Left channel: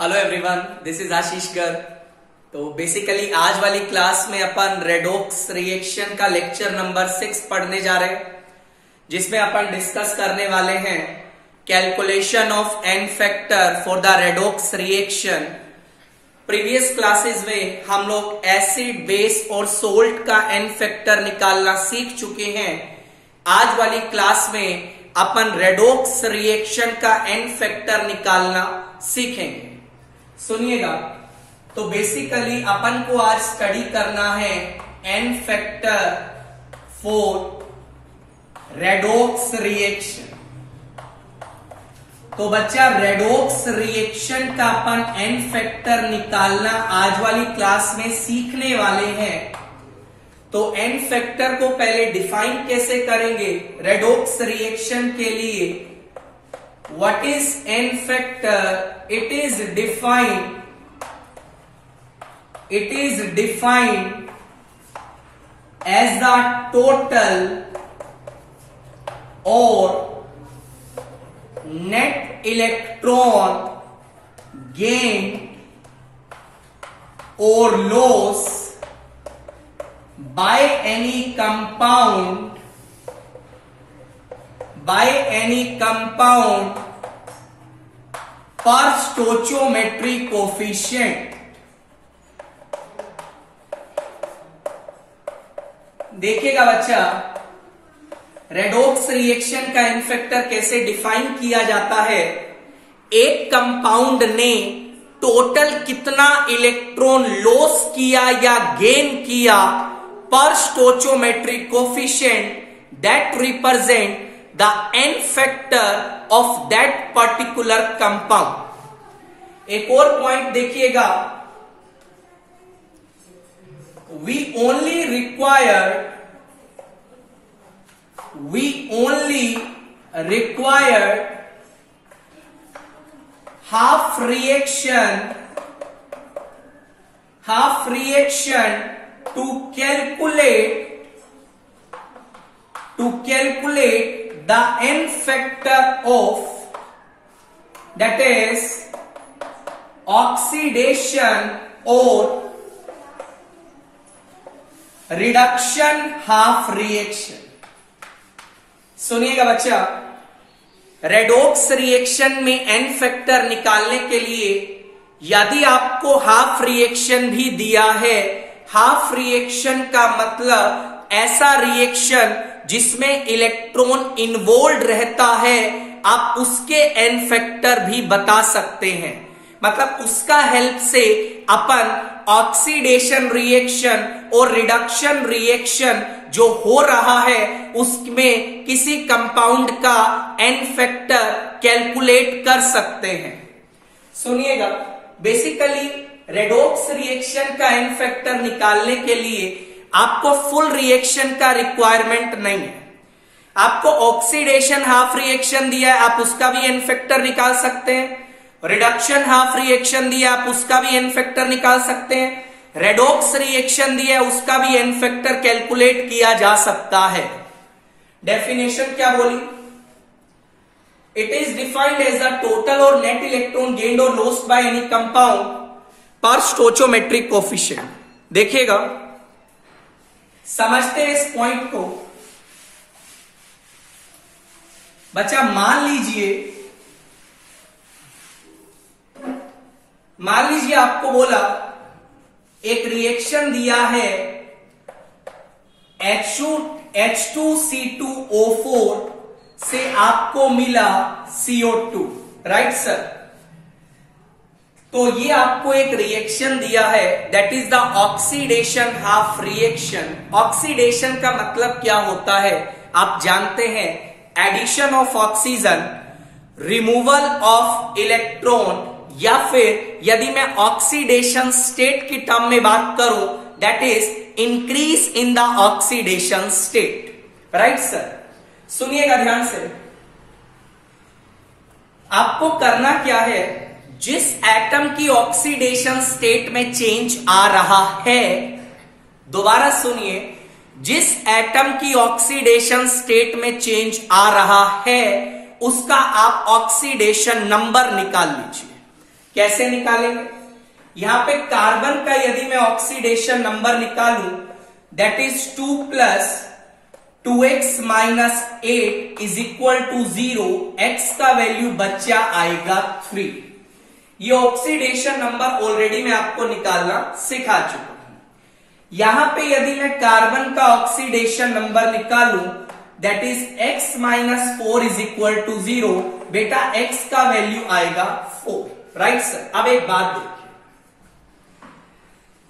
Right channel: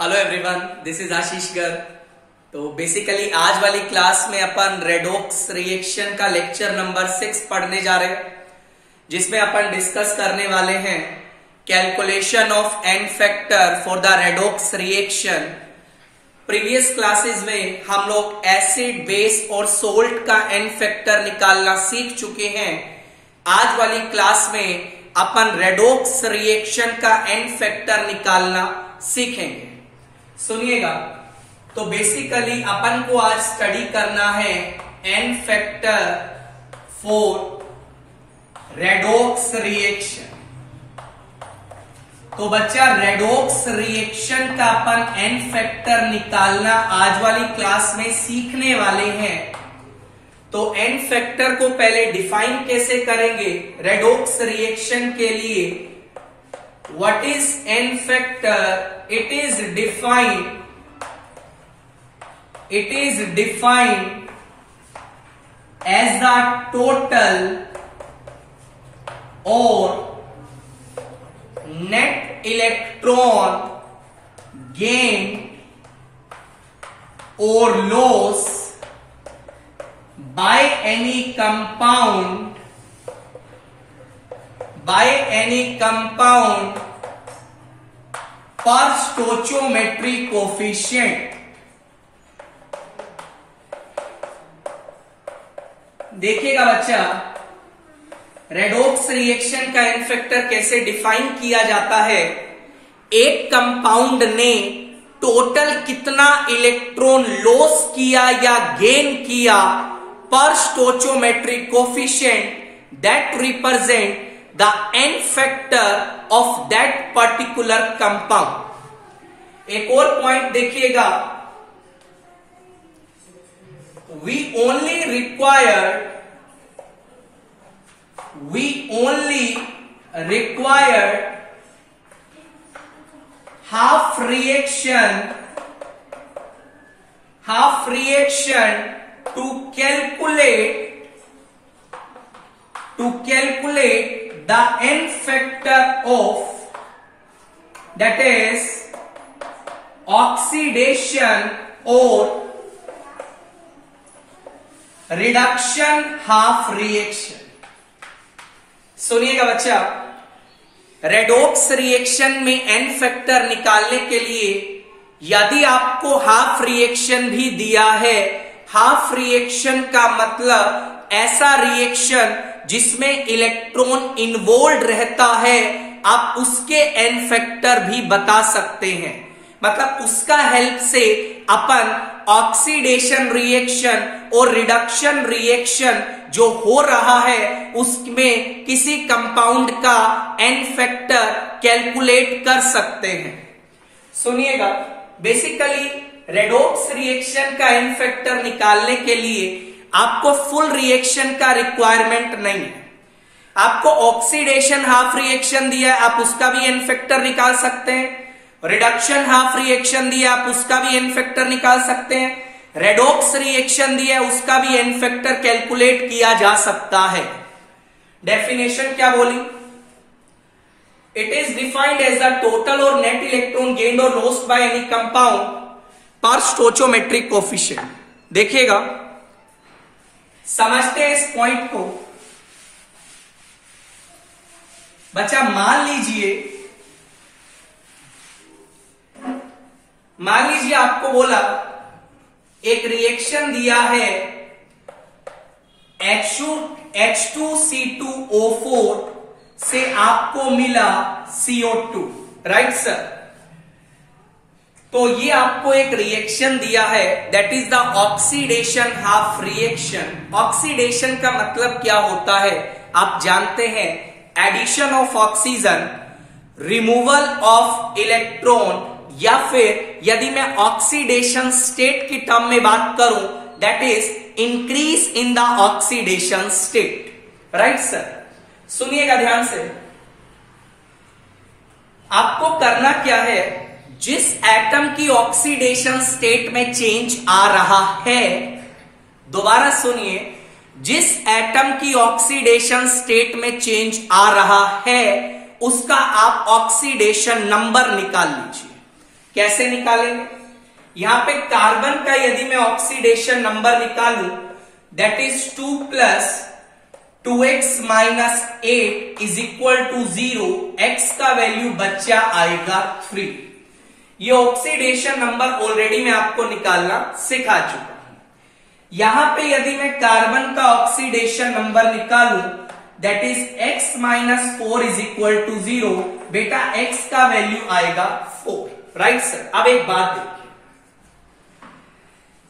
Hello everyone, this is आशीष गर्ग। तो basically आज वाली क्लास में अपन रेडॉक्स रिएक्शन का लेक्चर नंबर 6 पढ़ने जा रहे हैं, जिसमें अपन डिस्कस करने वाले हैं calculation of n factor for the redox reaction. Previous classes में हम लोग एसिड, बेस और सोल्ट का एन फैक्टर निकालना सीख चुके हैं। आज वाली क्लास में अपन रेडॉक्स रिएक्शन का एन फैक्टर निकालना सीखेंगे। सुनिएगा, तो बेसिकली अपन को आज स्टडी करना है n factor for redox reaction. तो बच्चा, रेडॉक्स रिएक्शन का अपन एन फैक्टर निकालना आज वाली क्लास में सीखने वाले हैं। तो एन फैक्टर को पहले डिफाइन कैसे करेंगे रेडॉक्स रिएक्शन के लिए। What is an factor? It is defined as the total or net electron gain or loss by any compound per stoichiometry coefficient। देखिएगा बच्चा, रेडॉक्स रिएक्शन का एन फैक्टर कैसे डिफाइन किया जाता है। एक कंपाउंड ने टोटल कितना इलेक्ट्रॉन लॉस किया या गेन किया पर stoichiometry coefficient that represent the n factor of that particular compound. एक और पॉइंट देखिएगा, we only require half reaction to calculate the n factor of, that is oxidation or reduction half reaction. सुनिएगा बच्चा, redox reaction में N factor निकालने के लिए यदि आपको हाफ रिएक्शन भी दिया है, हाफ रिएक्शन का मतलब ऐसा रिएक्शन जिसमें इलेक्ट्रॉन इन्वॉल्व रहता है, आप उसके एन फैक्टर भी बता सकते हैं। मतलब उसका हेल्प से अपन ऑक्सीडेशन रिएक्शन और रिडक्शन रिएक्शन जो हो रहा है उसमें किसी कंपाउंड का एन फैक्टर कैलकुलेट कर सकते हैं। सुनिएगा, बेसिकली रेडॉक्स रिएक्शन का एन फैक्टर निकालने के लिए आपको फुल रिएक्शन का रिक्वायरमेंट नहीं है। आपको ऑक्सीडेशन हाफ रिएक्शन दिया है, आप उसका भी एन फैक्टर निकाल सकते हैं। रिडक्शन हाफ रिएक्शन दिया, आप उसका भी एन फैक्टर निकाल सकते हैं। रेडॉक्स रिएक्शन दिया, उसका भी एन फैक्टर कैलकुलेट किया जा सकता है। डेफिनेशन क्या बोली? It is defined as the total और नेट इलेक्ट्रॉन गेन्ड और lost by any compound per stoichiometric coefficient. देखिएगा, समझते हैं इस पॉइंट को। बच्चा, मान लीजिए आपको बोला एक रिएक्शन दिया है H2C2O4 से आपको मिला CO2, राइट सर। तो ये आपको एक रिएक्शन दिया है, that is the oxidation half reaction. Oxidation का मतलब क्या होता है आप जानते हैं, addition of oxygen, removal of electron, या फिर यदि मैं ऑक्सीडेशन स्टेट की टर्म में बात करूं, that is increase in the oxidation state, right sir. सुनिएगा ध्यान से, आपको करना क्या है, जिस एटम की ऑक्सीडेशन स्टेट में चेंज आ रहा है, दोबारा सुनिए, जिस एटम की ऑक्सीडेशन स्टेट में चेंज आ रहा है उसका आप ऑक्सीडेशन नंबर निकाल लीजिए। कैसे निकालेंगे? यहां पे कार्बन का यदि मैं ऑक्सीडेशन नंबर निकालूं, that is 2 plus 2x minus 8 is equal to 0, x का वैल्यू बच्चा आएगा 3। ये ऑक्सीडेशन नंबर ऑलरेडी मैं आपको निकालना सिखा चुका हूं। यहां पे यदि मैं कार्बन का ऑक्सीडेशन नंबर निकालूं, that is x minus 4 is equal to 0, बेटा x का वैल्यू आएगा 4, राइट सर। अब एक बात देखिए,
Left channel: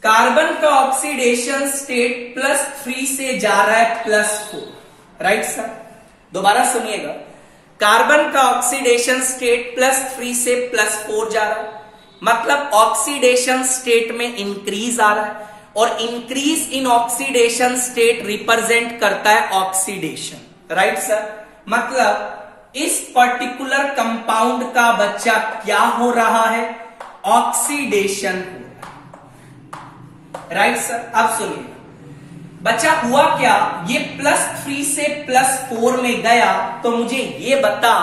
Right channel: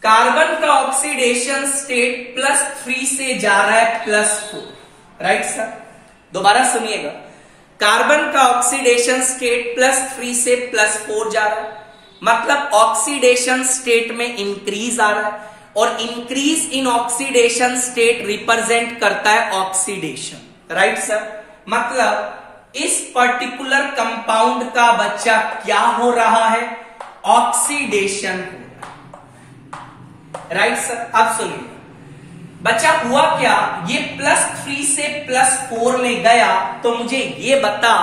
कार्बन का ऑक्सीडेशन स्टेट +3 से जा रहा है +4, राइट सर। दोबारा सुनिएगा, कार्बन का ऑक्सीडेशन स्टेट +3 से +4 जा रहा है, मतलब ऑक्सीडेशन स्टेट में इंक्रीज आ रहा है, और increase in oxidation state represent करता है ऑक्सीडेशन, राइट सर। मतलब इस पर्टिकुलर कंपाउंड का बच्चा क्या हो रहा है? ऑक्सीडेशन हो रहा है, राइट सर। अब सुनिए बच्चा, हुआ क्या, ये +3 से +4 में गया, तो मुझे ये बता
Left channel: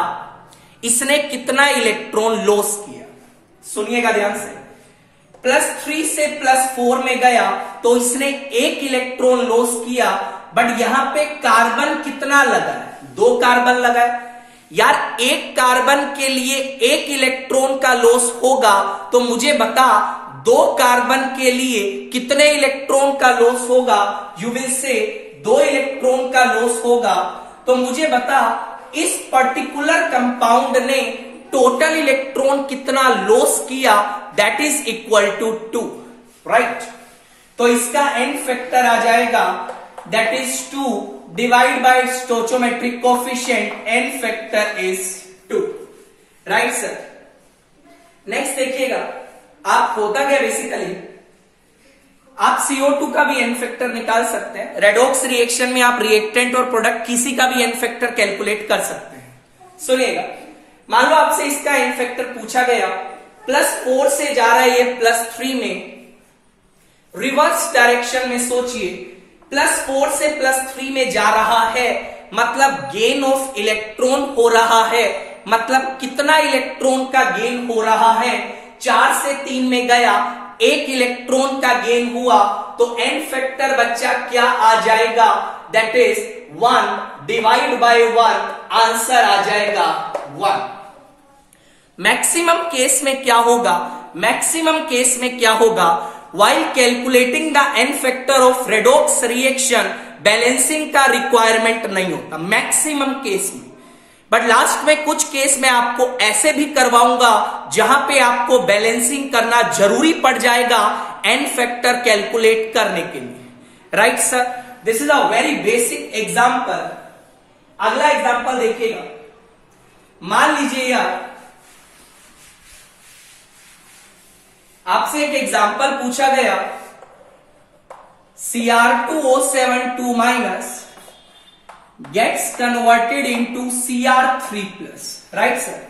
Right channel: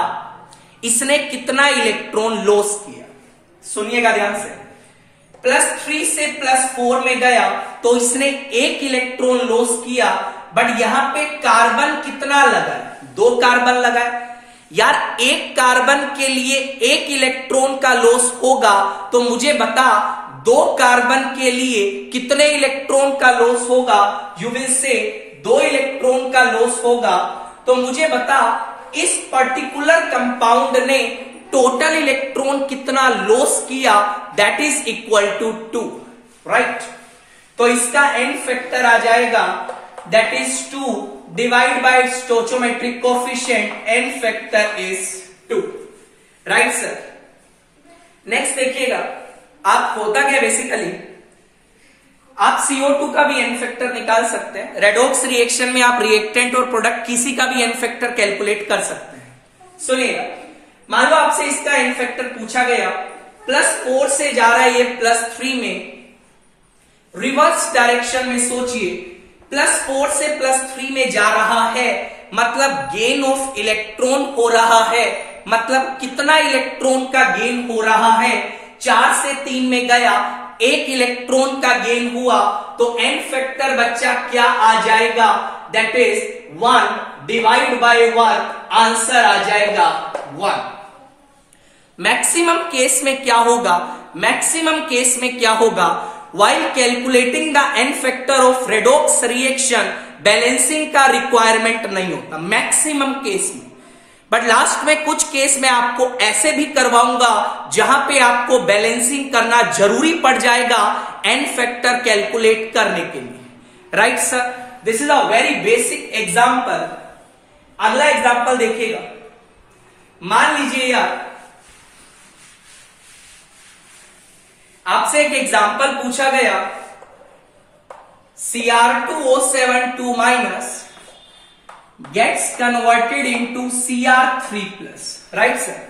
इसने कितना इलेक्ट्रॉन लॉस किया। सुनिएगा ध्यान से, +3 से +4 में गया तो इसने 1 इलेक्ट्रॉन लॉस किया, बट यहां पे कार्बन कितना लगा? 2 कार्बन लगा है। यार एक कार्बन के लिए 1 इलेक्ट्रॉन का लॉस होगा, तो मुझे बता 2 कार्बन के लिए कितने इलेक्ट्रॉन का लॉस होगा? यू विल से 2 इलेक्ट्रॉन का लॉस होगा। तो मुझे बता इस पर्टिकुलर कंपाउंड ने टोटल इलेक्ट्रॉन कितना लॉस किया? That is equal to 2, right. तो इसका एन फैक्टर आ जाएगा, that is 2 divide by stoichiometric coefficient, n factor is 2, right sir. Next देखिएगा, आप होगा क्या बेसिकली, आप CO2 का भी एन फैक्टर निकाल सकते हैं। रेडॉक्स रिएक्शन में आप रिएक्टेंट और प्रोडक्ट किसी का भी एन फैक्टर कैलकुलेट कर सकते हैं। सुनिएगा, मान लो आपसे इसका एन फैक्टर पूछा गया, +4 से जा रहा है ये +3 में, रिवर्स डायरेक्शन में सोचिए, +4 से +3 में जा रहा है, मतलब गेन ऑफ इलेक्ट्रॉन हो रहा है। मतलब कितना इलेक्ट्रॉन का गेन हो रहा है? 4 से 3 में गया, 1 इलेक्ट्रॉन का गेन हुआ, तो एन फैक्टर बच्चा क्या आ जाएगा? That is 1 divide by 1, answer आ जाएगा 1। मैक्सिमम केस में क्या होगा? मैक्सिमम केस में क्या होगा? While calculating the n factor of redox reaction, balancing का रिक्वायरमेंट नहीं होता मैक्सिमम केस में। बट लास्ट में कुछ केस में आपको ऐसे भी करवाऊंगा जहां पे आपको बैलेंसिंग करना जरूरी पड़ जाएगा एन फैक्टर कैलकुलेट करने के लिए, right sir. This is a very basic example. अगला एग्जांपल देखिएगा, मान लीजिए यार आपसे एक एग्जाम्पल पूछा गया, Cr2O72 minus gets converted into Cr3+, right sir.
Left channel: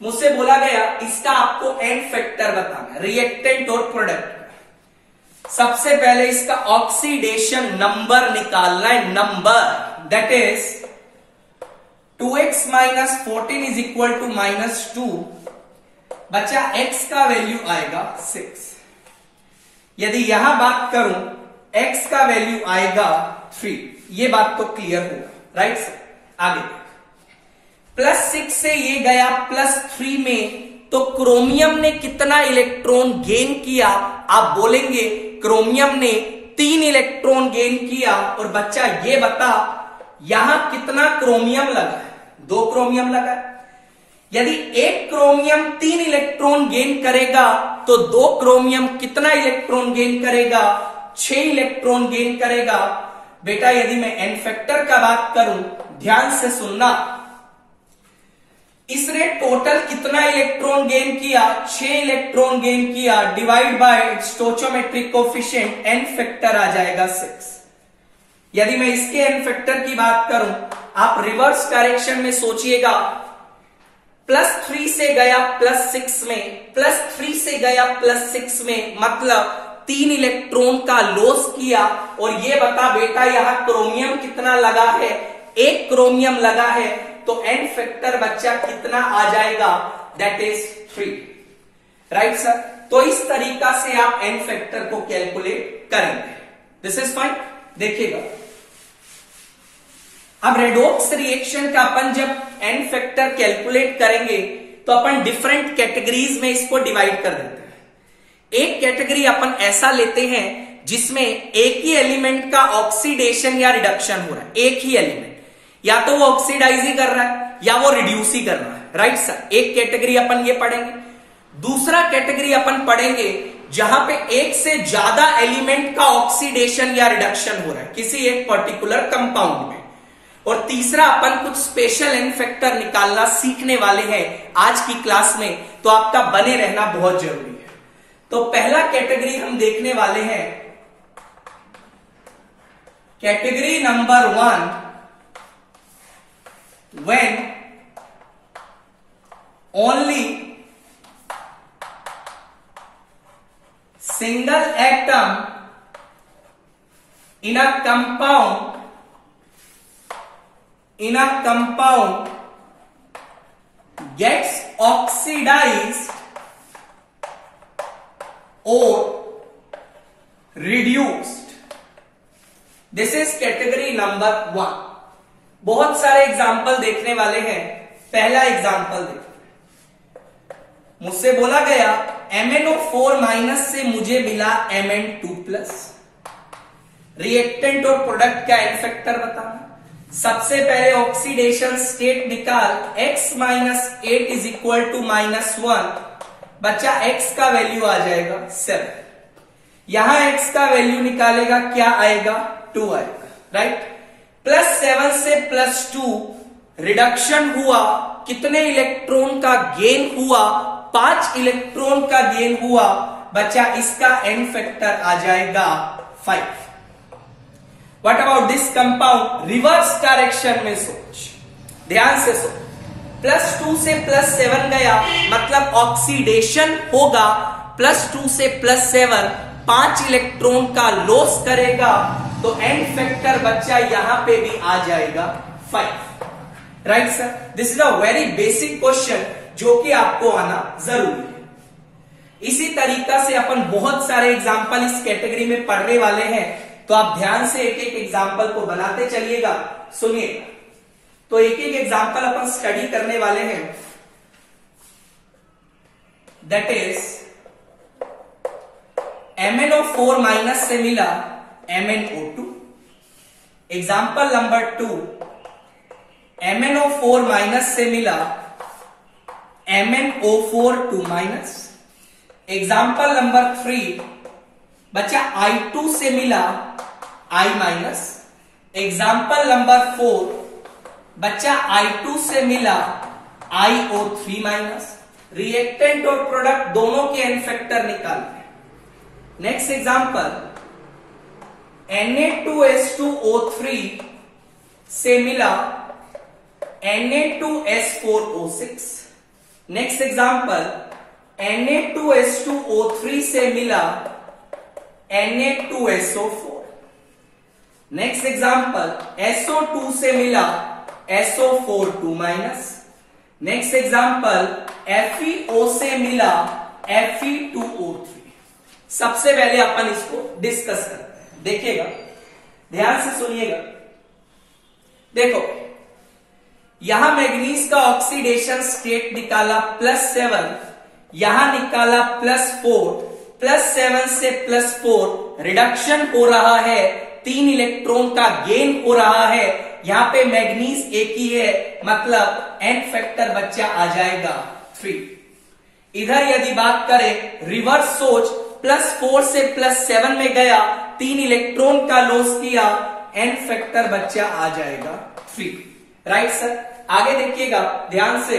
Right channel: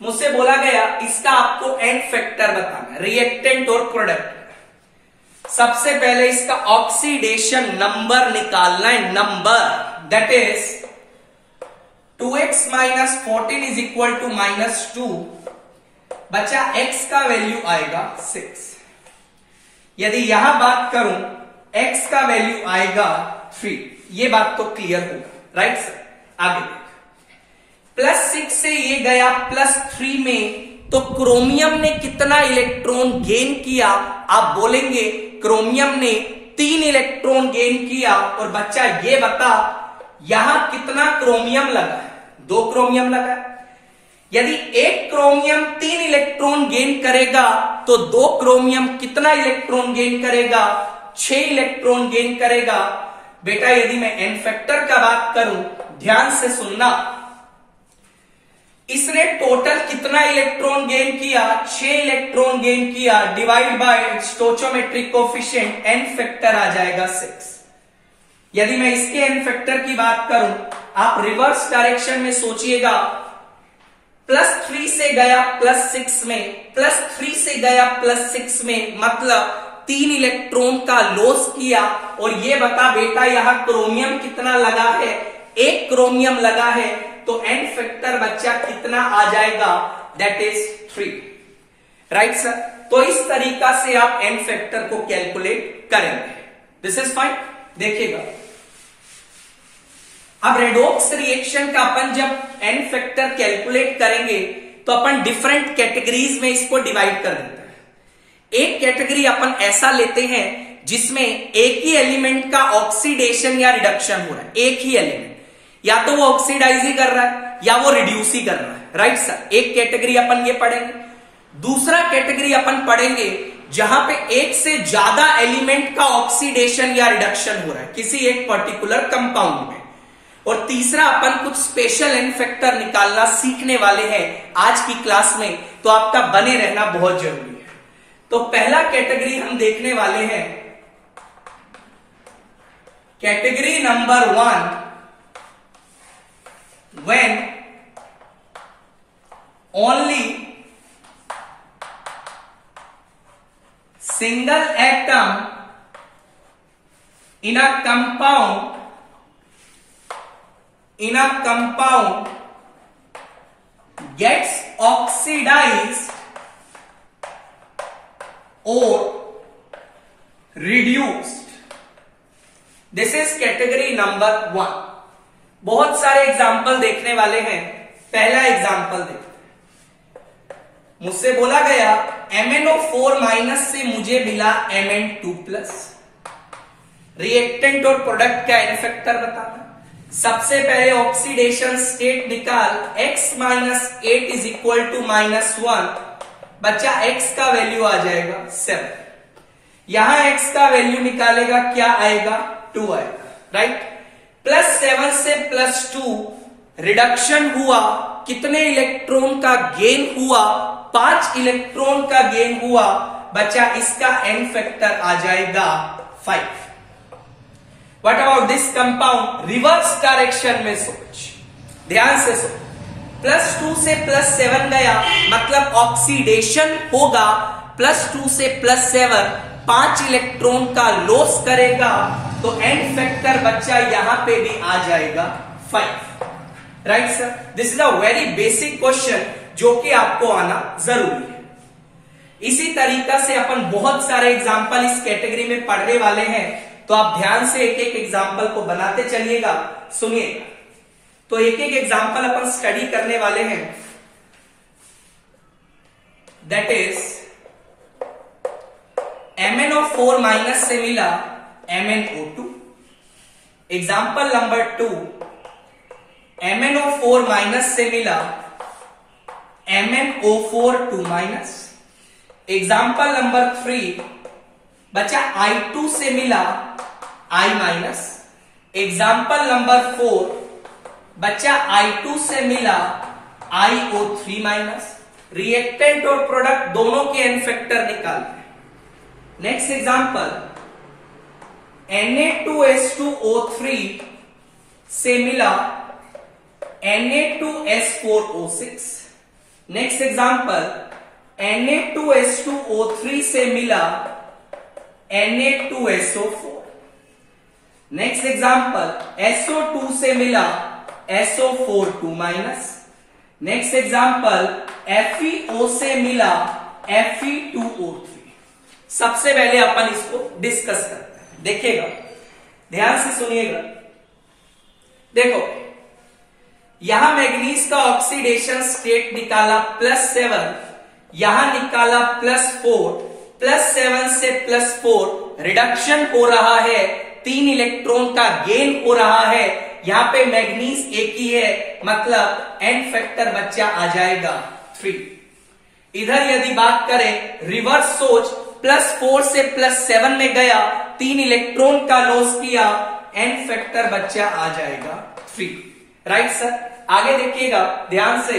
मुझसे बोला गया इसका आपको एन फैक्टर बताना, रिएक्टेंट और प्रोडक्ट। सबसे पहले इसका ऑक्सीडेशन नंबर निकालना है, number, that is 2x minus 14 is equal to -2, बचा x का वैल्यू आएगा 6। यदि यहां बात करूं x का वैल्यू आएगा 3, ये बात तो क्लियर होगा, राइट सर। आगे +6 से ये गया +3 में, तो क्रोमियम ने कितना इलेक्ट्रॉन गेन किया? आप बोलेंगे क्रोमियम ने 3 इलेक्ट्रॉन गेन किया। और बच्चा ये बता यहां कितना क्रोमियम लगा? 2 क्रोमियम लगा। यदि 1 क्रोमियम 3 इलेक्ट्रॉन गेन करेगा, तो 2 क्रोमियम कितना इलेक्ट्रॉन गेन करेगा? 6 इलेक्ट्रॉन गेन करेगा। बेटा यदि मैं एन फैक्टर का बात करूं, ध्यान से सुनना, इसने टोटल कितना इलेक्ट्रॉन गेन किया? 6 इलेक्ट्रॉन गेन किया, divide by stoichiometric coefficient, n factor आ जाएगा 6। यदि मैं इसके एन फैक्टर की बात करूं, आप रिवर्स डायरेक्शन में सोचिएगा, +3 से गया +6 में, +3 से गया +6 में, मतलब 3 इलेक्ट्रॉन का लॉस किया। और ये बता बेटा यहां क्रोमियम कितना लगा है? 1 क्रोमियम लगा है, तो एन फैक्टर बच्चा कितना आ जाएगा? That is 3। Right sir. तो इस तरीका से आप एन फैक्टर को कैलकुलेट करेंगे। This is fine. देखिएगा, अब रेडॉक्स रिएक्शन का अपन जब एन फैक्टर कैलकुलेट करेंगे तो अपन डिफरेंट कैटेगरीज में इसको डिवाइड कर देते हैं। एक कैटेगरी अपन ऐसा लेते हैं जिसमें एक ही एलिमेंट का ऑक्सीडेशन या रिडक्शन हो रहा है, एक ही एलिमेंट, या तो वो ऑक्सीडाइज ही कर रहा है या वो रिड्यूस ही कर रहा है, राइट सर। एक कैटेगरी अपन ये पढ़ेंगे। दूसरा कैटेगरी अपन पढ़ेंगे जहां पे एक से ज्यादा एलिमेंट का ऑक्सीडेशन या रिडक्शन हो रहा है किसी एक पर्टिकुलर कंपाउंड में। और तीसरा अपन कुछ स्पेशल एन फैक्टर निकालना सीखने वाले हैं आज की क्लास में, तो आपका बने रहना बहुत जरूरी है। तो पहला कैटेगरी हम देखने वाले हैं, category number 1, when only single atom in a compound gets oxidized or reduced. This is category number 1. बहुत सारे एग्जाम्पल देखने वाले हैं। पहला एग्जाम्पल देखते हैं। मुझसे बोला गया MnO4- से मुझे मिला Mn2+। रिएक्टेंट और प्रोडक्ट का एन फैक्टर बताना। सबसे पहले ऑक्सीडेशन स्टेट निकाल, x - 8 इज इक्वल टू -1। बच्चा x का वैल्यू आ जाएगा 7। यहां x का वैल्यू निकालेगा, क्या आएगा? 2 आएगा, राइट। +7 से +2 रिडक्शन हुआ, कितने इलेक्ट्रॉन का गेन हुआ? 5 इलेक्ट्रॉन का गेन हुआ। बच्चा इसका एन फैक्टर आ जाएगा 5। What about this compound? Reverse direction में सोच, ध्यान से सोच। +2 से +7 गया, मतलब ऑक्सीडेशन होगा। +2 से +7 5 इलेक्ट्रॉन का लॉस करेगा, तो एन फैक्टर बच्चा यहां पे भी आ जाएगा 5, right sir. This is a very basic question जो कि आपको आना जरूरी है। इसी तरीका से अपन बहुत सारे एग्जाम्पल इस कैटेगरी में पढ़ने वाले हैं, तो आप ध्यान से एक एक एग्जाम्पल को बनाते चलिएगा, सुनिएगा। तो एक एक एग्जाम्पल अपन स्टडी करने वाले हैं। दैट इज MnO4- से मिला MnO2। एग्जाम्पल नंबर 2, MnO4- से मिला MnO4₂-। एग्जाम्पल नंबर 3, बच्चा I2 से मिला I-। एग्जाम्पल नंबर 4, बच्चा I2 से मिला IO3-। रिएक्टेंट और प्रोडक्ट दोनों के एन फैक्टर निकालते हैं। नेक्स्ट एग्जाम्पल, Na2S2O3 से मिला Na2S4O6। नेक्स्ट एग्जाम्पल, Na2S2O3 से मिला Na2SO4। नेक्स्ट एग्जाम्पल, SO2 से मिला SO4₂-। नेक्स्ट एग्जाम्पल, FeO से मिला Fe2O3। सबसे पहले अपन इसको डिस्कस करते हैं, देखिएगा, ध्यान से सुनिएगा। देखो, यहां मैग्नीज का ऑक्सीडेशन स्टेट निकाला +7, यहां निकाला +4। +7 से +4 रिडक्शन हो रहा है, 3 इलेक्ट्रॉन का गेन हो रहा है। यहां पे मैग्नीज एक ही है, मतलब एन फैक्टर बच्चा आ जाएगा 3। इधर यदि बात करें, रिवर्स सोच, +4 से +7 में गया, 3 इलेक्ट्रॉन का लॉस किया, एन फैक्टर बच्चा आ जाएगा 3, राइट सर। आगे देखिएगा ध्यान से,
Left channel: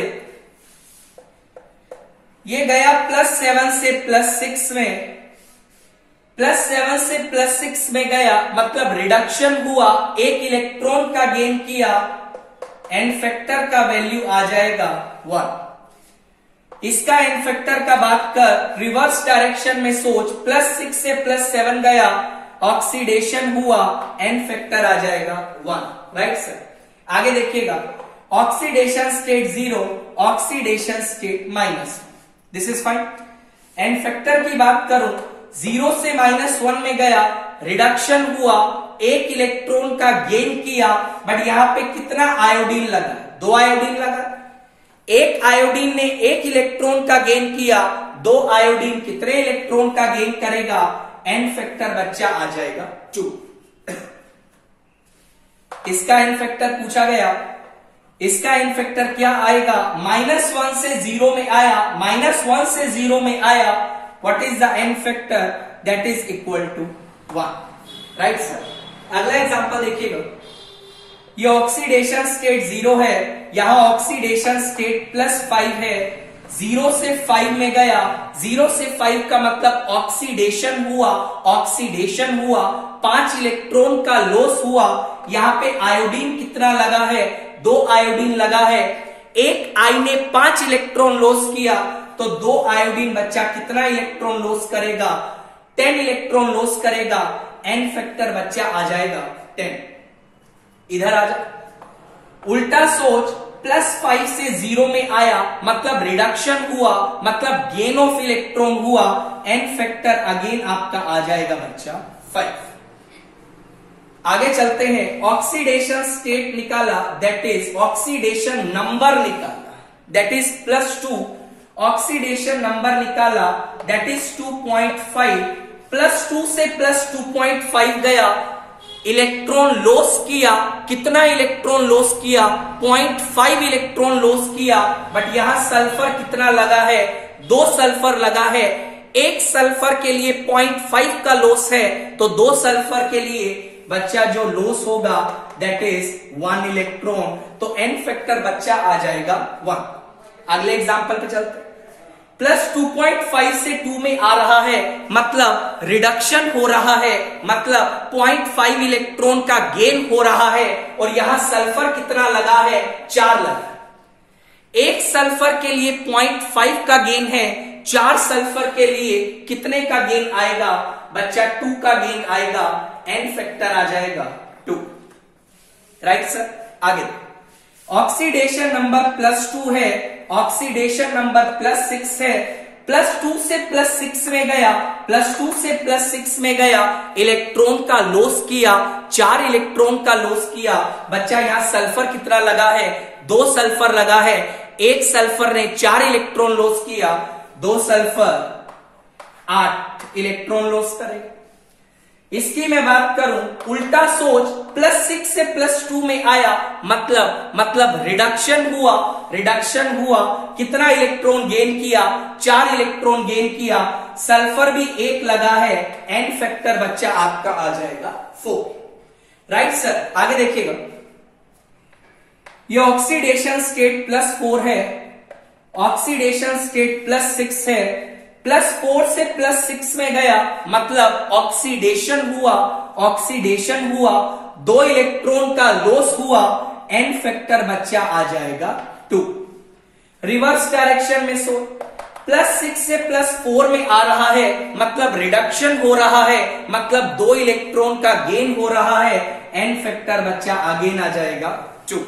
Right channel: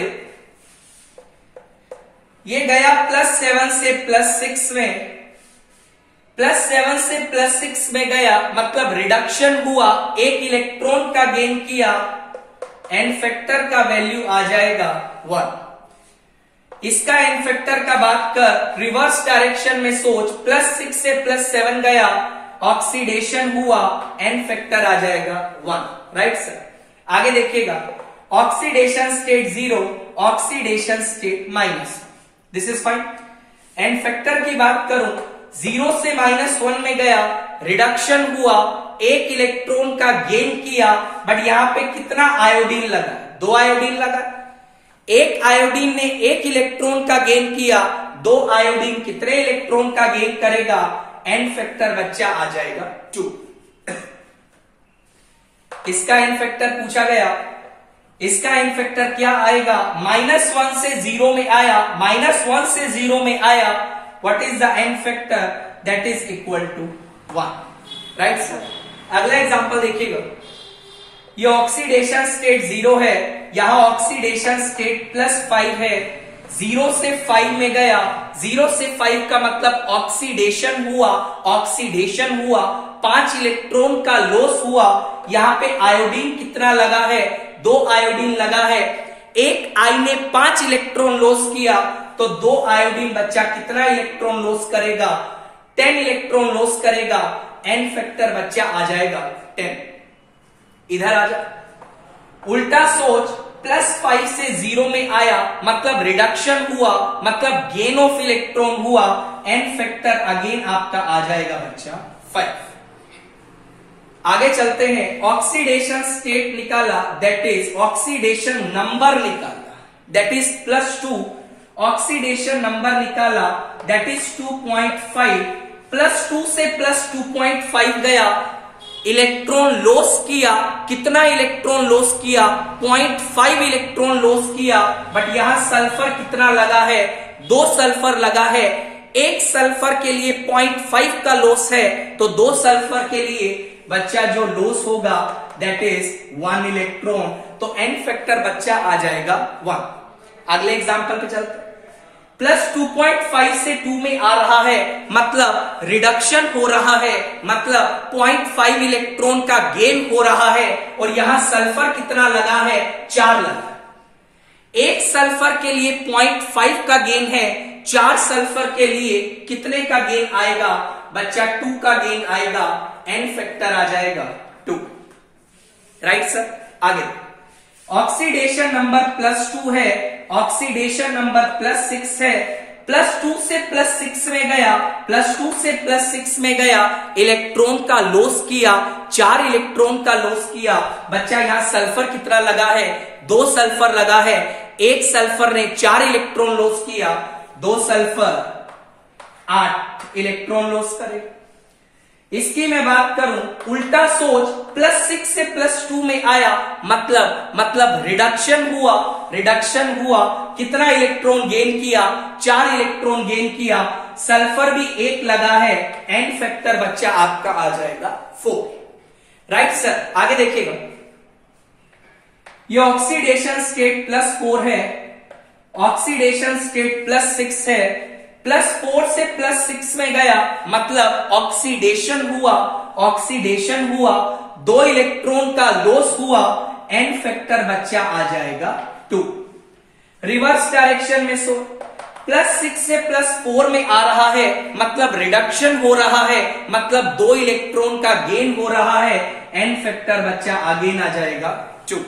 ये गया +7 से +6 में, +7 से +6 में गया, मतलब रिडक्शन हुआ, 1 इलेक्ट्रॉन का गेन किया, एन फैक्टर का वैल्यू आ जाएगा 1। इसका एन फैक्टर का बात कर, रिवर्स डायरेक्शन में सोच, +6 से +7 गया, ऑक्सीडेशन हुआ, एन फैक्टर आ जाएगा 1, राइट सर। आगे देखिएगा, oxidation state 0, oxidation state -। This is fine. N factor की बात करूं, 0 से -1 में गया, रिडक्शन हुआ, एक इलेक्ट्रॉन का गेन किया, बट यहां पे कितना आयोडीन लगा? 2 आयोडीन लगा। एक आयोडीन ने एक इलेक्ट्रॉन का गेन किया, 2 आयोडीन कितने इलेक्ट्रॉन का गेन करेगा? एन फैक्टर बच्चा आ जाएगा 2। इसका एन फैक्टर पूछा गया, इसका एन फैक्टर क्या आएगा? -1 से 0 में आया, -1 से 0 में आया, what is the n factor? That is equal to 1, right sir. अगला एग्जांपल देखिएगा, ये ऑक्सीडेशन स्टेट 0 है, यहां ऑक्सीडेशन स्टेट +5 है, 0 से 5 में गया, 0 से 5 का मतलब ऑक्सीडेशन हुआ, ऑक्सीडेशन हुआ, 5 इलेक्ट्रॉन का लॉस हुआ। यहां पे आयोडीन कितना लगा है? 2 आयोडीन लगा है। एक आई ने 5 इलेक्ट्रॉन लॉस किया, तो 2 आयोडीन बच्चा कितना इलेक्ट्रॉन लॉस करेगा? 10 इलेक्ट्रॉन लॉस करेगा। एन फैक्टर बच्चा आ जाएगा 10। इधर आ जा, उल्टा सोच, +5 से 0 में आया, मतलब रिडक्शन हुआ, मतलब गेन ऑफ इलेक्ट्रॉन हुआ। एन फैक्टर अगेन आपका आ जाएगा बच्चा 5। आगे चलते हैं, ऑक्सीडेशन स्टेट निकाला, दैट इज ऑक्सीडेशन नंबर निकाला, दैट इज +2। ऑक्सीडेशन नंबर निकाला, दैट इज 2.5। +2 से +2.5 गया, इलेक्ट्रॉन लॉस किया, कितना इलेक्ट्रॉन लॉस किया? 0.5 इलेक्ट्रॉन लॉस किया, बट यहां सल्फर कितना लगा है? 2 सल्फर लगा है। एक सल्फर के लिए 0.5 का लॉस है, तो 2 सल्फर के लिए बच्चा जो लॉस होगा दैट इज 1 इलेक्ट्रॉन। तो एन फैक्टर बच्चा आ जाएगा 1। अगले एग्जांपल पे चलते, +2.5 से 2 में आ रहा है, मतलब रिडक्शन हो रहा है, मतलब 0.5 इलेक्ट्रॉन का गेन हो रहा है, और यहां सल्फर कितना लगा है? 4 लगा। एक सल्फर के लिए 0.5 का गेन है, 4 सल्फर के लिए कितने का गेन आएगा? बच्चा 2 का गेन आएगा। एन फैक्टर आ जाएगा 2, राइट सर। आगे ऑक्सीडेशन नंबर +2 है, ऑक्सीडेशन नंबर +6 है, +2 से +6 में गया, +2 से +6 में गया, इलेक्ट्रॉन का लॉस किया, 4 इलेक्ट्रॉन का लॉस किया। बच्चा यहां सल्फर कितना लगा है? 2 सल्फर लगा है। एक सल्फर ने 4 इलेक्ट्रॉन लॉस किया, 2 सल्फर 8 इलेक्ट्रॉन लॉस करेगा। इसकी मैं बात करूं, उल्टा सोच, +6 से +2 में आया, मतलब रिडक्शन हुआ, रिडक्शन हुआ, कितना इलेक्ट्रॉन गेन किया? 4 इलेक्ट्रॉन गेन किया। सल्फर भी 1 लगा है। एन फैक्टर बच्चा आपका आ जाएगा 4, राइट सर। आगे देखिएगा, ये ऑक्सीडेशन स्टेट +4 है, ऑक्सीडेशन स्टेट +6 है, +4 से +6 में गया, मतलब ऑक्सीडेशन हुआ, ऑक्सीडेशन हुआ, 2 इलेक्ट्रॉन का लॉस हुआ। एन फैक्टर बच्चा आ जाएगा 2। रिवर्स डायरेक्शन में सो, +6 से +4 में आ रहा है, मतलब रिडक्शन हो रहा है, मतलब 2 इलेक्ट्रॉन का गेन हो रहा है। एन फैक्टर बच्चा अगेन आ जाएगा 2।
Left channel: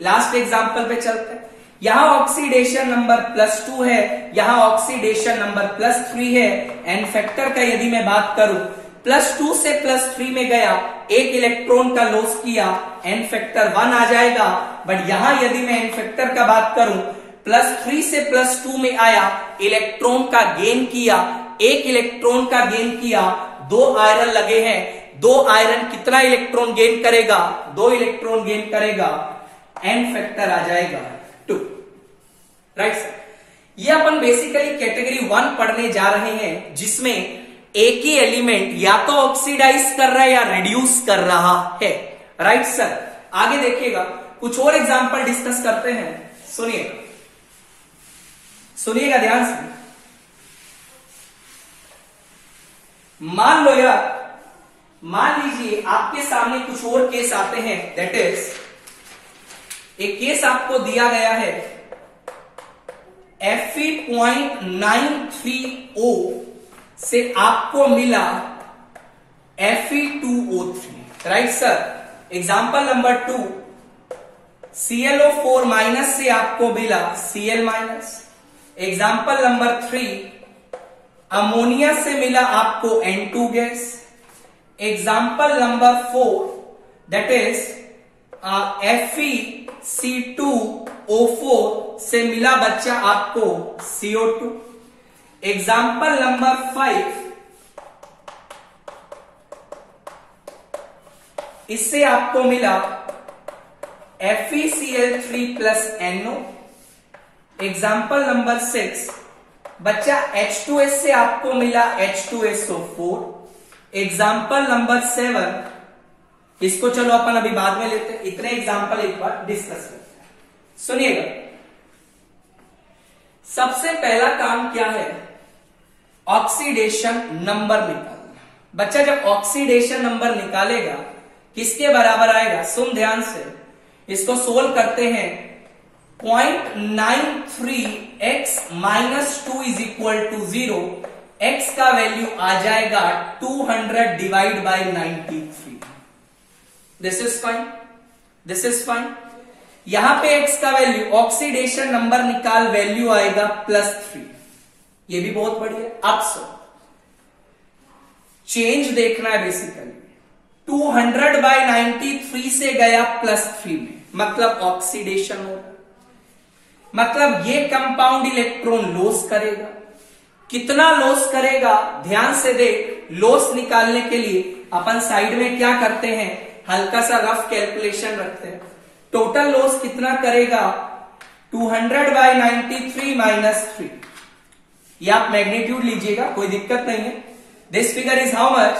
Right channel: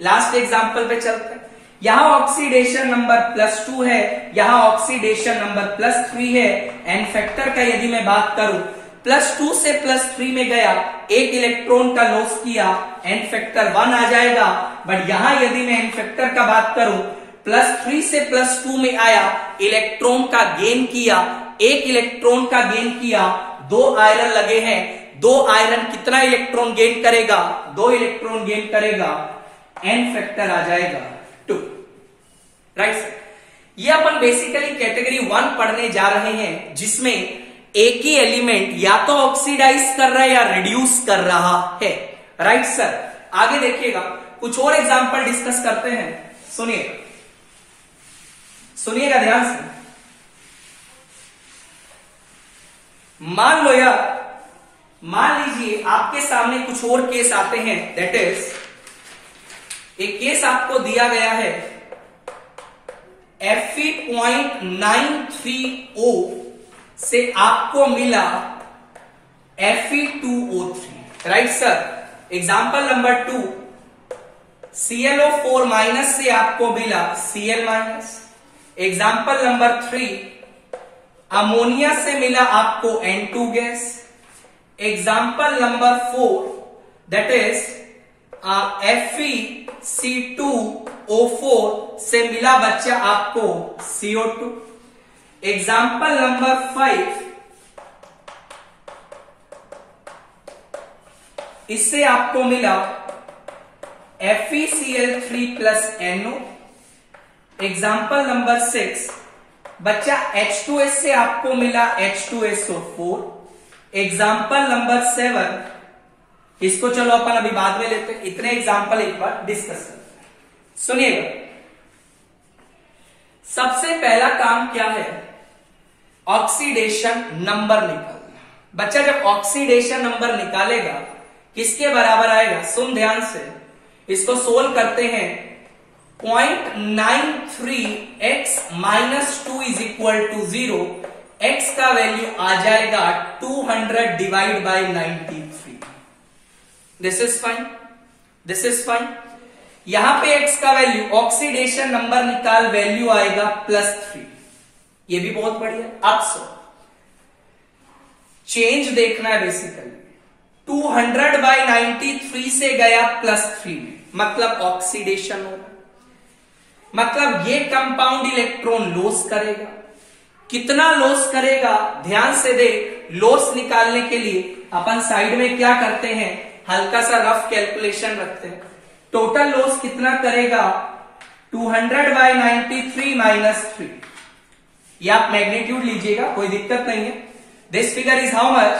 लास्ट एग्जांपल पे चलते हैं, यहां ऑक्सीडेशन नंबर +2 है, यहां ऑक्सीडेशन नंबर +3 है। एन फैक्टर का यदि मैं बात करूं, +2 से +3 में गया, एक इलेक्ट्रॉन का लॉस किया, एन फैक्टर 1 आ जाएगा। बट यहां यदि मैं एन फैक्टर का बात करूं, +3 से +2 में आया, इलेक्ट्रॉन का गेन किया, एक इलेक्ट्रॉन का गेन किया, 2 आयरन लगे हैं, 2 आयरन कितना इलेक्ट्रॉन गेन करेगा? 2 इलेक्ट्रॉन गेन करेगा। एन फैक्टर आ जाएगा 2, राइट सर। ये अपन बेसिकली कैटेगरी 1 पढ़ने जा रहे हैं, जिसमें एक ही एलिमेंट या तो ऑक्सीडाइज कर रहा है या रिड्यूस कर रहा है, राइट सर। आगे देखिएगा, कुछ और एग्जांपल डिस्कस करते हैं। सुनिएगा ध्यान से। मान लो यार, मान लीजिए आपके सामने कुछ और केस आते हैं, दैट इज एक केस आपको दिया गया है, Fe.93O से आपको मिला Fe2O3, right sir. Example number 2, ClO4- से आपको मिला Cl-। एग्जाम्पल नंबर 3, अमोनिया से मिला आपको N2 gas. Example number 4 that is FeC2O4 से मिला बच्चा आपको CO2। एग्जाम्पल नंबर 5 इससे आपको मिला FeCl3+NO। एग्जाम्पल नंबर 6 बच्चा H2S से आपको मिला H2SO4। एग्जाम्पल नंबर 7 इसको चलो अपन अभी बाद में लेते हैं, इतने एग्जाम्पल एक बार डिस्कस करते हैं। सुनिएगा, सबसे पहला काम क्या है, ऑक्सीडेशन नंबर निकालना। बच्चा जब ऑक्सीडेशन नंबर निकालेगा किसके बराबर आएगा, सुन ध्यान से, इसको सोल्व करते हैं। 0.93x - 2 = 0। x का वैल्यू आ जाएगा 200 divide by 93। This is fine, this is fine. यहां पे x का वैल्यू, ऑक्सीडेशन नंबर निकाल, वैल्यू आएगा +3। ये भी बहुत बढ़िया। अब सो चेंज देखना है बेसिकली, 200/93 से गया +3 में, मतलब ऑक्सीडेशन होगा, मतलब ये कंपाउंड इलेक्ट्रॉन लॉस करेगा। कितना लॉस करेगा ध्यान से देख। लॉस निकालने के लिए अपन साइड में क्या करते हैं, हल्का सा रफ कैलकुलेशन रखते हैं। टोटल लॉस कितना करेगा, 200/93 - 3। ये आप मैग्नीट्यूड लीजिएगा, कोई दिक्कत नहीं है। This figure is how much,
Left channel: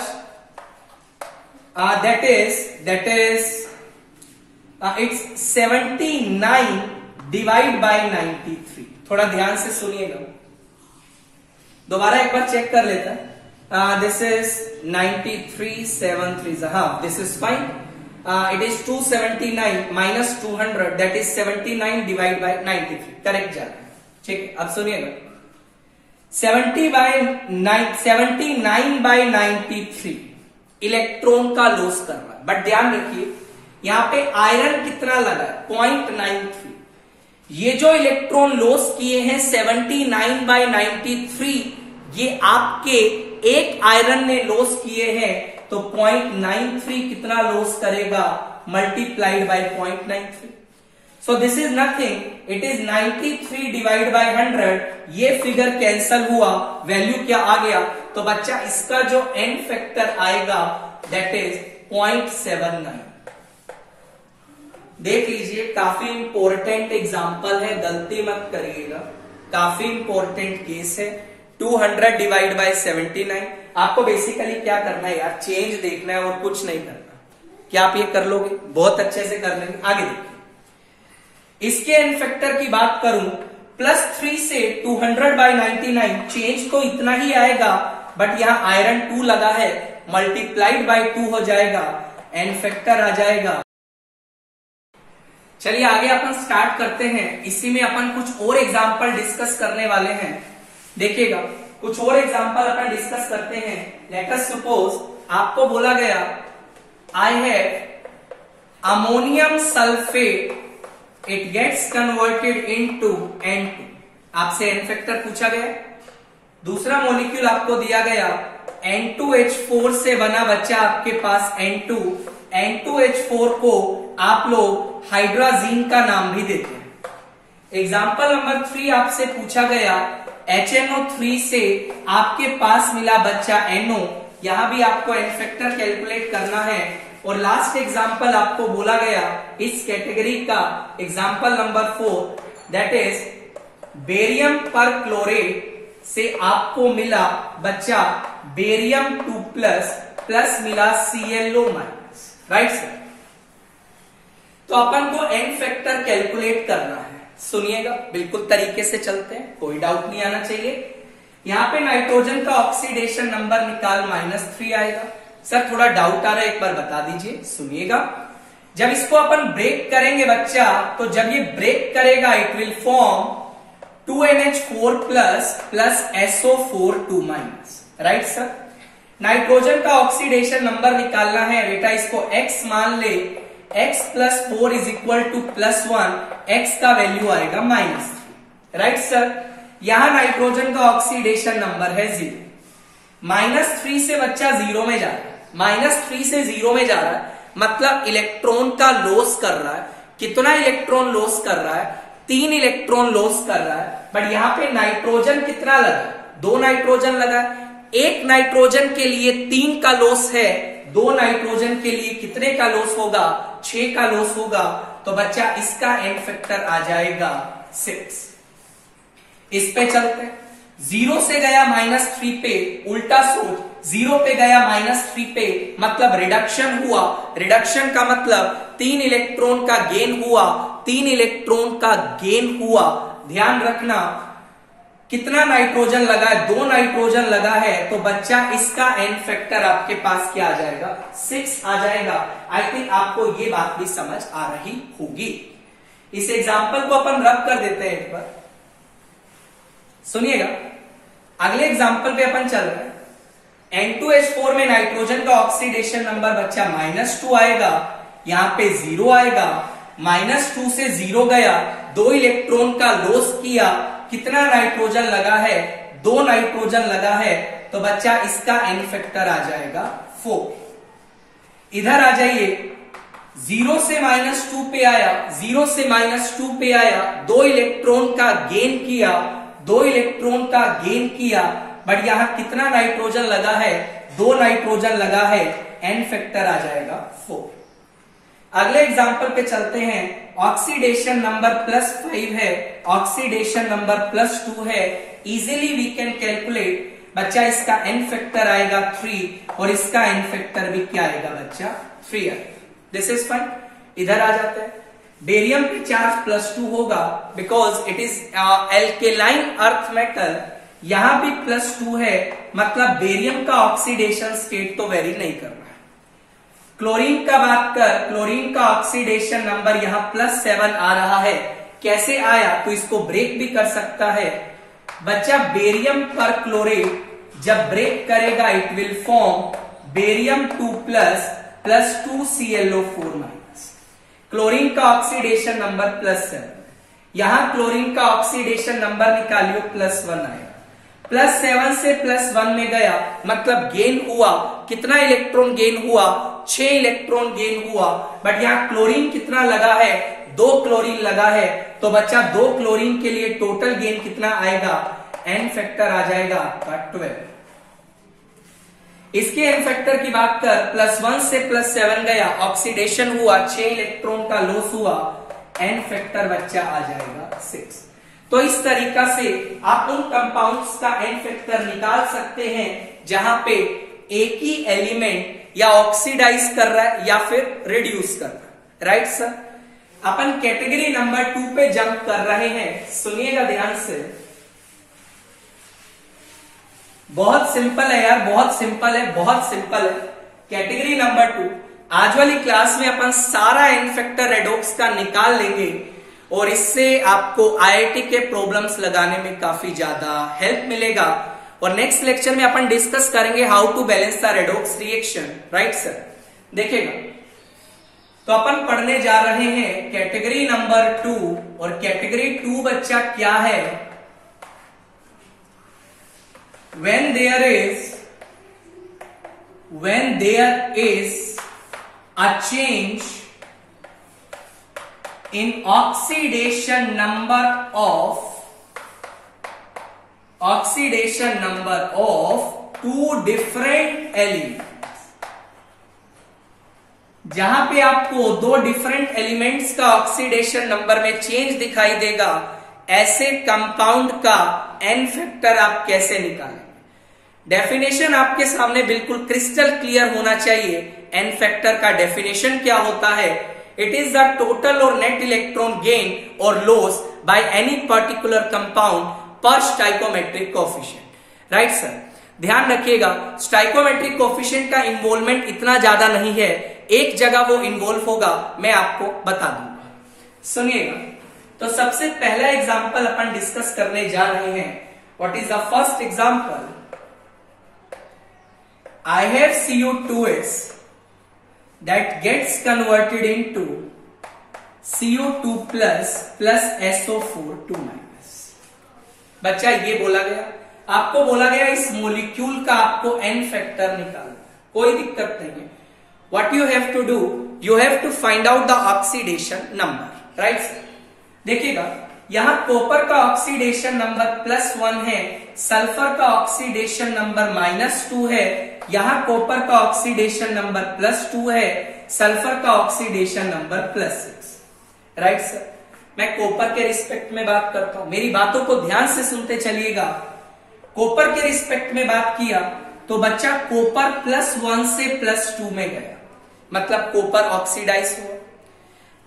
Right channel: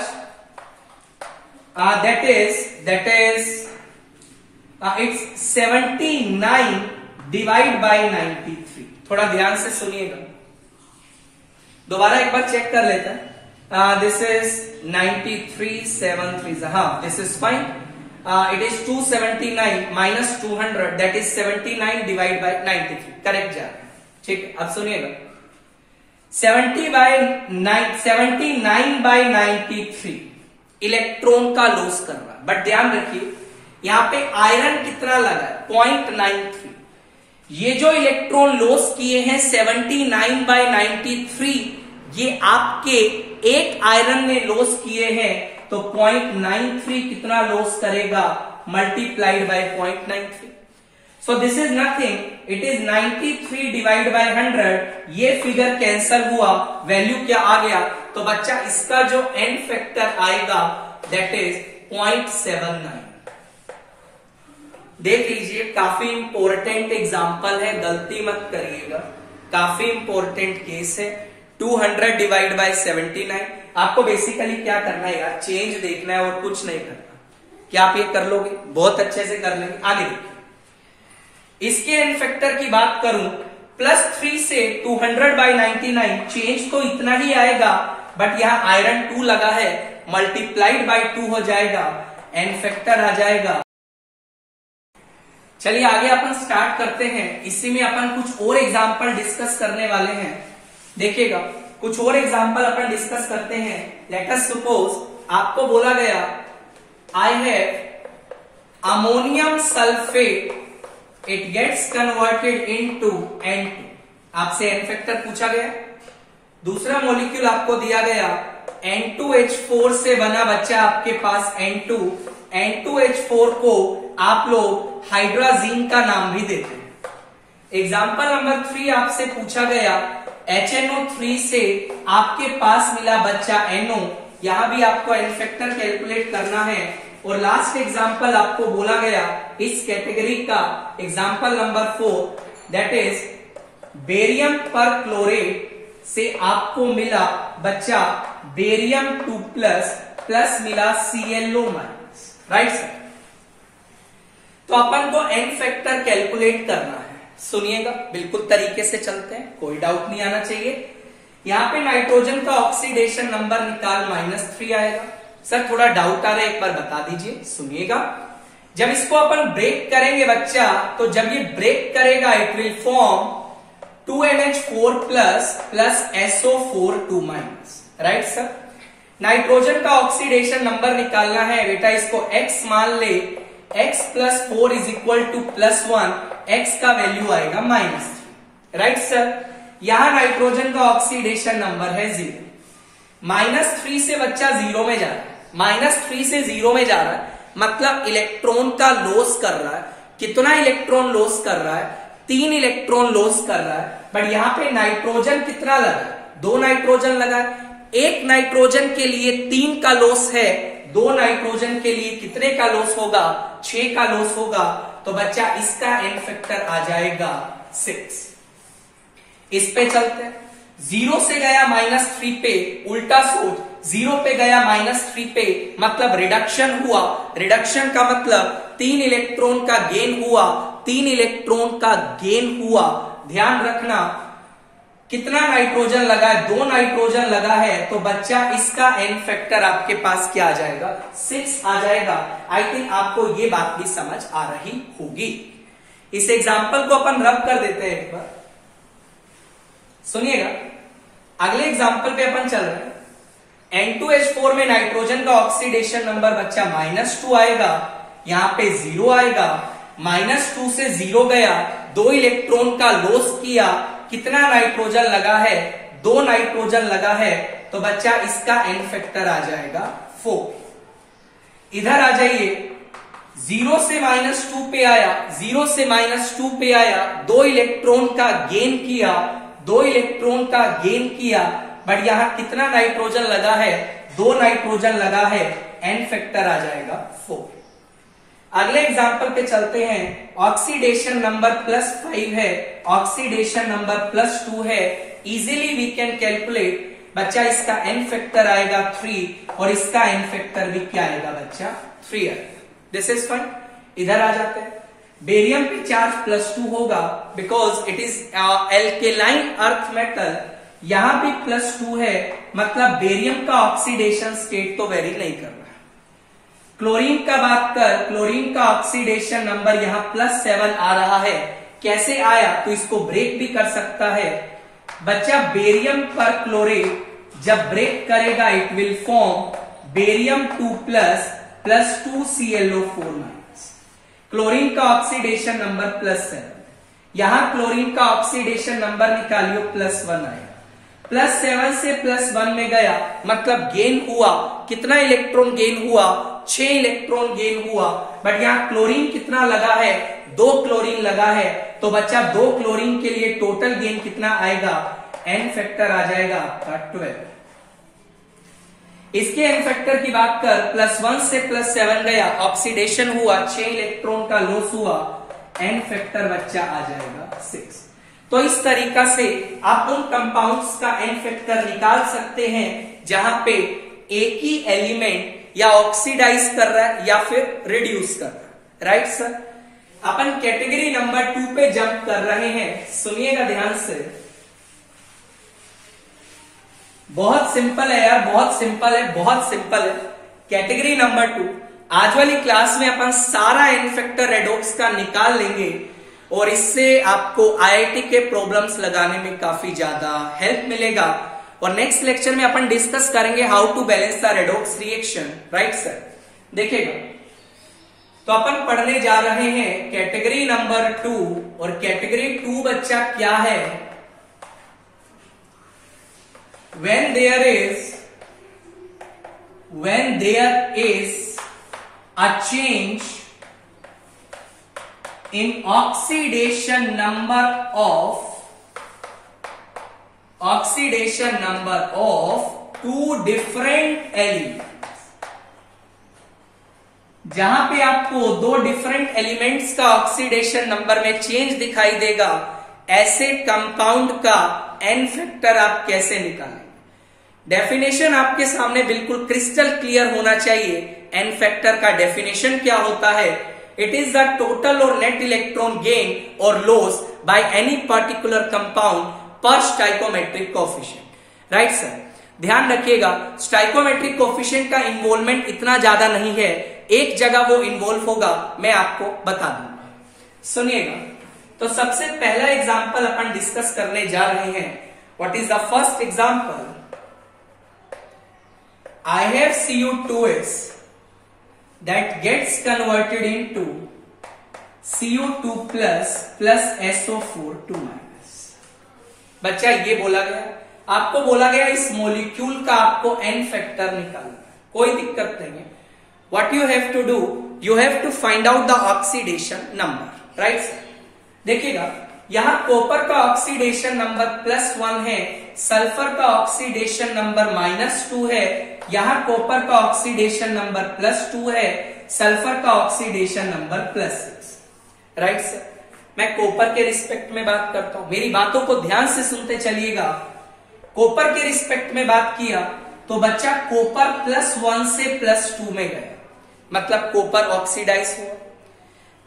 that is it's 79 divide by 93। थोड़ा ध्यान से सुनिएगा, दोबारा एक बार चेक कर लेते हैं। दिस इज 93 7 3, हाँ this is fine. It is 279 - 200 that is 79 divide by 93, correct जा रहा है। ठीक है, अब सुनिएगा, 79/93 इलेक्ट्रॉन का लॉस कर रहा है। बट ध्यान रखिए यहां पे आयरन कितना लगा है, 0.93। ये जो इलेक्ट्रॉन लॉस किए हैं 79/93, ये आपके एक आयरन ने लॉस किए हैं, तो 0.93 कितना लॉस करेगा, multiplied by 0.93। So this is nothing, it is 93 divide by 100। ये फिगर कैंसल हुआ, वैल्यू क्या आ गया, तो बच्चा इसका जो एंड फैक्टर आएगा दैट इज 0.79। देख लीजिए, काफी इंपॉर्टेंट एग्जांपल है, गलती मत करिएगा, काफी इंपॉर्टेंट केस है। 200 डिवाइड बाय 79। आपको बेसिकली क्या करना है यार, चेंज देखना है और कुछ नहीं करना। क्या आप ये कर लोगे, बहुत अच्छे से कर लेंगे। आगे देखिए, इसके एंड फैक्टर की बात करूं, +3 से 200/99, चेंज तो इतना ही आएगा, बट यहां आयरन 2 लगा है, मल्टीप्लाइड बाय 2 हो जाएगा, एंड फैक्टर आ जाएगा। चलिए आगे अपन स्टार्ट करते हैं। इसी में अपन कुछ और एग्जाम्पल डिस्कस करने वाले हैं। देखिएगा, कुछ और एग्जाम्पल अपन डिस्कस करते हैं। लेट अस सपोज आपको बोला गया I have ammonium sulphate, it gets converted into N2। आपसे एन फैक्टर पूछा गया। दूसरा मॉलिक्यूल आपको दिया गया N2H4 से बना बच्चा आपके पास N2। N2H4 को आप लोग हाइड्राजीन का नाम भी देते हैं। एग्जाम्पल नंबर 3 आपसे पूछा गया HNO3 से आपके पास मिला बच्चा NO। यहां भी आपको एन फैक्टर कैलकुलेट करना है। और लास्ट एग्जाम्पल आपको बोला गया इस कैटेगरी का, example number 4 that is barium perchlorate से आपको मिला बच्चा बेरियम 2+ प्लस मिला ClO-, राइट सर। तो अपन को एन फैक्टर कैलकुलेट करना है। सुनिएगा, बिल्कुल तरीके से चलते हैं, कोई डाउट नहीं आना चाहिए। यहां पे नाइट्रोजन का ऑक्सीडेशन नंबर निकाल -3 आएगा। सर थोड़ा डाउट आ रहा है, एक बार बता दीजिए। सुनिएगा, जब इसको अपन ब्रेक करेंगे बच्चा, तो जब ये ब्रेक करेगा it will form 2NH4+ plus SO4 2-, right sir. Nitrogen का ऑक्सीडेशन नंबर निकालना है बेटा, इसको x मान ले, x + 4 = +1, x का वैल्यू आएगा -3, राइट सर। यहां नाइट्रोजन का ऑक्सीडेशन नंबर है 0, -3 से बच्चा 0 में जा रहा है, -3 से 0 में जा रहा है, मतलब इलेक्ट्रॉन का लॉस कर रहा है। कितना इलेक्ट्रॉन लॉस कर रहा है? 3 इलेक्ट्रॉन लॉस कर रहा है। बट यहां पे नाइट्रोजन कितना लगा? 2 नाइट्रोजन लगा। 1 नाइट्रोजन के लिए 3 का लॉस है, 2 नाइट्रोजन के लिए कितने का लॉस होगा? 6 का लॉस होगा। तो बच्चा इसका एन फैक्टर आ जाएगा 6। इस पे चलते हैं, 0 से गया -3 पे, उल्टा सोच, 0 पे गया -3 पे, मतलब रिडक्शन हुआ। रिडक्शन का मतलब 3 इलेक्ट्रॉन का गेन हुआ, 3 इलेक्ट्रॉन का गेन हुआ। ध्यान रखना कितना नाइट्रोजन लगा है? 2 नाइट्रोजन लगा है, तो बच्चा इसका एन फैक्टर आपके पास क्या आ जाएगा? 6 आ जाएगा। आई थिंक आपको ये बात भी समझ आ रही होगी। इस एग्जाम्पल को अपन रब कर देते हैं एक बार, सुनिएगा। अगले एग्जाम्पल पे अपन चल रहे हैं। N2H4 में नाइट्रोजन का ऑक्सीडेशन नंबर बच्चा -2 आएगा, यहां पे 0 आएगा। -2 से 0 गया, 2 इलेक्ट्रॉन का लॉस किया। कितना नाइट्रोजन लगा है? 2 नाइट्रोजन लगा है, तो बच्चा इसका एन फैक्टर आ जाएगा 4। इधर आ जाइए, 0 से -2 पे आया, 0 से -2 पे आया, 2 इलेक्ट्रॉन का गेन किया, 2 इलेक्ट्रॉन का गेन किया। बट यहां कितना नाइट्रोजन लगा है? 2 नाइट्रोजन लगा है, एन फैक्टर आ जाएगा 4। अगले एग्जाम्पल पे चलते हैं। ऑक्सीडेशन नंबर +5 है, ऑक्सीडेशन नंबर +2 है। इजीली वी कैन कैलकुलेट, बच्चा इसका एन फैक्टर आएगा 3 और इसका एन फैक्टर भी क्या आएगा बच्चा? 3 आएगा। This is fine. इधर आ जाते हैं। बेरियम पे चार्ज +2 होगा because it is alkaline earth metal. यहां भी +2 है, मतलब बेरियम का ऑक्सीडेशन स्टेट तो वेरी नहीं करना है। क्लोरीन का बात कर, क्लोरीन का ऑक्सीडेशन नंबर यहां +7 आ रहा है। कैसे आया? तो इसको ब्रेक भी कर सकता है बच्चा। बेरियम पर क्लोरेट जब ब्रेक करेगा, it will form barium 2+ +2 ClO4-। Chlorine का ऑक्सीडेशन नंबर +7, यहां क्लोरीन का ऑक्सीडेशन नंबर निकालियो +1 आएगा। +7 से +1 में गया, मतलब गेन हुआ। कितना इलेक्ट्रॉन गेन हुआ? 6 इलेक्ट्रॉन गेन हुआ। बट यहां क्लोरीन कितना लगा है? 2 क्लोरीन लगा है, तो बच्चा 2 क्लोरीन के लिए टोटल गेन कितना आएगा? एन फैक्टर आ जाएगा आपका 12। इसके एन फैक्टर की बात कर, +1 से +7 गया, ऑक्सीडेशन हुआ, 6 इलेक्ट्रॉन का लॉस हुआ, एन फैक्टर बच्चा आ जाएगा 6। तो इस तरीका से आप उन कंपाउंड्स का एन फैक्टर निकाल सकते हैं जहां पे एक ही एलिमेंट या ऑक्सीडाइज कर रहा है या फिर रिड्यूस कर रहा है। Right sir. अपन कैटेगरी नंबर 2 पे जंप कर रहे हैं, सुनिएगा ध्यान से। बहुत सिंपल है यार, बहुत सिंपल है, बहुत सिंपल है। कैटेगरी नंबर 2, आज वाली क्लास में अपन सारा एन फैक्टर रेडॉक्स का निकाल लेंगे और इससे आपको आईआईटी के प्रॉब्लम्स लगाने में काफी ज्यादा हेल्प मिलेगा। और नेक्स्ट लेक्चर में अपन डिस्कस करेंगे how to balance the redox reaction. Right sir. देखिएगा, तो अपन पढ़ने जा रहे हैं कैटेगरी नंबर 2, और कैटेगरी 2 बच्चा क्या है? when there is a change in oxidation number of two different elements, जहां पे आपको 2 डिफरेंट एलिमेंट्स का ऑक्सीडेशन नंबर में चेंज दिखाई देगा, ऐसे कंपाउंड का एन फैक्टर आप कैसे निकालें? डेफिनेशन आपके सामने बिल्कुल क्रिस्टल क्लियर होना चाहिए। एन फैक्टर का डेफिनेशन क्या होता है? इट इज द टोटल और नेट इलेक्ट्रॉन गेन और loss by any particular compound पर स्टाइकोमेट्रिक कोएफिशिएंट। Right sir. ध्यान रखिएगा, स्टाइकोमेट्रिक कोएफिशिएंट का इन्वॉल्वमेंट इतना ज्यादा नहीं है, एक जगह वो इन्वॉल्व होगा, मैं आपको बता दूंगा। सुनिएगा, तो सबसे पहला एग्जांपल अपन डिस्कस करने जा रहे हैं। What is the first example? I have Cu2s that gets converted into Cu2 plus SO4 2 minus. बच्चा ये बोला गया, आपको बोला गया इस मॉलिक्यूल का आपको एन फैक्टर निकालना, कोई दिक्कत नहीं है। What you have to do, you have to find out the oxidation number, right. देखिएगा यहां कॉपर का ऑक्सीडेशन नंबर +1 है, सल्फर का ऑक्सीडेशन नंबर -2 है, यहां कॉपर का ऑक्सीडेशन नंबर +2 है, सल्फर का ऑक्सीडेशन नंबर +6, राइट सर। मैं कॉपर के रिस्पेक्ट में बात करता हूं, मेरी बातों को ध्यान से सुनते चलिएगा। कॉपर के रिस्पेक्ट में बात किया तो बच्चा कॉपर +1 से +2 में गया, मतलब कॉपर ऑक्सीडाइज हुआ।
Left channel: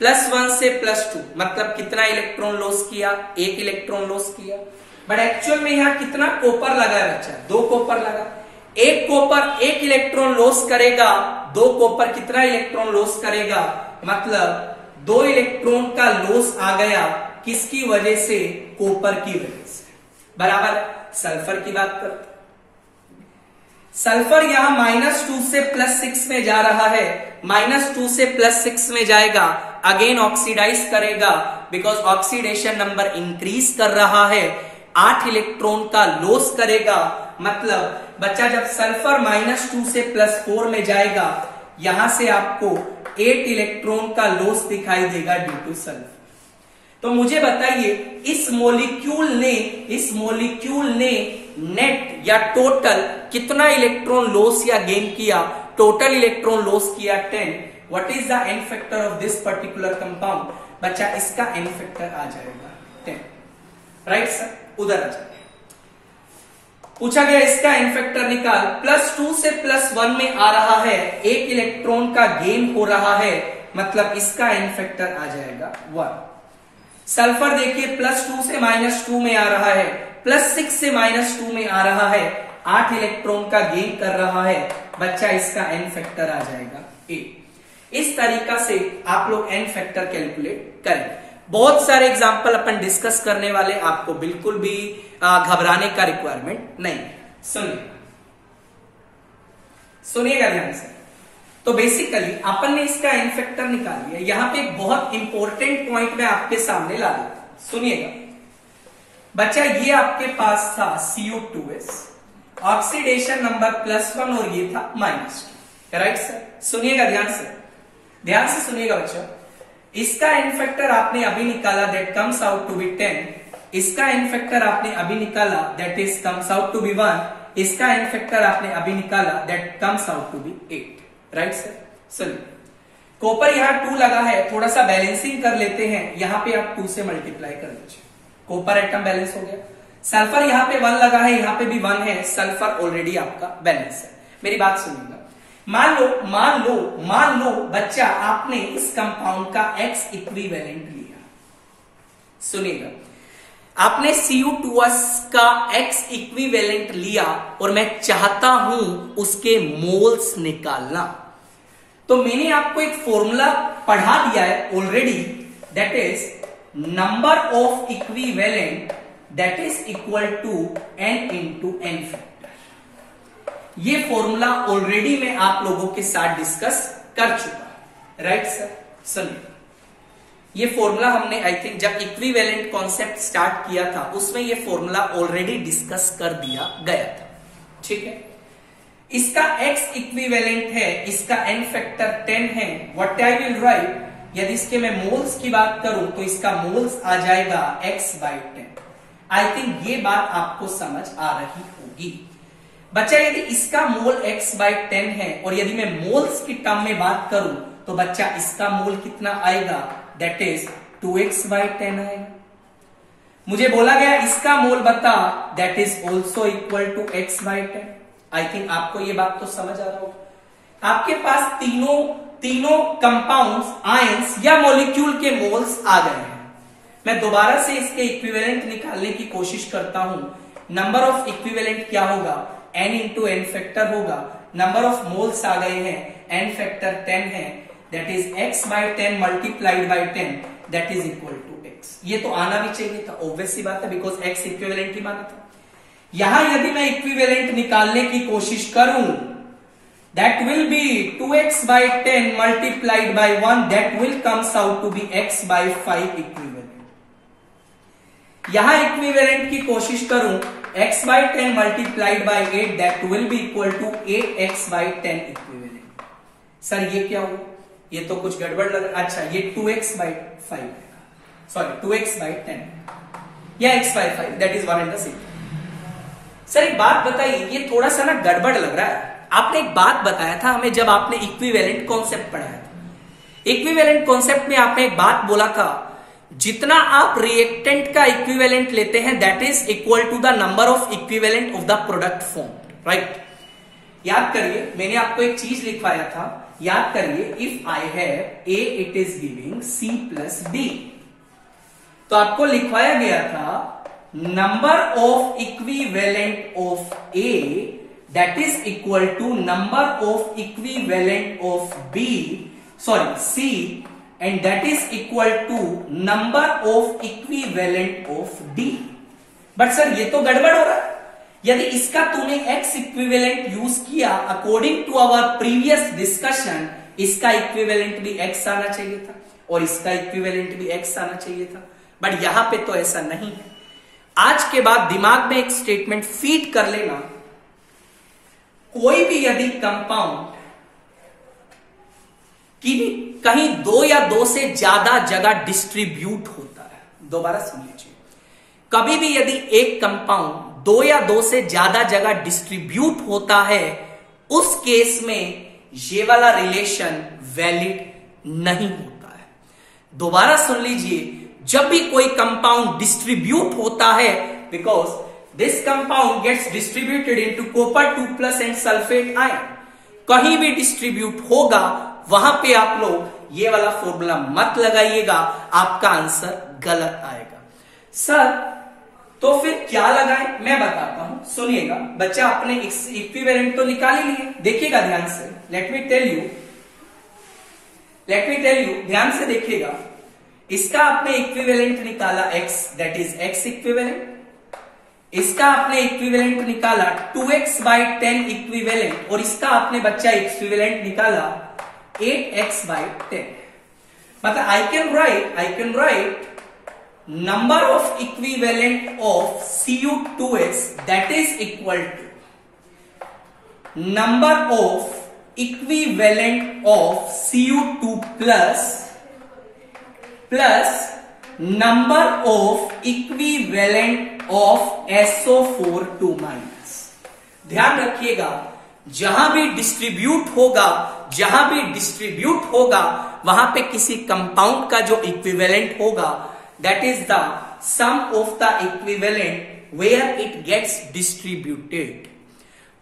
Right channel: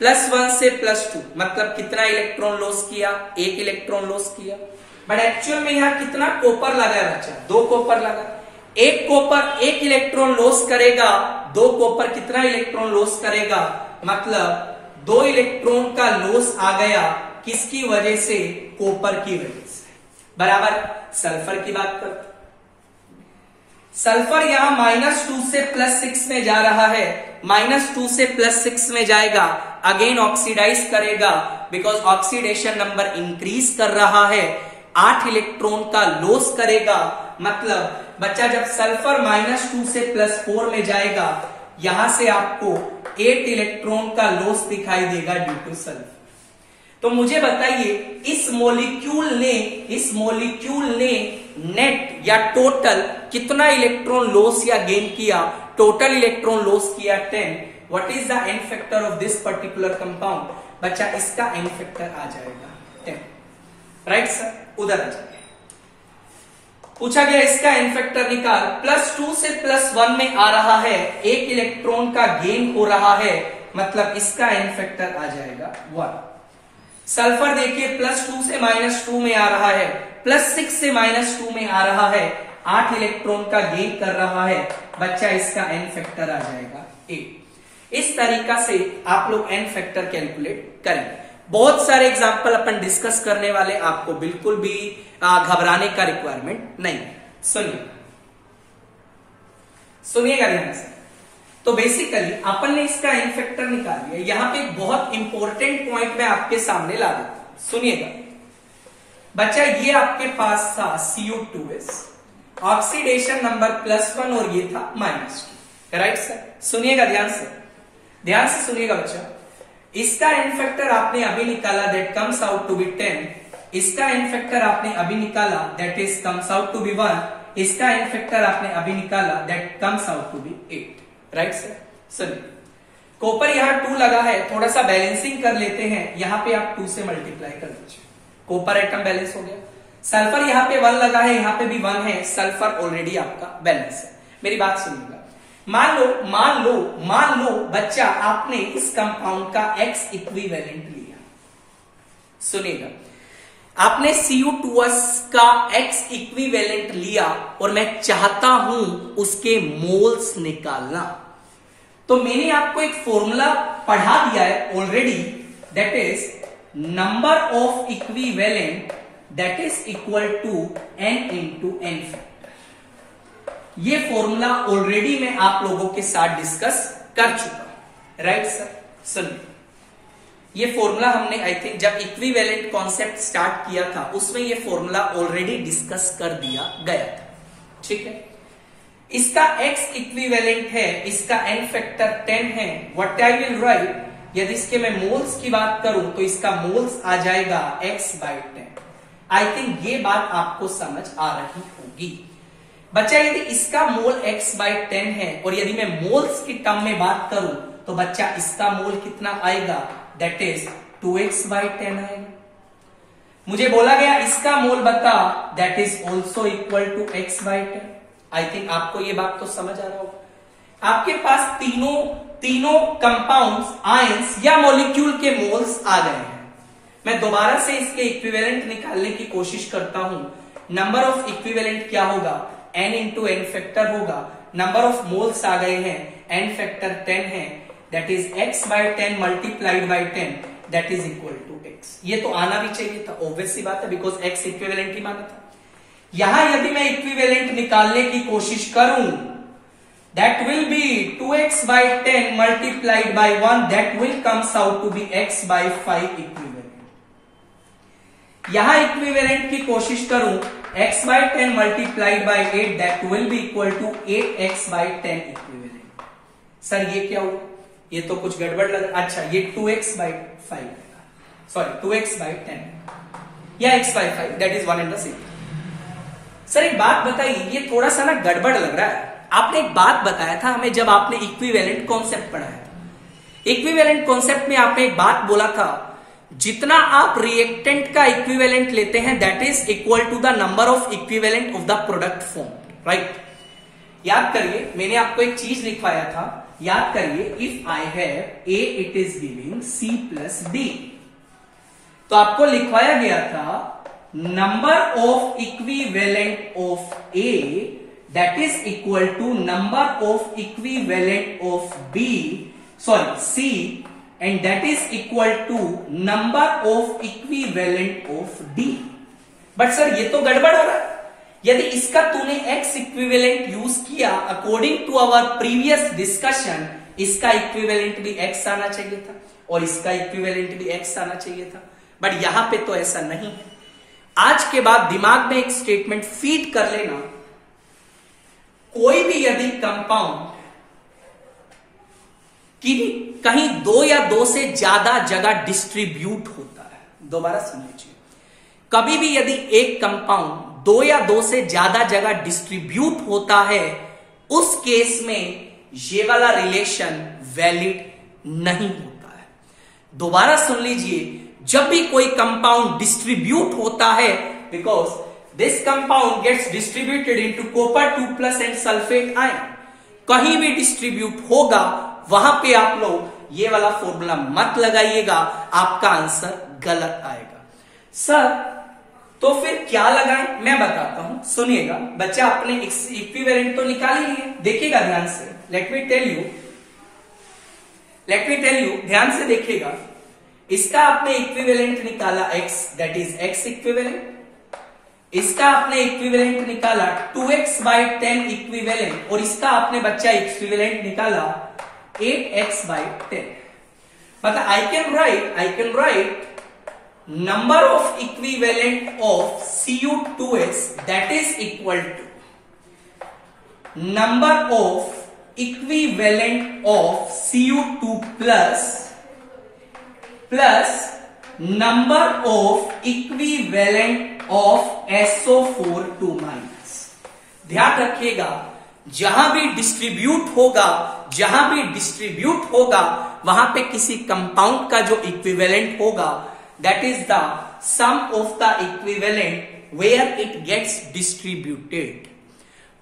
+1 से +2 मतलब कितना इलेक्ट्रॉन लॉस किया, 1 इलेक्ट्रॉन लॉस किया। बट एक्चुअल में यहां कितना कॉपर लगा बच्चा, 2 कॉपर लगा। 1 कॉपर 1 इलेक्ट्रॉन लॉस करेगा, 2 कॉपर कितना इलेक्ट्रॉन लॉस करेगा, मतलब 2 इलेक्ट्रॉन का लॉस आ गया, किसकी वजह से, कॉपर की वजह से, बराबर। सल्फर की बात करते, सल्फर यहां -2 से +6 में जा रहा है, -2 से +6 में जाएगा, अगेन ऑक्सीडाइज करेगा, बिकॉज ऑक्सीडेशन नंबर इंक्रीज कर रहा है, 8 इलेक्ट्रॉन का लॉस करेगा। मतलब बच्चा जब सल्फर -2 से +4 में जाएगा, यहां से आपको 8 इलेक्ट्रॉन का लॉस दिखाई देगा ड्यू टू सल्फर। तो मुझे बताइए इस मॉलिक्यूल ने नेट या टोटल कितना इलेक्ट्रॉन लॉस या गेन किया, टोटल इलेक्ट्रॉन लॉस किया 10। What is the n factor of this particular compound, बच्चा इसका एन फैक्टर आ जाएगा 10, राइट सर। उधर आ जाएगा, पूछा गया इसका एन फैक्टर निकाल, +2 से +1 में आ रहा है, 1 इलेक्ट्रॉन का गेन हो रहा है, मतलब इसका एन फैक्टर आ जाएगा 1। सल्फर देखिए +2 से -2 में आ रहा है, +6 से -2 में आ रहा है, 8 इलेक्ट्रॉन का गेन कर रहा है, बच्चा इसका एन फैक्टर आ जाएगा 8। इस तरीका से आप लोग एन फैक्टर कैलकुलेट करेंगे। बहुत सारे एग्जाम्पल अपन डिस्कस करने वाले, आपको बिल्कुल भी घबराने का रिक्वायरमेंट नहीं है। सुनिएगा ध्यान से। तो बेसिकली अपन ने इसका एन फैक्टर निकाल लिया। यहां पे एक बहुत इंपॉर्टेंट पॉइंट मैं आपके सामने ला देता हूं, सुनिएगा बच्चा। ये आपके पास था Cu2s, ऑक्सीडेशन नंबर +1 और ये था -2, राइट सर। सुनिएगा ध्यान से सुनिएगा बच्चा। इसका एन फैक्टर आपने अभी निकाला, that comes out to be 10। इसका एन फैक्टर आपने अभी निकाला, that is comes out to be 1। इसका एन फैक्टर आपने अभी निकाला, that comes out to be 8, right sir. सुनिए, कॉपर यहां 2 लगा है, थोड़ा सा बैलेंसिंग कर लेते हैं, यहां पे आप 2 से मल्टीप्लाई कर लीजिए, कॉपर एटम बैलेंस हो गया। सल्फर यहां पे 1 लगा है, यहां पे भी 1 है, सल्फर ऑलरेडी आपका बैलेंस है। मेरी बात सुनिएगा, मान लो बच्चा आपने इस कंपाउंड का X इक्विवेलेंट लिया। सुनिएगा, आपने Cu2s का X इक्विवेलेंट लिया और मैं चाहता हूं उसके मोल्स निकालना। तो मैंने आपको एक फॉर्मूला पढ़ा दिया है already, that is number of equivalent that is equal to n into n factor. ये फॉर्मूला ऑलरेडी मैं आप लोगों के साथ डिस्कस कर चुका हूं, राइट सर। सुनिए, ये फॉर्मूला हमने आई थिंक जब इक्विवेलेंट कॉन्सेप्ट स्टार्ट किया था उसमें ये फॉर्मूला ऑलरेडी डिस्कस कर दिया गया था, ठीक है। इसका X इक्विवेलेंट है, इसका n फैक्टर 10 है। व्हाट आई विल राइट, यदि इसके मैं मोल्स की बात करूं तो इसका मोल्स आ जाएगा X/10। आई थिंक ये बात आपको समझ आ रही होगी बच्चा। यदि इसका मोल X/10 है और यदि मैं मोल्स की टर्म में बात करूं तो बच्चा इसका मोल कितना आएगा, दैट इज 2X/10 आएगा। मुझे बोला गया इसका मोल बता, that is also equal to X/10। I think आपको ये बात तो समझ आ रहा होगा। आपके पास तीनों कंपाउंड्स, आयंस या मॉलिक्यूल के मोल्स आ गए हैं। मैं दोबारा से इसके इक्विवेलेंट निकालने की कोशिश करता हूं। नंबर ऑफ इक्विवेलेंट क्या होगा, n इंटू एन फैक्टर होगा। नंबर ऑफ मोल्स आ गए हैं, n फैक्टर 10 है, that is X/10 multiplied by 10, that is equal to X। ये तो आना भी चाहिए था, ऑब्वियस सी बात है, बिकॉज X इक्विवेलेंट ही माना था। यहां यदि मैं इक्विवेलेंट निकालने की कोशिश करूं, that will be 2X/10 multiplied by 1, that will comes out to be X/5 equivalent. यहां इक्विवेलेंट की कोशिश करूं, x/10 multiplied by 8 that will be equal to 8x/10 equivalent. Sir ये क्या हुआ? ये तो कुछ गड़बड़ लग रहा। अच्छा ये 2x/5 सॉरी 2x/10 या x/5 that is 1 and the same. Sir एक बात बताइए, ये थोड़ा सा ना गड़बड़ लग रहा है। आपने एक बात बताया था हमें जब आपने इक्विवेलेंट कॉन्सेप्ट पढ़ाया था। इक्विवेलेंट कॉन्सेप्ट में आपने एक बात बोला था, जितना आप रिएक्टेंट का इक्विवेलेंट लेते हैं that is equal to the number of equivalent of the product form, right? याद करिए, मैंने आपको एक चीज लिखवाया था, याद करिए, if I have A it is giving C plus D, तो आपको लिखवाया गया था number of equivalent of A that is equal to number of equivalent of B sorry C and that is equal to number of equivalent of D. But sir ये तो गड़बड़ हो रहा है। यदि इसका तूने एक्स इक्विवेलेंट यूज किया according to our previous discussion, इसका इक्विवेलेंट भी एक्स आना चाहिए था और इसका इक्विवेलेंट भी एक्स आना चाहिए था, बट यहां पे तो ऐसा नहीं है। आज के बाद दिमाग में एक स्टेटमेंट फीड कर लेना, कोई भी यदि कंपाउंड कि कहीं 2 या 2 से ज्यादा जगह डिस्ट्रीब्यूट होता है, दोबारा सुन लीजिए, कभी भी यदि एक कंपाउंड 2 या 2 से ज्यादा जगह डिस्ट्रीब्यूट होता है, उस केस में ये वाला रिलेशन वैलिड नहीं होता है। दोबारा सुन लीजिए, जब भी कोई कंपाउंड डिस्ट्रीब्यूट होता है, because this compound gets distributed into copper 2+ and sulphate ion, कहीं भी डिस्ट्रीब्यूट होगा वहां पे आप लोग ये वाला फॉर्मूला मत लगाइएगा, आपका आंसर गलत आएगा। सर तो फिर क्या लगाएं, मैं बताता हूं, सुनिएगा। बच्चा आपने इक्विवेलेंट तो निकाल ही लिए, देखिएगा ध्यान से, लेट मी टेल यू, ध्यान से देखिएगा। इसका आपने इक्विवेलेंट निकाला x, that is x equivalent. इसका आपने इक्विवेलेंट निकाला 2x/10 इक्विवेलेंट, और इसका आपने बच्चा इक्विवेलेंट निकाला 8x/10। मतलब आई can right number of equivalent of Cu2s that is equal to number of equivalent of Cu2 plus number of equivalent of SO4 2 minus। ध्यान रखिएगा, जहां भी डिस्ट्रीब्यूट होगा वहां पे किसी कंपाउंड का जो इक्विवेलेंट होगा that is the sum of the equivalent where it gets distributed।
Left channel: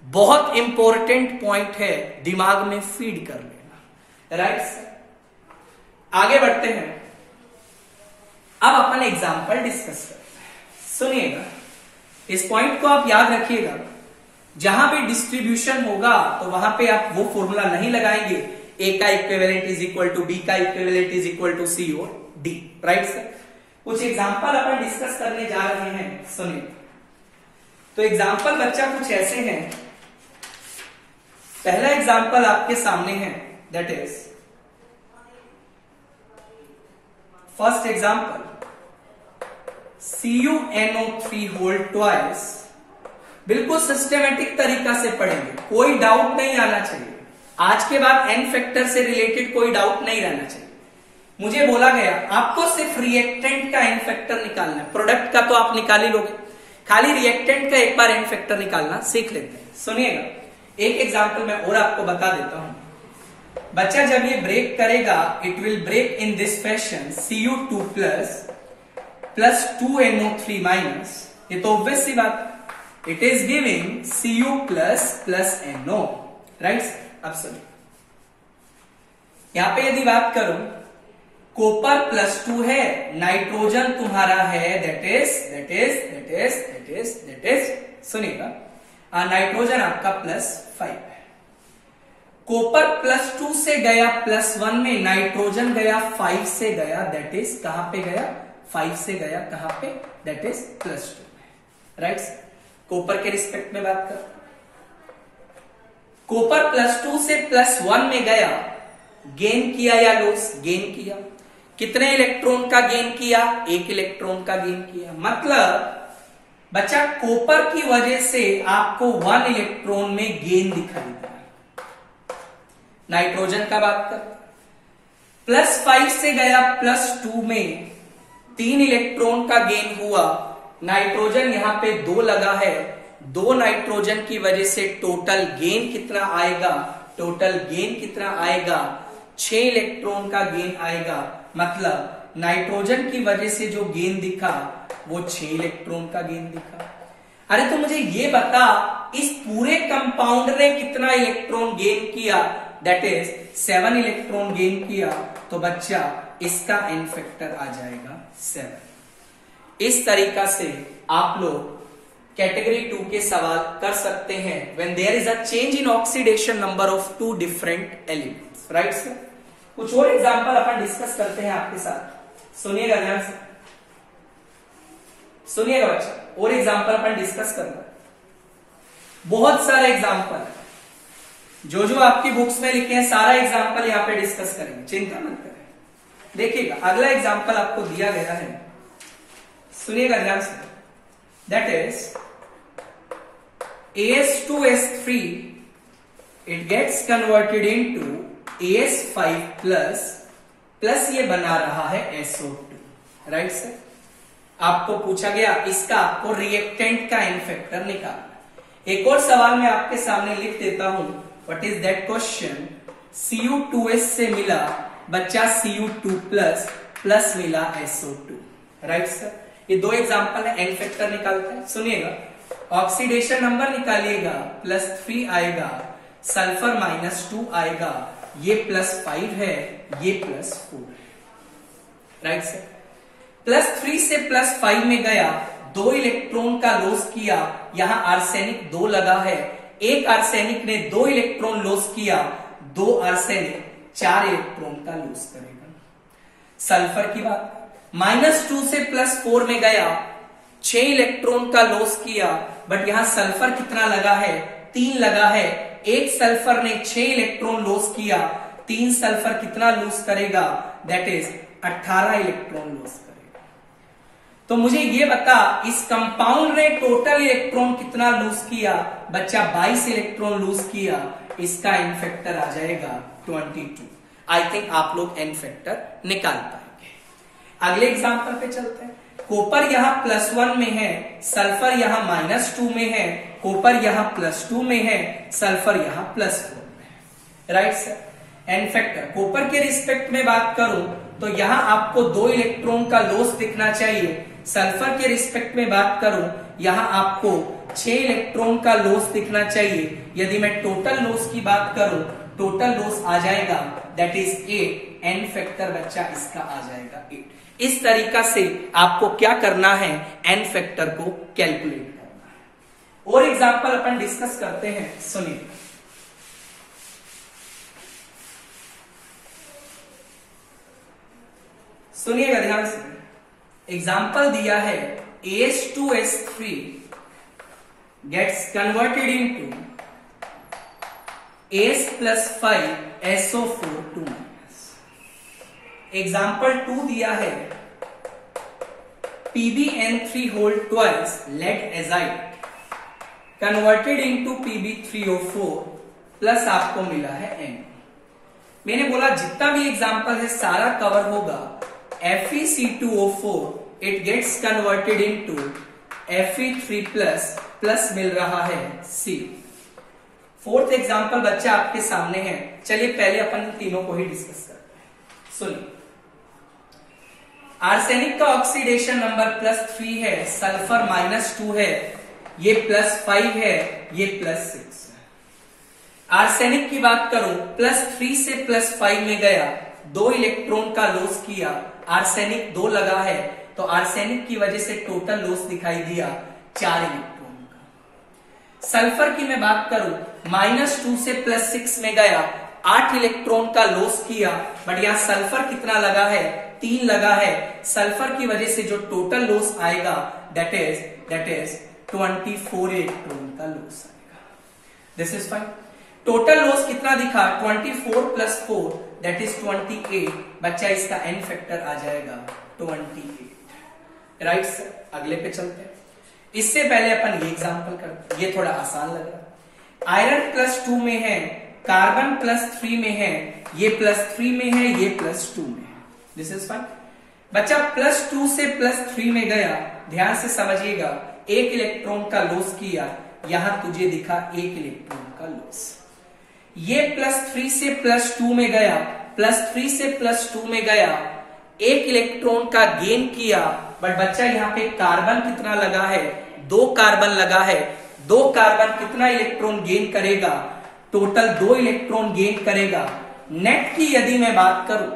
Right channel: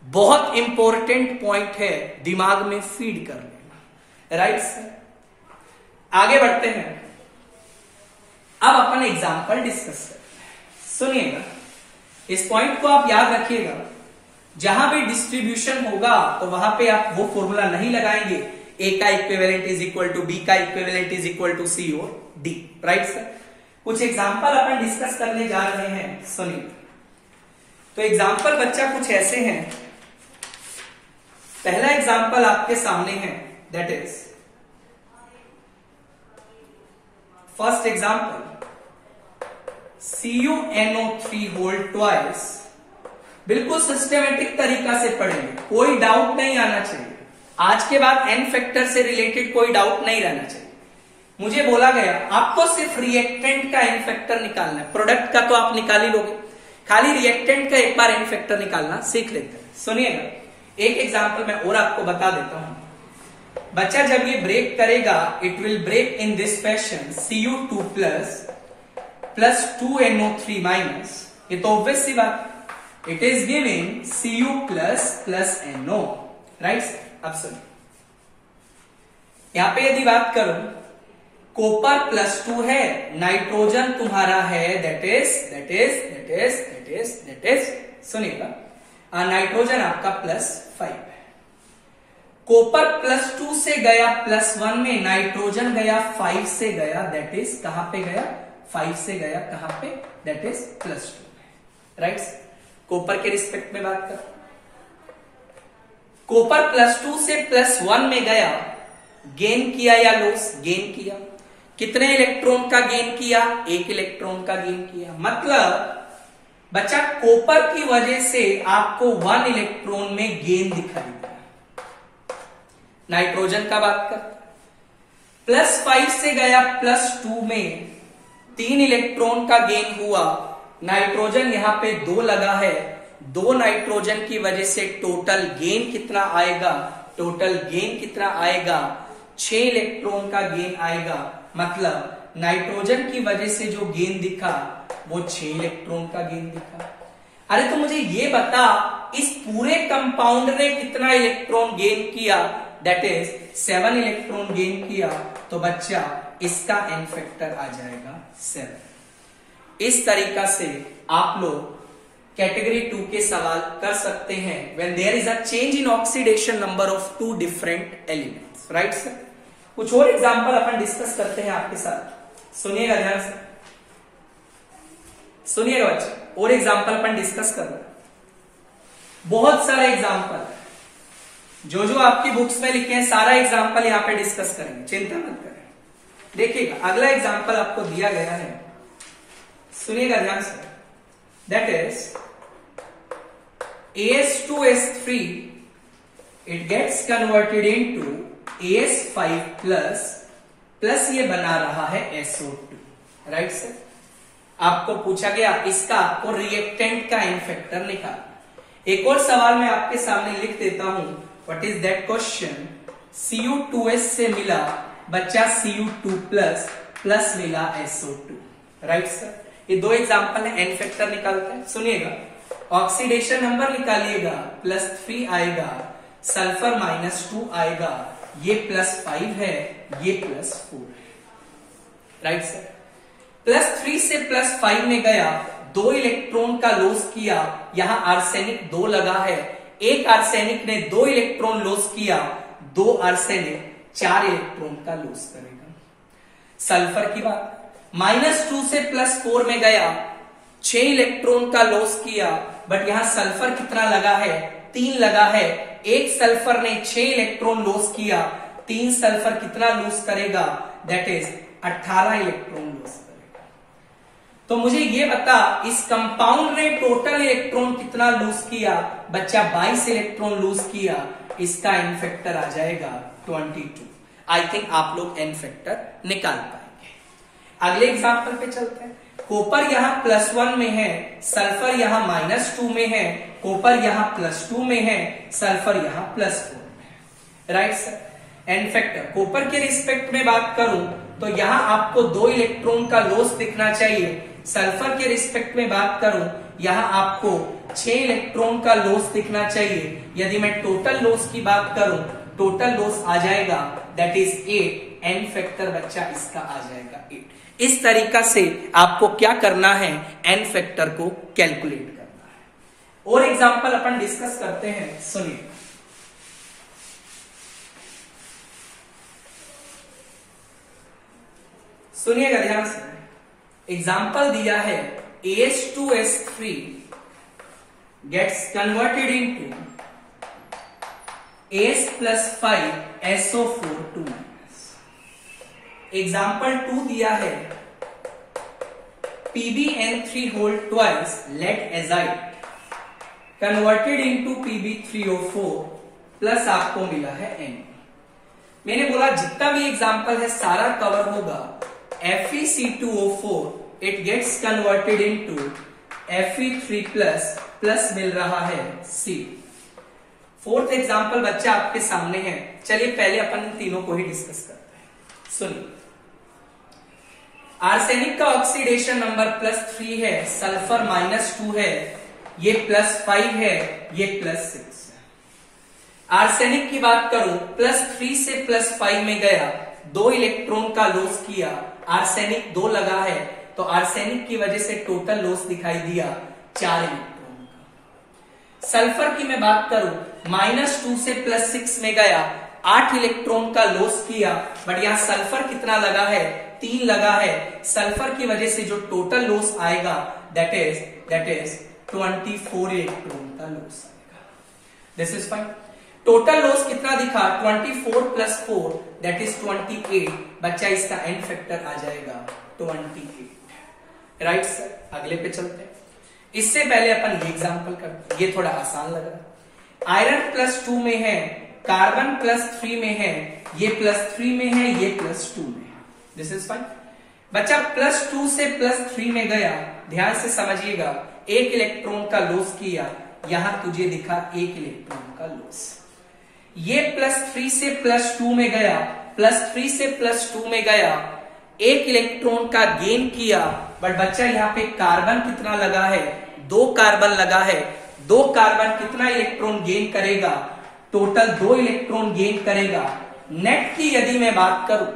बहुत इंपॉर्टेंट पॉइंट है, दिमाग में फीड कर लेना, राइट? आगे बढ़ते हैं, अब अपन एग्जांपल डिस्कस करते हैं। सुनिएगा, इस पॉइंट को आप याद रखिएगा, जहां भी डिस्ट्रीब्यूशन होगा तो वहां पे आप वो फॉर्मूला नहीं लगाएंगे, ए का equivalent is equal to B का equivalent is equal to C और डी, राइट सर? कुछ एग्जाम्पल अपन डिस्कस करने जा रहे हैं, सुनिए। तो एग्जाम्पल बच्चा कुछ ऐसे हैं। पहला एग्जाम्पल आपके सामने है, that is first example CuNO3 whole twice. बिल्कुल सिस्टमेटिक तरीका से पढ़ेंगे, कोई डाउट नहीं आना चाहिए। आज के बाद n फैक्टर से रिलेटेड कोई डाउट नहीं रहना चाहिए। मुझे बोला गया आपको सिर्फ रिएक्टेंट का एन फैक्टर निकालना है, प्रोडक्ट का तो आप निकाल ही लोगे, खाली रिएक्टेंट का एक बार एन फैक्टर निकालना सीख लेते हैं। सुनिएगा, एक एग्जांपल मैं और आपको बता देता हूं। बच्चा जब ये ब्रेक करेगा, it will break in this fashion Cu2 plus 2NO3 minus. ये तो ऑब्वियस सी बात, it is giving Cu plus NO, right? अब सुनिए, यहां पे यदि बात करूं, कॉपर +2 है, नाइट्रोजन तुम्हारा है दैट इज सुनिएगा, नाइट्रोजन आपका +5 है। कॉपर +2 से गया +1 में, नाइट्रोजन गया 5 से गया, दैट इज कहां पे गया? 5 से गया कहां पे? दैट इज +2 में, राइट? कॉपर के रिस्पेक्ट में बात कर, कॉपर +2 से +1 में गया, गेन किया या लॉस? गेन किया। कितने इलेक्ट्रॉन का गेन किया? 1 इलेक्ट्रॉन का गेन किया। मतलब बच्चा कॉपर की वजह से आपको 1 इलेक्ट्रॉन में गेन दिखाई दे। नाइट्रोजन का बात कर, +5 से गया +2 में 3 इलेक्ट्रॉन का गेन हुआ। नाइट्रोजन यहां पे 2 लगा है, 2 नाइट्रोजन की वजह से टोटल गेन कितना आएगा? टोटल गेन कितना आएगा? 6 इलेक्ट्रॉन का गेन आएगा। मतलब नाइट्रोजन की वजह से जो गेन दिखा वो 6 इलेक्ट्रॉन का गेन दिखा। अरे तो मुझे ये बता, इस पूरे कंपाउंड ने कितना इलेक्ट्रॉन गेन किया? दैट इज 7 इलेक्ट्रॉन गेन किया। तो बच्चा इसका एन फैक्टर आ जाएगा 7। इस तरीका से आप लोग कैटेगरी 2 के सवाल कर सकते हैं when there is a change in oxidation number of 2 different elements. Right sir? कुछ और एग्जांपल अपन डिस्कस करते हैं आपके साथ। सुनिएगा ध्यान से, सुनिएगा बच्चा, और एग्जांपल अपन डिस्कस करना। बहुत सारे एग्जांपल जो जो आपकी बुक्स में लिखे हैं सारा एग्जांपल यहां पे डिस्कस करेंगे, चिंता मत करें। देखिएगा अगला एग्जांपल आपको दिया गया है, सुनिएगा ध्यान से। That is AS2S3 it gets converted into AS5 plus ये बना रहा है SO2। Right sir? आपको पूछा गया इसका आपको रिएक्टेंट का एन फैक्टर निकालना। एक और सवाल मैं आपके सामने लिख देता हूं। What is that question? Cu2S से मिला बच्चा Cu2 प्लस मिला SO2। Right sir? ये 2 एग्जांपल है, एन फैक्टर निकालते हैं। सुनिएगा, ऑक्सीडेशन नंबर निकालिएगा, +3 आएगा, सल्फर -2 आएगा, ये +5 है, ये +4 है। Right sir? +3 से +5 में गया, 2 इलेक्ट्रॉन का लॉस किया। यहां आर्सेनिक 2 लगा है, एक आर्सेनिक ने 2 इलेक्ट्रॉन लॉस किया, 2 आर्सेनिक 4 इलेक्ट्रॉन का लॉस करेगा। सल्फर की बात, -2 से +4 में गया, 6 इलेक्ट्रॉन का लॉस किया, बट यहां सल्फर कितना लगा है? 3 लगा है। एक सल्फर ने 6 इलेक्ट्रॉन लॉस किया, 3 सल्फर कितना लॉस करेगा? दैट इज 18 इलेक्ट्रॉन लॉस करेगा। तो मुझे ये बता, इस कंपाउंड ने टोटल इलेक्ट्रॉन कितना लॉस किया? बच्चा 22 इलेक्ट्रॉन लॉस किया। इसका एन फैक्टर आ जाएगा 22। आई थिंक आप लोग एन फैक्टर निकाल पाएंगे। अगले एग्जांपल पे चलते हैं। कॉपर यहां +1 में है, सल्फर यहां -2 में है, कॉपर यहां +2 में है, सल्फर यहां +4 में है। Right sir? N factor copper के रिस्पेक्ट में बात करूं तो यहां आपको 2 इलेक्ट्रॉन का लॉस दिखना चाहिए। सल्फर के रिस्पेक्ट में बात करूं यहां आपको 6 इलेक्ट्रॉन का लॉस दिखना चाहिए। यदि मैं टोटल लॉस की बात करूं, टोटल लॉस आ जाएगा दैट इज 8। एन फैक्टर बच्चा इसका आ जाएगा 8। इस तरीका से आपको क्या करना है? एन फैक्टर को कैलकुलेट करना है। और एग्जांपल अपन डिस्कस करते हैं, सुनिए। सुनिएगा ध्यान से। एग्जांपल दिया है AS2S3 gets converted into AS + 5 SO4 2-। Example 2 दिया है PbN3 whole twice lead azide converted into Pb3O4 plus आपको मिला है N। मैंने बोला जितना भी एग्जाम्पल है सारा कवर होगा। FeC2O4 it gets converted into Fe3 plus मिल रहा है C। 4th एग्जाम्पल बच्चा आपके सामने है। चलिए पहले अपन तीनों को ही डिस्कस करते हैं। सुनिए, आर्सेनिक का ऑक्सीडेशन नंबर +3 है, सल्फर -2 है, ये +5 है, ये +6 है। आर्सेनिक की बात करूं, +3 से +5 में गया, 2 इलेक्ट्रॉन का लॉस किया, आर्सेनिक 2 लगा है, तो आर्सेनिक की वजह से टोटल लॉस दिखाई दिया 4 इलेक्ट्रॉन का। सल्फर की मैं बात करूं, -2 से +6 में गया, 8 इलेक्ट्रॉन का लॉस किया, बट यहां सल्फर कितना लगा है? 3 लगा है। सल्फर की वजह से जो टोटल लॉस आएगा दैट इज 24 इलेक्ट्रॉन का लॉस आएगा। This is fine. Total loss कितना दिखा 24 प्लस 4 दैट इज 28। बच्चा इसका एन फैक्टर आ जाएगा 28। राइट सर, अगले पे चलते हैं। इससे पहले अपन ये एग्जांपल करते हैं, ये थोड़ा आसान लग रहा है। आयरन +2 में है, कार्बन +3 में है, ये +3 में है, ये +2 में है। This is fine. बच्चा +2 से +3 में गया, ध्यान से समझिएगा, एक इलेक्ट्रॉन का लॉस किया, यहां तुझे दिखा एक इलेक्ट्रॉन का लॉस। ये +3 से +2 में गया, +3 से +2 में गया, एक इलेक्ट्रॉन का गेन किया। बट बच्चा यहाँ पे कार्बन कितना लगा है, 2 कार्बन लगा है। 2 कार्बन कितना इलेक्ट्रॉन गेन करेगा, टोटल 2 इलेक्ट्रॉन गेन करेगा। नेट की यदि मैं बात करूं,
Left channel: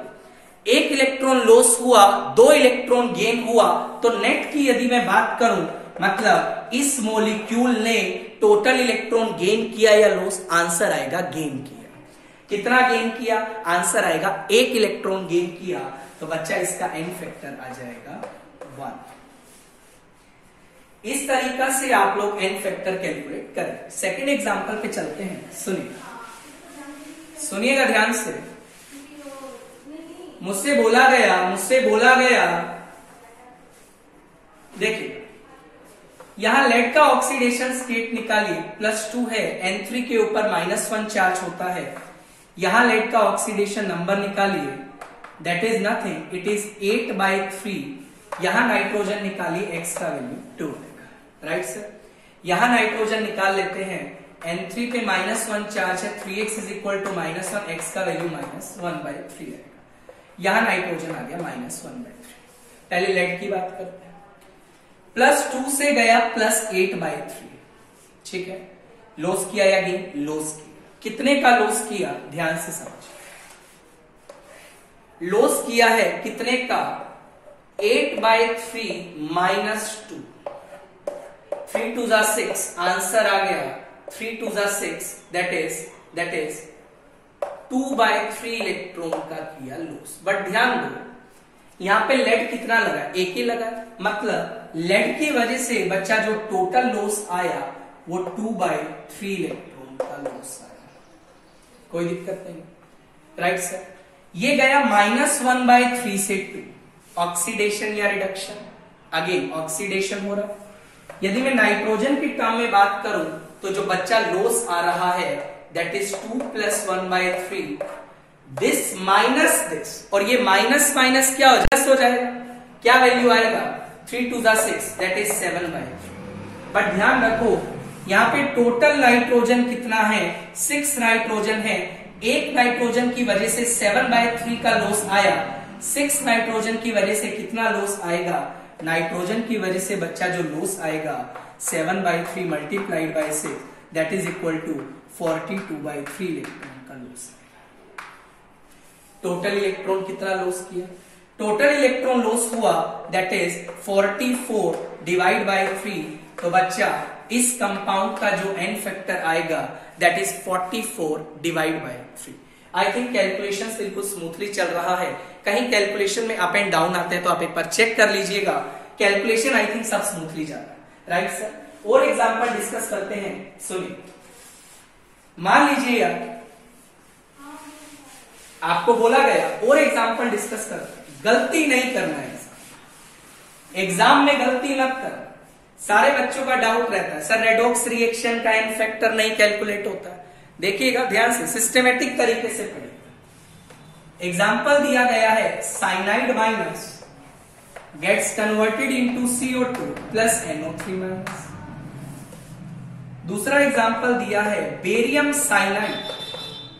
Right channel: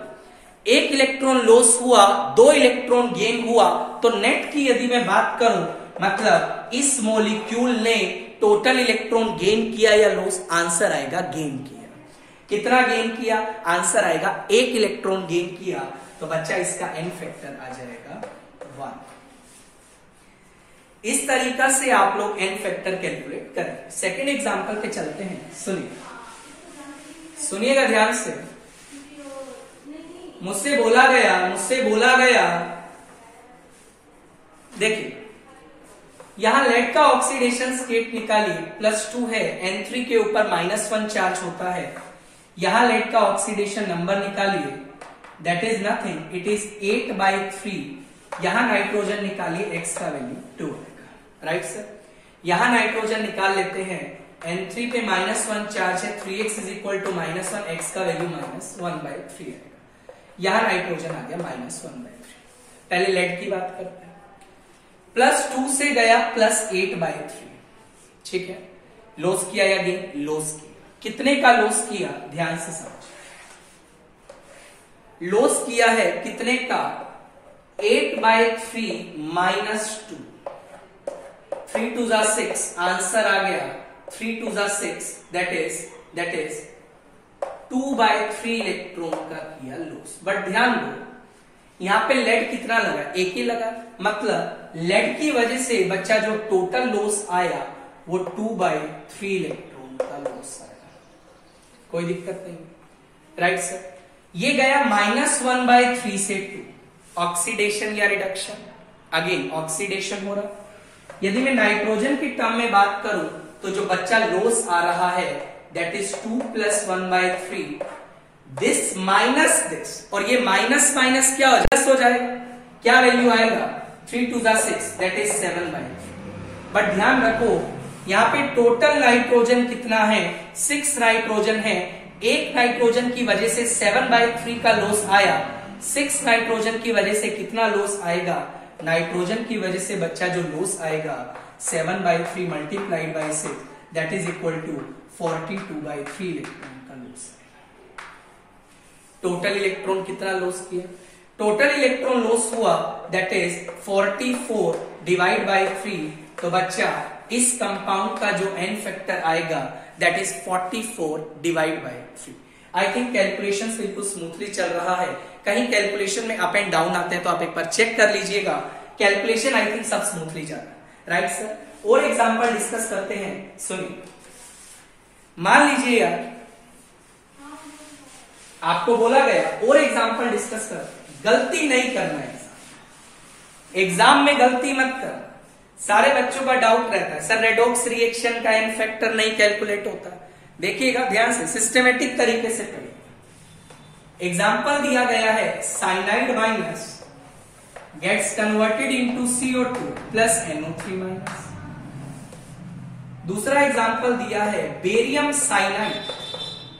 एक इलेक्ट्रॉन लॉस हुआ, 2 इलेक्ट्रॉन गेन हुआ, तो नेट की यदि मैं बात करूं, मतलब इस मॉलिक्यूल ने टोटल इलेक्ट्रॉन गेन किया या लॉस, आंसर आएगा गेन किया। कितना गेन किया, आंसर आएगा 1 इलेक्ट्रॉन गेन किया। तो बच्चा इसका एन फैक्टर आ जाएगा 1। इस तरीका से आप लोग एन फैक्टर कैलकुलेट करें। सेकंड एग्जांपल पे चलते हैं, सुनिएगा ध्यान से। मुझसे बोला गया देखिए, यहां लेड का ऑक्सीडेशन स्टेट निकालिए, +2 है, N3 के ऊपर -1 चार्ज होता है। यहां लेड का ऑक्सीडेशन नंबर निकालिए, that is nothing, it is 8/3। यहां नाइट्रोजन निकालिए, x का वैल्यू 2 आएगा। राइट सर, यहां नाइट्रोजन निकाल लेते हैं, N3 पे -1 चार्ज है, 3x = -1, x का वैल्यू -1/3 आएगा। यहां नाइट्रोजन आ गया -1/3। पहले लेड की बात करते हैं। +2 से गया +8/3, ठीक है। लॉस किया या गेन, लॉस किया। कितने का लॉस किया, ध्यान से समझ। लॉस किया है कितने का, 8/3 -2, 3 2 6, आंसर आ गया 3 2 6, दैट इज 2/3 इलेक्ट्रॉन का किया लॉस। बट ध्यान दो, यहां पे लेड कितना लगा, एक ही लगा, मतलब लेड की वजह से बच्चा जो टोटल लॉस आया वो 2/3 इलेक्ट्रॉन का लॉस आया। कोई दिक्कत नहीं, राइट सर। ये गया -1/3 से 2, ऑक्सीडेशन या रिडक्शन, अगेन ऑक्सीडेशन हो रहा है। यदि मैं नाइट्रोजन की टर्म में बात करूं, तो जो बच्चा लॉस आ रहा है that is 2 + 1/3, this minus this, और ये माइनस माइनस क्या हो जाएगा, क्या वैल्यू आएगा, 3 2 6, दैट इज 7/3। बट ध्यान रखो, यहाँ पे टोटल नाइट्रोजन कितना है, 6 नाइट्रोजन है। एक नाइट्रोजन की वजह से 7/3 का लॉस आया, 6 नाइट्रोजन की वजह से कितना लॉस आएगा, नाइट्रोजन की वजह से बच्चा जो लॉस आएगा 7/3 × 6, that is equal to 42/3 electron का लॉस आएगा। टोटल इलेक्ट्रॉन कितना लॉस किया, टोटल इलेक्ट्रॉन लॉस हुआ दैट इज 44/3। तो बच्चा इस कंपाउंड का जो एन फैक्टर आएगा that is 44/3। I think calculation बिल्कुल स्मूथली चल रहा है। कहीं कैलकुलेशन में अप एंड डाउन आते हैं तो आप एक बार चेक कर लीजिएगा। कैलकुलेशन आई थिंक सब स्मूथली जा रहा है, राइट सर। और एग्जांपल डिस्कस करते हैं, सुनिए। मान लीजिए यार, आपको बोला गया और एग्जांपल डिस्कस करते हैं, गलती नहीं करना है एग्जाम में, गलती मत कर। सारे बच्चों का डाउट रहता है सर रेडॉक्स रिएक्शन का एन फैक्टर नहीं कैलकुलेट होता। देखिएगा ध्यान से, सिस्टमेटिक तरीके से पढ़िए। एग्जाम्पल दिया गया है, cyanide minus gets converted into CO2 plus NO3 minus. दूसरा एग्जाम्पल दिया है बेरियम साइनाइड,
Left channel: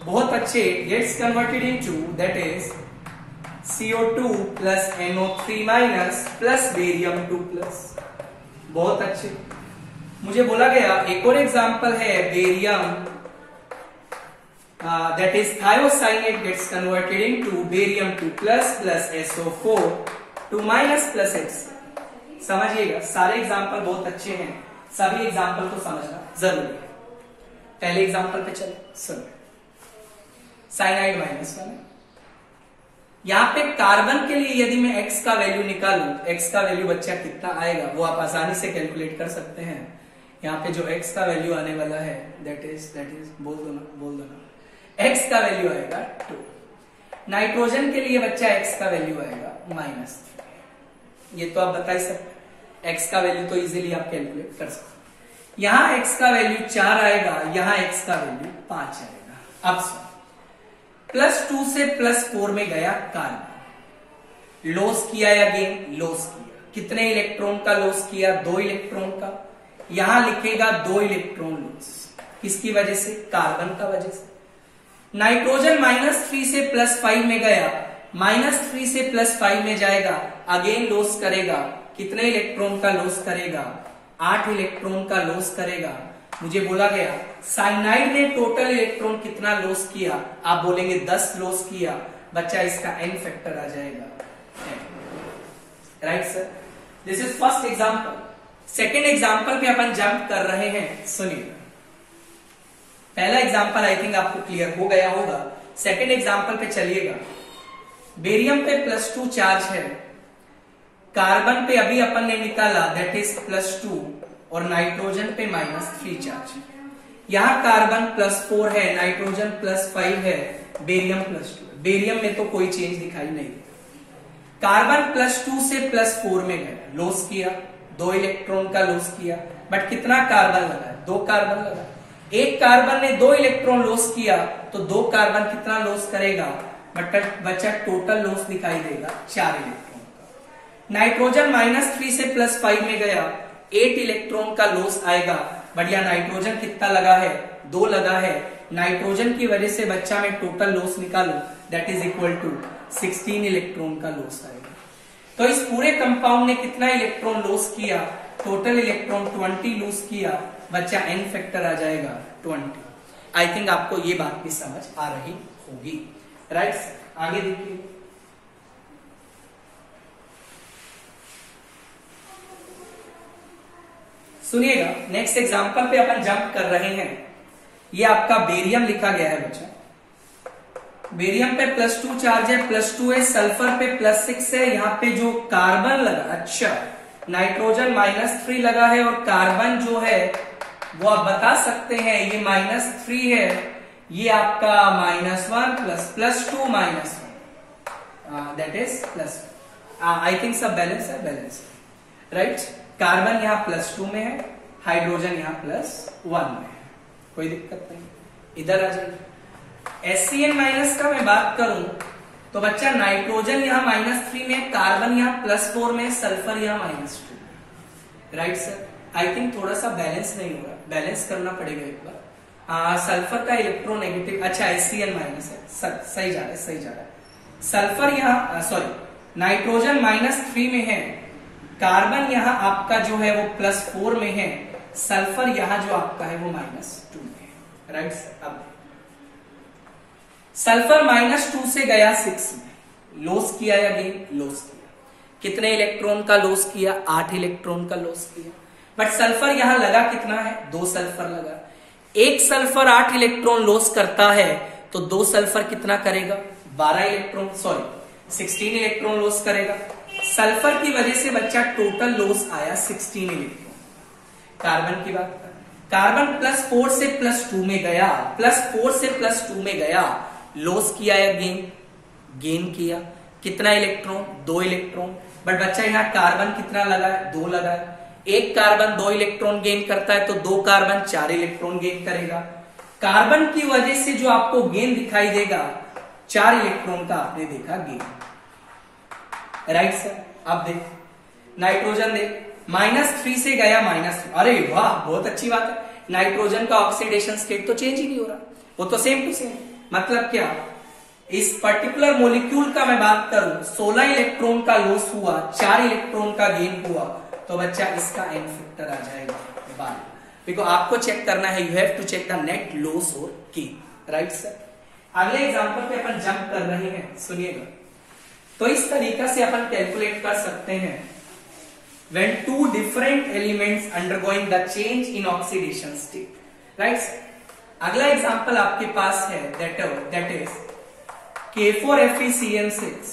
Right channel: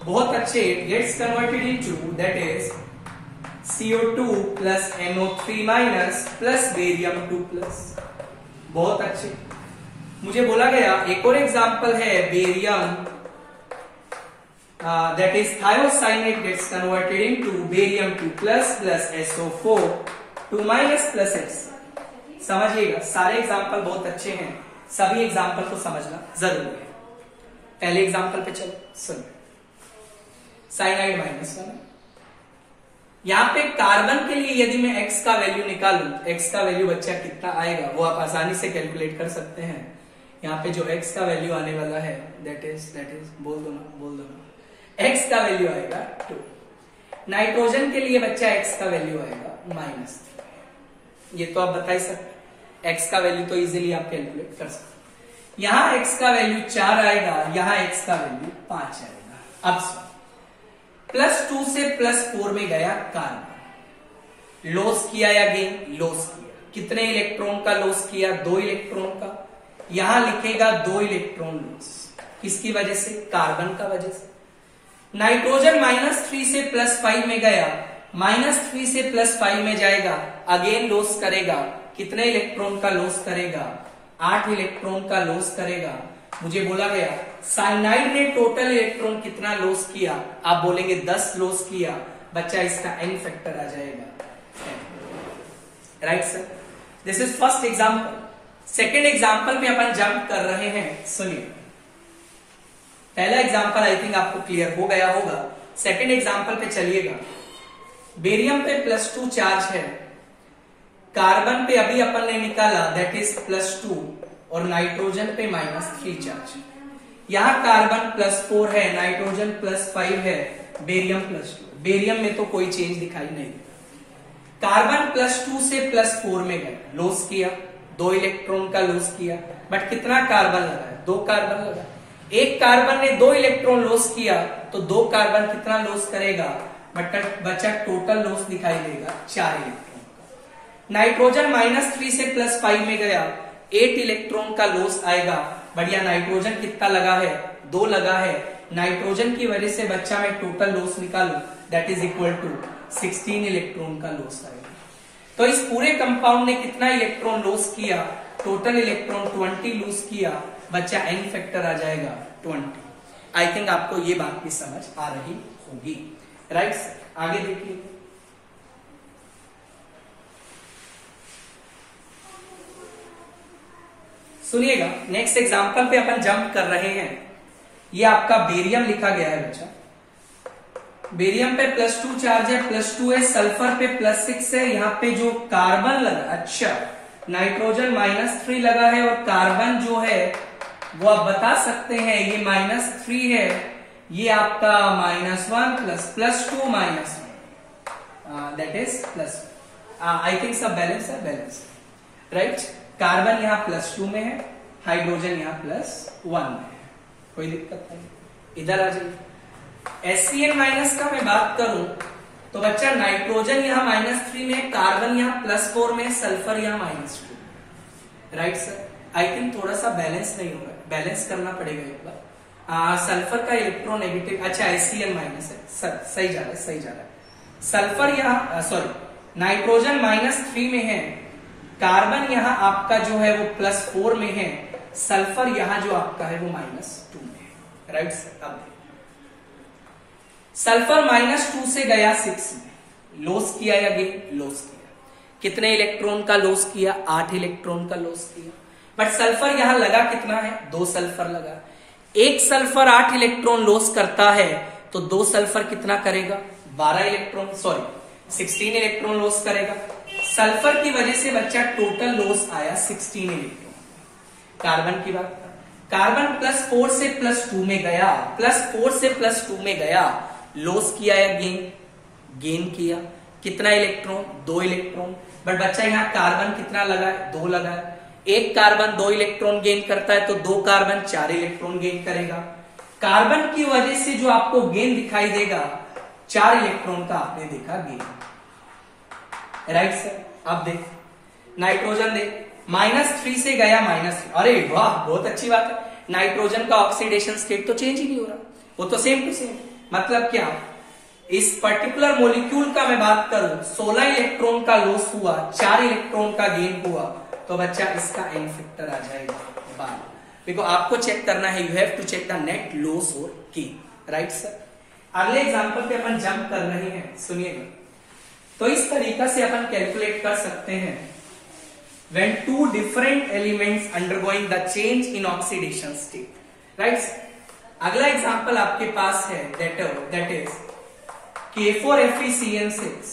बहुत अच्छे, gets converted into that is CO2 plus NO3 minus plus barium 2 plus, बहुत अच्छे। मुझे बोला गया एक और एग्जाम्पल है barium that is thiocyanate gets converted into barium 2 plus plus SO4 2 minus plus X। समझिएगा, सारे एग्जाम्पल बहुत अच्छे हैं, सभी एग्जाम्पल को समझना जरूरी है। पहले एग्जाम्पल पे चलो, सुन। साइनाइड माइनस 1, यहां पे कार्बन के लिए यदि मैं x का वैल्यू निकालूं, x का वैल्यू बच्चा कितना आएगा वो आप आसानी से कैलकुलेट कर सकते हैं। यहाँ पे जो x का वैल्यू आने वाला है दैट इज बोल दो ना, x का वैल्यू आएगा 2। नाइट्रोजन के लिए बच्चा x का वैल्यू आएगा -3। ये तो आप बता ही सकते, x का वैल्यू तो इजीली आप कैलकुलेट कर सकते। यहां x का वैल्यू 4 आएगा, यहां x का वैल्यू 5 आएगा। अब +2 से +4 में गया कार्बन, लॉस किया या गेन? लॉस किया। कितने इलेक्ट्रॉन का लॉस किया? 2 इलेक्ट्रॉन का। यहां लिखेगा 2 इलेक्ट्रॉन लॉस, किसकी वजह से? कार्बन का वजह से। नाइट्रोजन -3 से +5 में गया, -3 से +5 में जाएगा, अगेन लॉस करेगा। कितने इलेक्ट्रॉन का लॉस करेगा? 8 इलेक्ट्रॉन का लॉस करेगा। मुझे बोला गया साइनाइड ने टोटल इलेक्ट्रॉन कितना लॉस किया? आप बोलेंगे 10 लॉस किया। बच्चा इसका n फैक्टर आ जाएगा, right sir. This is first example. Second example में अपन जंप कर रहे हैं। सुनिए, पहला एग्जाम्पल आई थिंक आपको क्लियर हो गया होगा। सेकेंड एग्जाम्पल पे चलिएगा। बेरियम पे +2 चार्ज है, कार्बन पे अभी अपन ने निकाला दैट इज +2 और नाइट्रोजन पे -3 चार्ज है। यहां कार्बन +4 है, नाइट्रोजन +5 है, बेरियम +2। बेरियम में तो कोई चेंज दिखाई नहीं। कार्बन +2 से +4 में गया, लॉस किया, 2 इलेक्ट्रॉन का लॉस किया। बट कितना कार्बन लगा? 2 कार्बन लगा। एक कार्बन ने 2 इलेक्ट्रॉन लॉस किया तो 2 कार्बन कितना लॉस करेगा? बट बचा टोटल लॉस दिखाई देगा 4 इलेक्ट्रॉन का। नाइट्रोजन -3 से +5 में गया, 8 इलेक्ट्रॉन का लॉस आएगा। बढ़िया, नाइट्रोजन कितना लगा है? 2 लगा है। नाइट्रोजन की वजह से बच्चा में टोटल लॉस निकालो, that is equal to 16 electron का लॉस आएगा। तो इस पूरे कंपाउंड ने कितना इलेक्ट्रॉन लॉस किया? टोटल इलेक्ट्रॉन 20 लॉस किया। बच्चा n फैक्टर आ जाएगा 20। आई थिंक आपको ये बात भी समझ आ रही होगी, राइट। आगे देखिए, सुनिएगा। नेक्स्ट एग्जांपल पे अपन जंप कर रहे हैं। ये आपका बेरियम लिखा गया है बच्चा। बेरियम पे +2 चार्ज है, +2 है। सल्फर पे +6 है। यहाँ पे जो कार्बन लगा, अच्छा, नाइट्रोजन -3 लगा है और कार्बन जो है वो आप बता सकते हैं ये -3 है, ये आपका -1 +2 -1 that is plus. I think सब बैलेंस है, बैलेंस, राइट। कार्बन यहाँ +2 में है, हाइड्रोजन यहाँ +1 में है, कोई दिक्कत नहीं। इधर आ जाइए। HCN- का मैं बात करूं तो बच्चा नाइट्रोजन यहाँ -3 में, कार्बन यहाँ +4 में, सल्फर यहाँ -2 में, राइट सर। आई थिंक थोड़ा सा बैलेंस नहीं होगा, बैलेंस करना पड़ेगा एक बार। सल्फर का इलेक्ट्रोनेगेटिव, अच्छा HCN- है, सही जा रहा है, सही जा रहा है। सल्फर यहाँ सॉरी नाइट्रोजन -3 में है, कार्बन यहाँ आपका जो है वो +4 में है, सल्फर यहाँ जो आपका है वो -2 में है, राइट। अब सल्फर -2 से गया 6 में, लॉस किया या गेन? लॉस किया। कितने इलेक्ट्रॉन का लॉस किया? 8 इलेक्ट्रॉन का लॉस किया। बट सल्फर यहां लगा कितना है? 2 सल्फर लगा। एक सल्फर 8 इलेक्ट्रॉन लॉस करता है तो 2 सल्फर कितना करेगा? 12 इलेक्ट्रॉन, सॉरी 16 इलेक्ट्रॉन लॉस करेगा। सल्फर की वजह से बच्चा टोटल लॉस आया 16 इलेक्ट्रॉन। कार्बन की बात कर, कार्बन +4 से +2 में गया, +4 से +2 में गया, लॉस किया या गेन? गेन किया। कितना इलेक्ट्रॉन? 2 इलेक्ट्रॉन। बट बच्चा यहाँ कार्बन कितना लगा है? 2 लगा है। एक कार्बन 2 इलेक्ट्रॉन गेन करता है तो 2 कार्बन 4 इलेक्ट्रॉन गेन करेगा। कार्बन की वजह से जो आपको गेन दिखाई देगा 4 इलेक्ट्रॉन का आपने देखा गेन, राइट सर। अब देख नाइट्रोजन देख, -3 से गया -3, अरे वाह बहुत अच्छी बात है। नाइट्रोजन का ऑक्सीडेशन स्टेट तो चेंज ही नहीं हो रहा, वो तो सेम टू सेम। मतलब क्या, इस पर्टिकुलर मॉलिक्यूल का मैं बात करूं 16 इलेक्ट्रॉन का लॉस हुआ, 4 इलेक्ट्रॉन का गेन हुआ, तो बच्चा इसका n फैक्टर आ जाएगा 12। देखो आपको चेक करना है, you have to check the net loss और गेन, राइट सर। अगले एग्जांपल पे अपन जंप कर रहे हैं, सुनिएगा। तो इस तरीका से अपन कैलकुलेट कर सकते हैं when two different elements undergoing the change in oxidation state, right। अगला एग्जांपल आपके पास है that is K4FeCN6,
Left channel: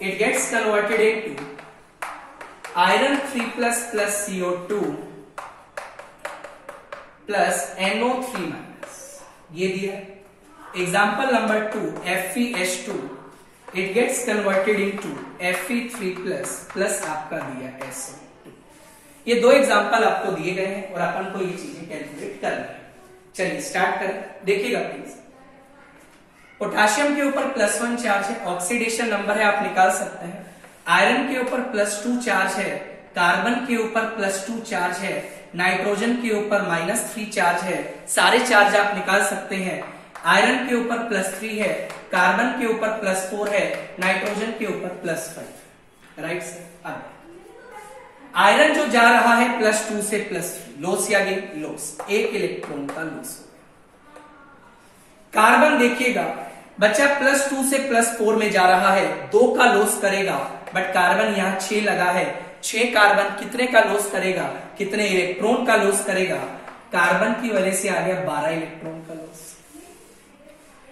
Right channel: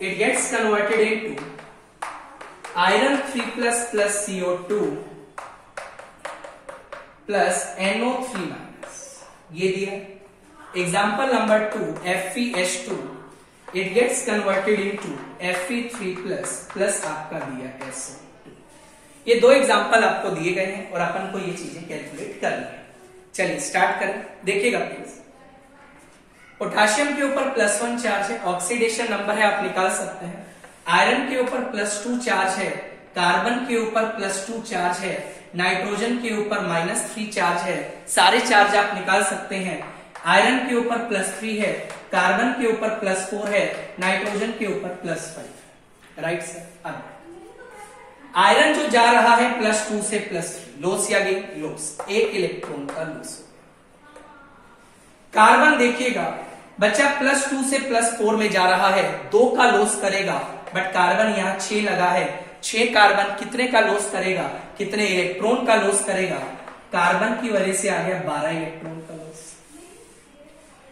it gets converted into iron 3+ CO2 plus NO3 minus, ये दिया। Example number 2, FeH2 it gets converted into Fe3 plus आपका दिया SO2। ये दो example आपको दिए गए हैं और अपन को ये चीजें कैलकुलेट करनी है। चलिए स्टार्ट करें, देखिएगा प्लीज। पोटेशियम के ऊपर +1 चार्ज है, ऑक्सीडेशन नंबर है आप निकाल सकते हैं। आयरन के ऊपर +2 चार्ज है, कार्बन के ऊपर +2 चार्ज है, नाइट्रोजन के ऊपर -3 चार्ज है। सारे चार्ज आप निकाल सकते हैं। आयरन के ऊपर +3 है, कार्बन के ऊपर +4 है, नाइट्रोजन के ऊपर +5। Right sir. अब आयरन जो जा रहा है +2 से +3, लॉस या गेन, लॉस, 1 इलेक्ट्रॉन का लॉस। कार्बन देखिएगा बच्चा +2 से +4 में जा रहा है, 2 का लॉस करेगा, बट कार्बन यहां 6 लगा है। 6 कार्बन कितने का लॉस करेगा, कितने इलेक्ट्रॉन का लॉस करेगा? कार्बन की वजह से आ गया 12 इलेक्ट्रॉन का लॉस।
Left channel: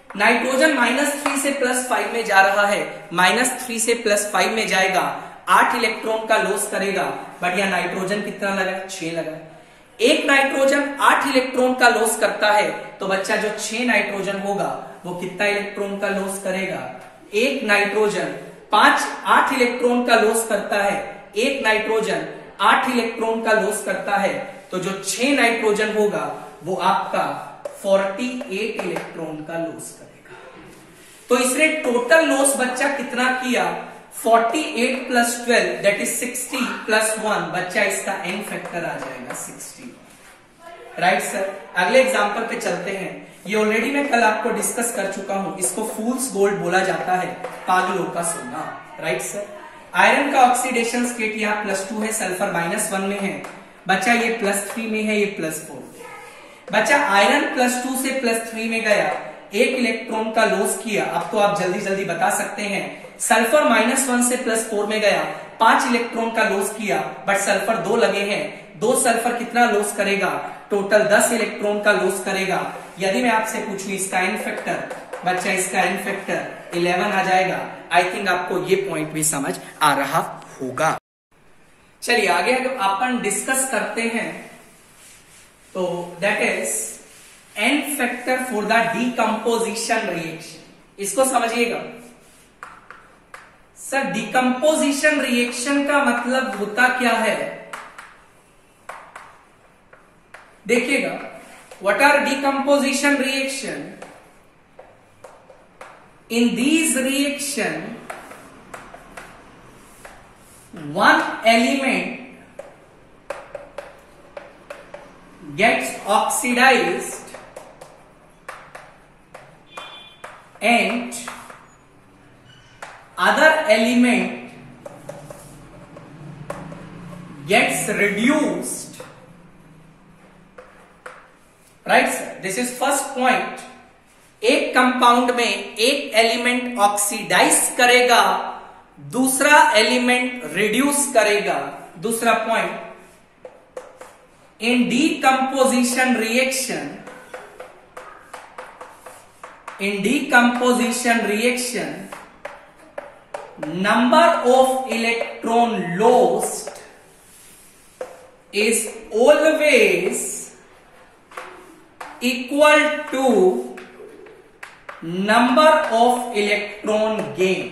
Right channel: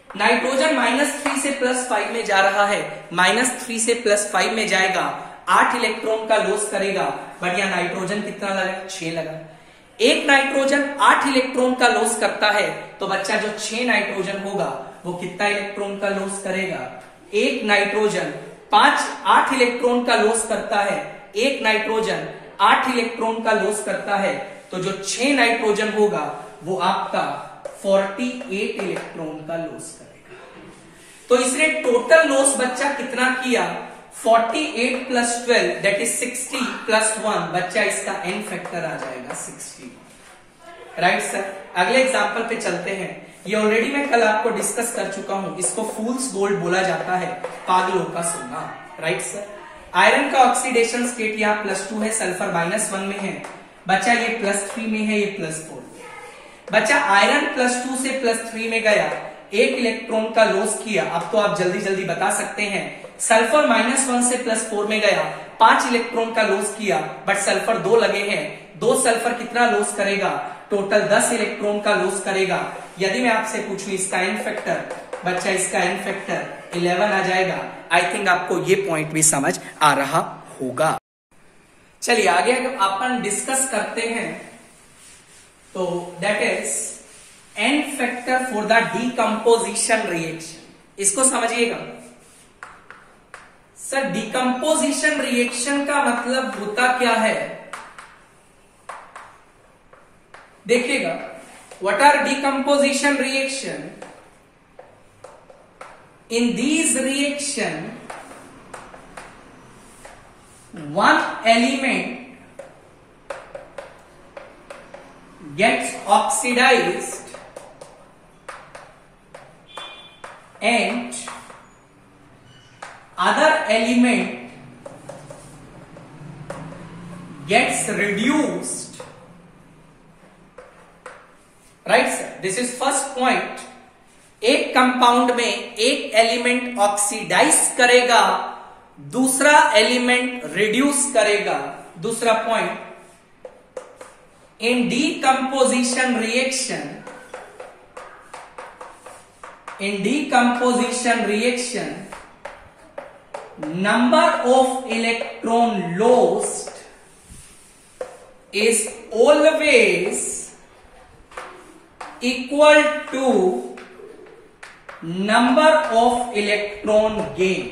नाइट्रोजन -3 से +5 में जा रहा है, -3 से +5 में जाएगा, 8 इलेक्ट्रॉन का लॉस करेगा, बट यहां नाइट्रोजन कितना लगा? 6 लगा। एक नाइट्रोजन 8 इलेक्ट्रॉन का लॉस करता है, तो बच्चा जो 6 नाइट्रोजन होगा वो कितना इलेक्ट्रॉन का लॉस करेगा? एक नाइट्रोजन 8 इलेक्ट्रॉन का लॉस करता है, एक नाइट्रोजन 8 इलेक्ट्रॉन का लॉस करता है, तो जो 6 नाइट्रोजन होगा वो आपका 48 इलेक्ट्रॉन का लॉस करेगा। तो इसने टोटल लॉस बच्चा कितना किया? 48 + 12 दैट इज 60 + 1, बच्चा इसका n फैक्टर आ जाएगा 60। Right sir. अगले एग्जांपल पे चलते हैं। ये ऑलरेडी मैं कल आपको डिस्कस कर चुका हूं, इसको फूल्स गोल्ड बोला जाता है, पागलों का सोना। Right sir. आयरन का ऑक्सीडेशन स्टेट यहाँ +2 है, सल्फर -1 में है, बच्चा ये +3 में है, ये +4 में। बच्चा आयरन +2 से +3 में गया, 1 इलेक्ट्रॉन का लॉस किया। अब तो आप जल्दी जल्दी बता सकते हैं। सल्फर -1 से +4 में गया, 5 इलेक्ट्रॉन का लॉस किया, बट सल्फर 2 लगे हैं, 2 सल्फर कितना लॉस करेगा? टोटल 10 इलेक्ट्रॉन का लॉस करेगा। यदि मैं आपसे पूछूं इसका n फैक्टर, बच्चा इसका n फैक्टर 11 आ जाएगा। आई थिंक आपको ये पॉइंट भी समझ आ रहा होगा। चलिए आगे अपन डिस्कस करते हैं। तो that is n factor for the decomposition reaction. इसको समझिएगा सर। डिकम्पोजिशन रिएक्शन का मतलब होता क्या है? देखिएगा, what are decomposition reaction? In these reaction one element gets oxidized and other element gets reduced. Right sir, this is first point. एक compound में एक एलिमेंट ऑक्सीडाइज करेगा, दूसरा एलिमेंट रिड्यूस करेगा। दूसरा point, in decomposition reaction number of electron lost is always equal to number of electron gain।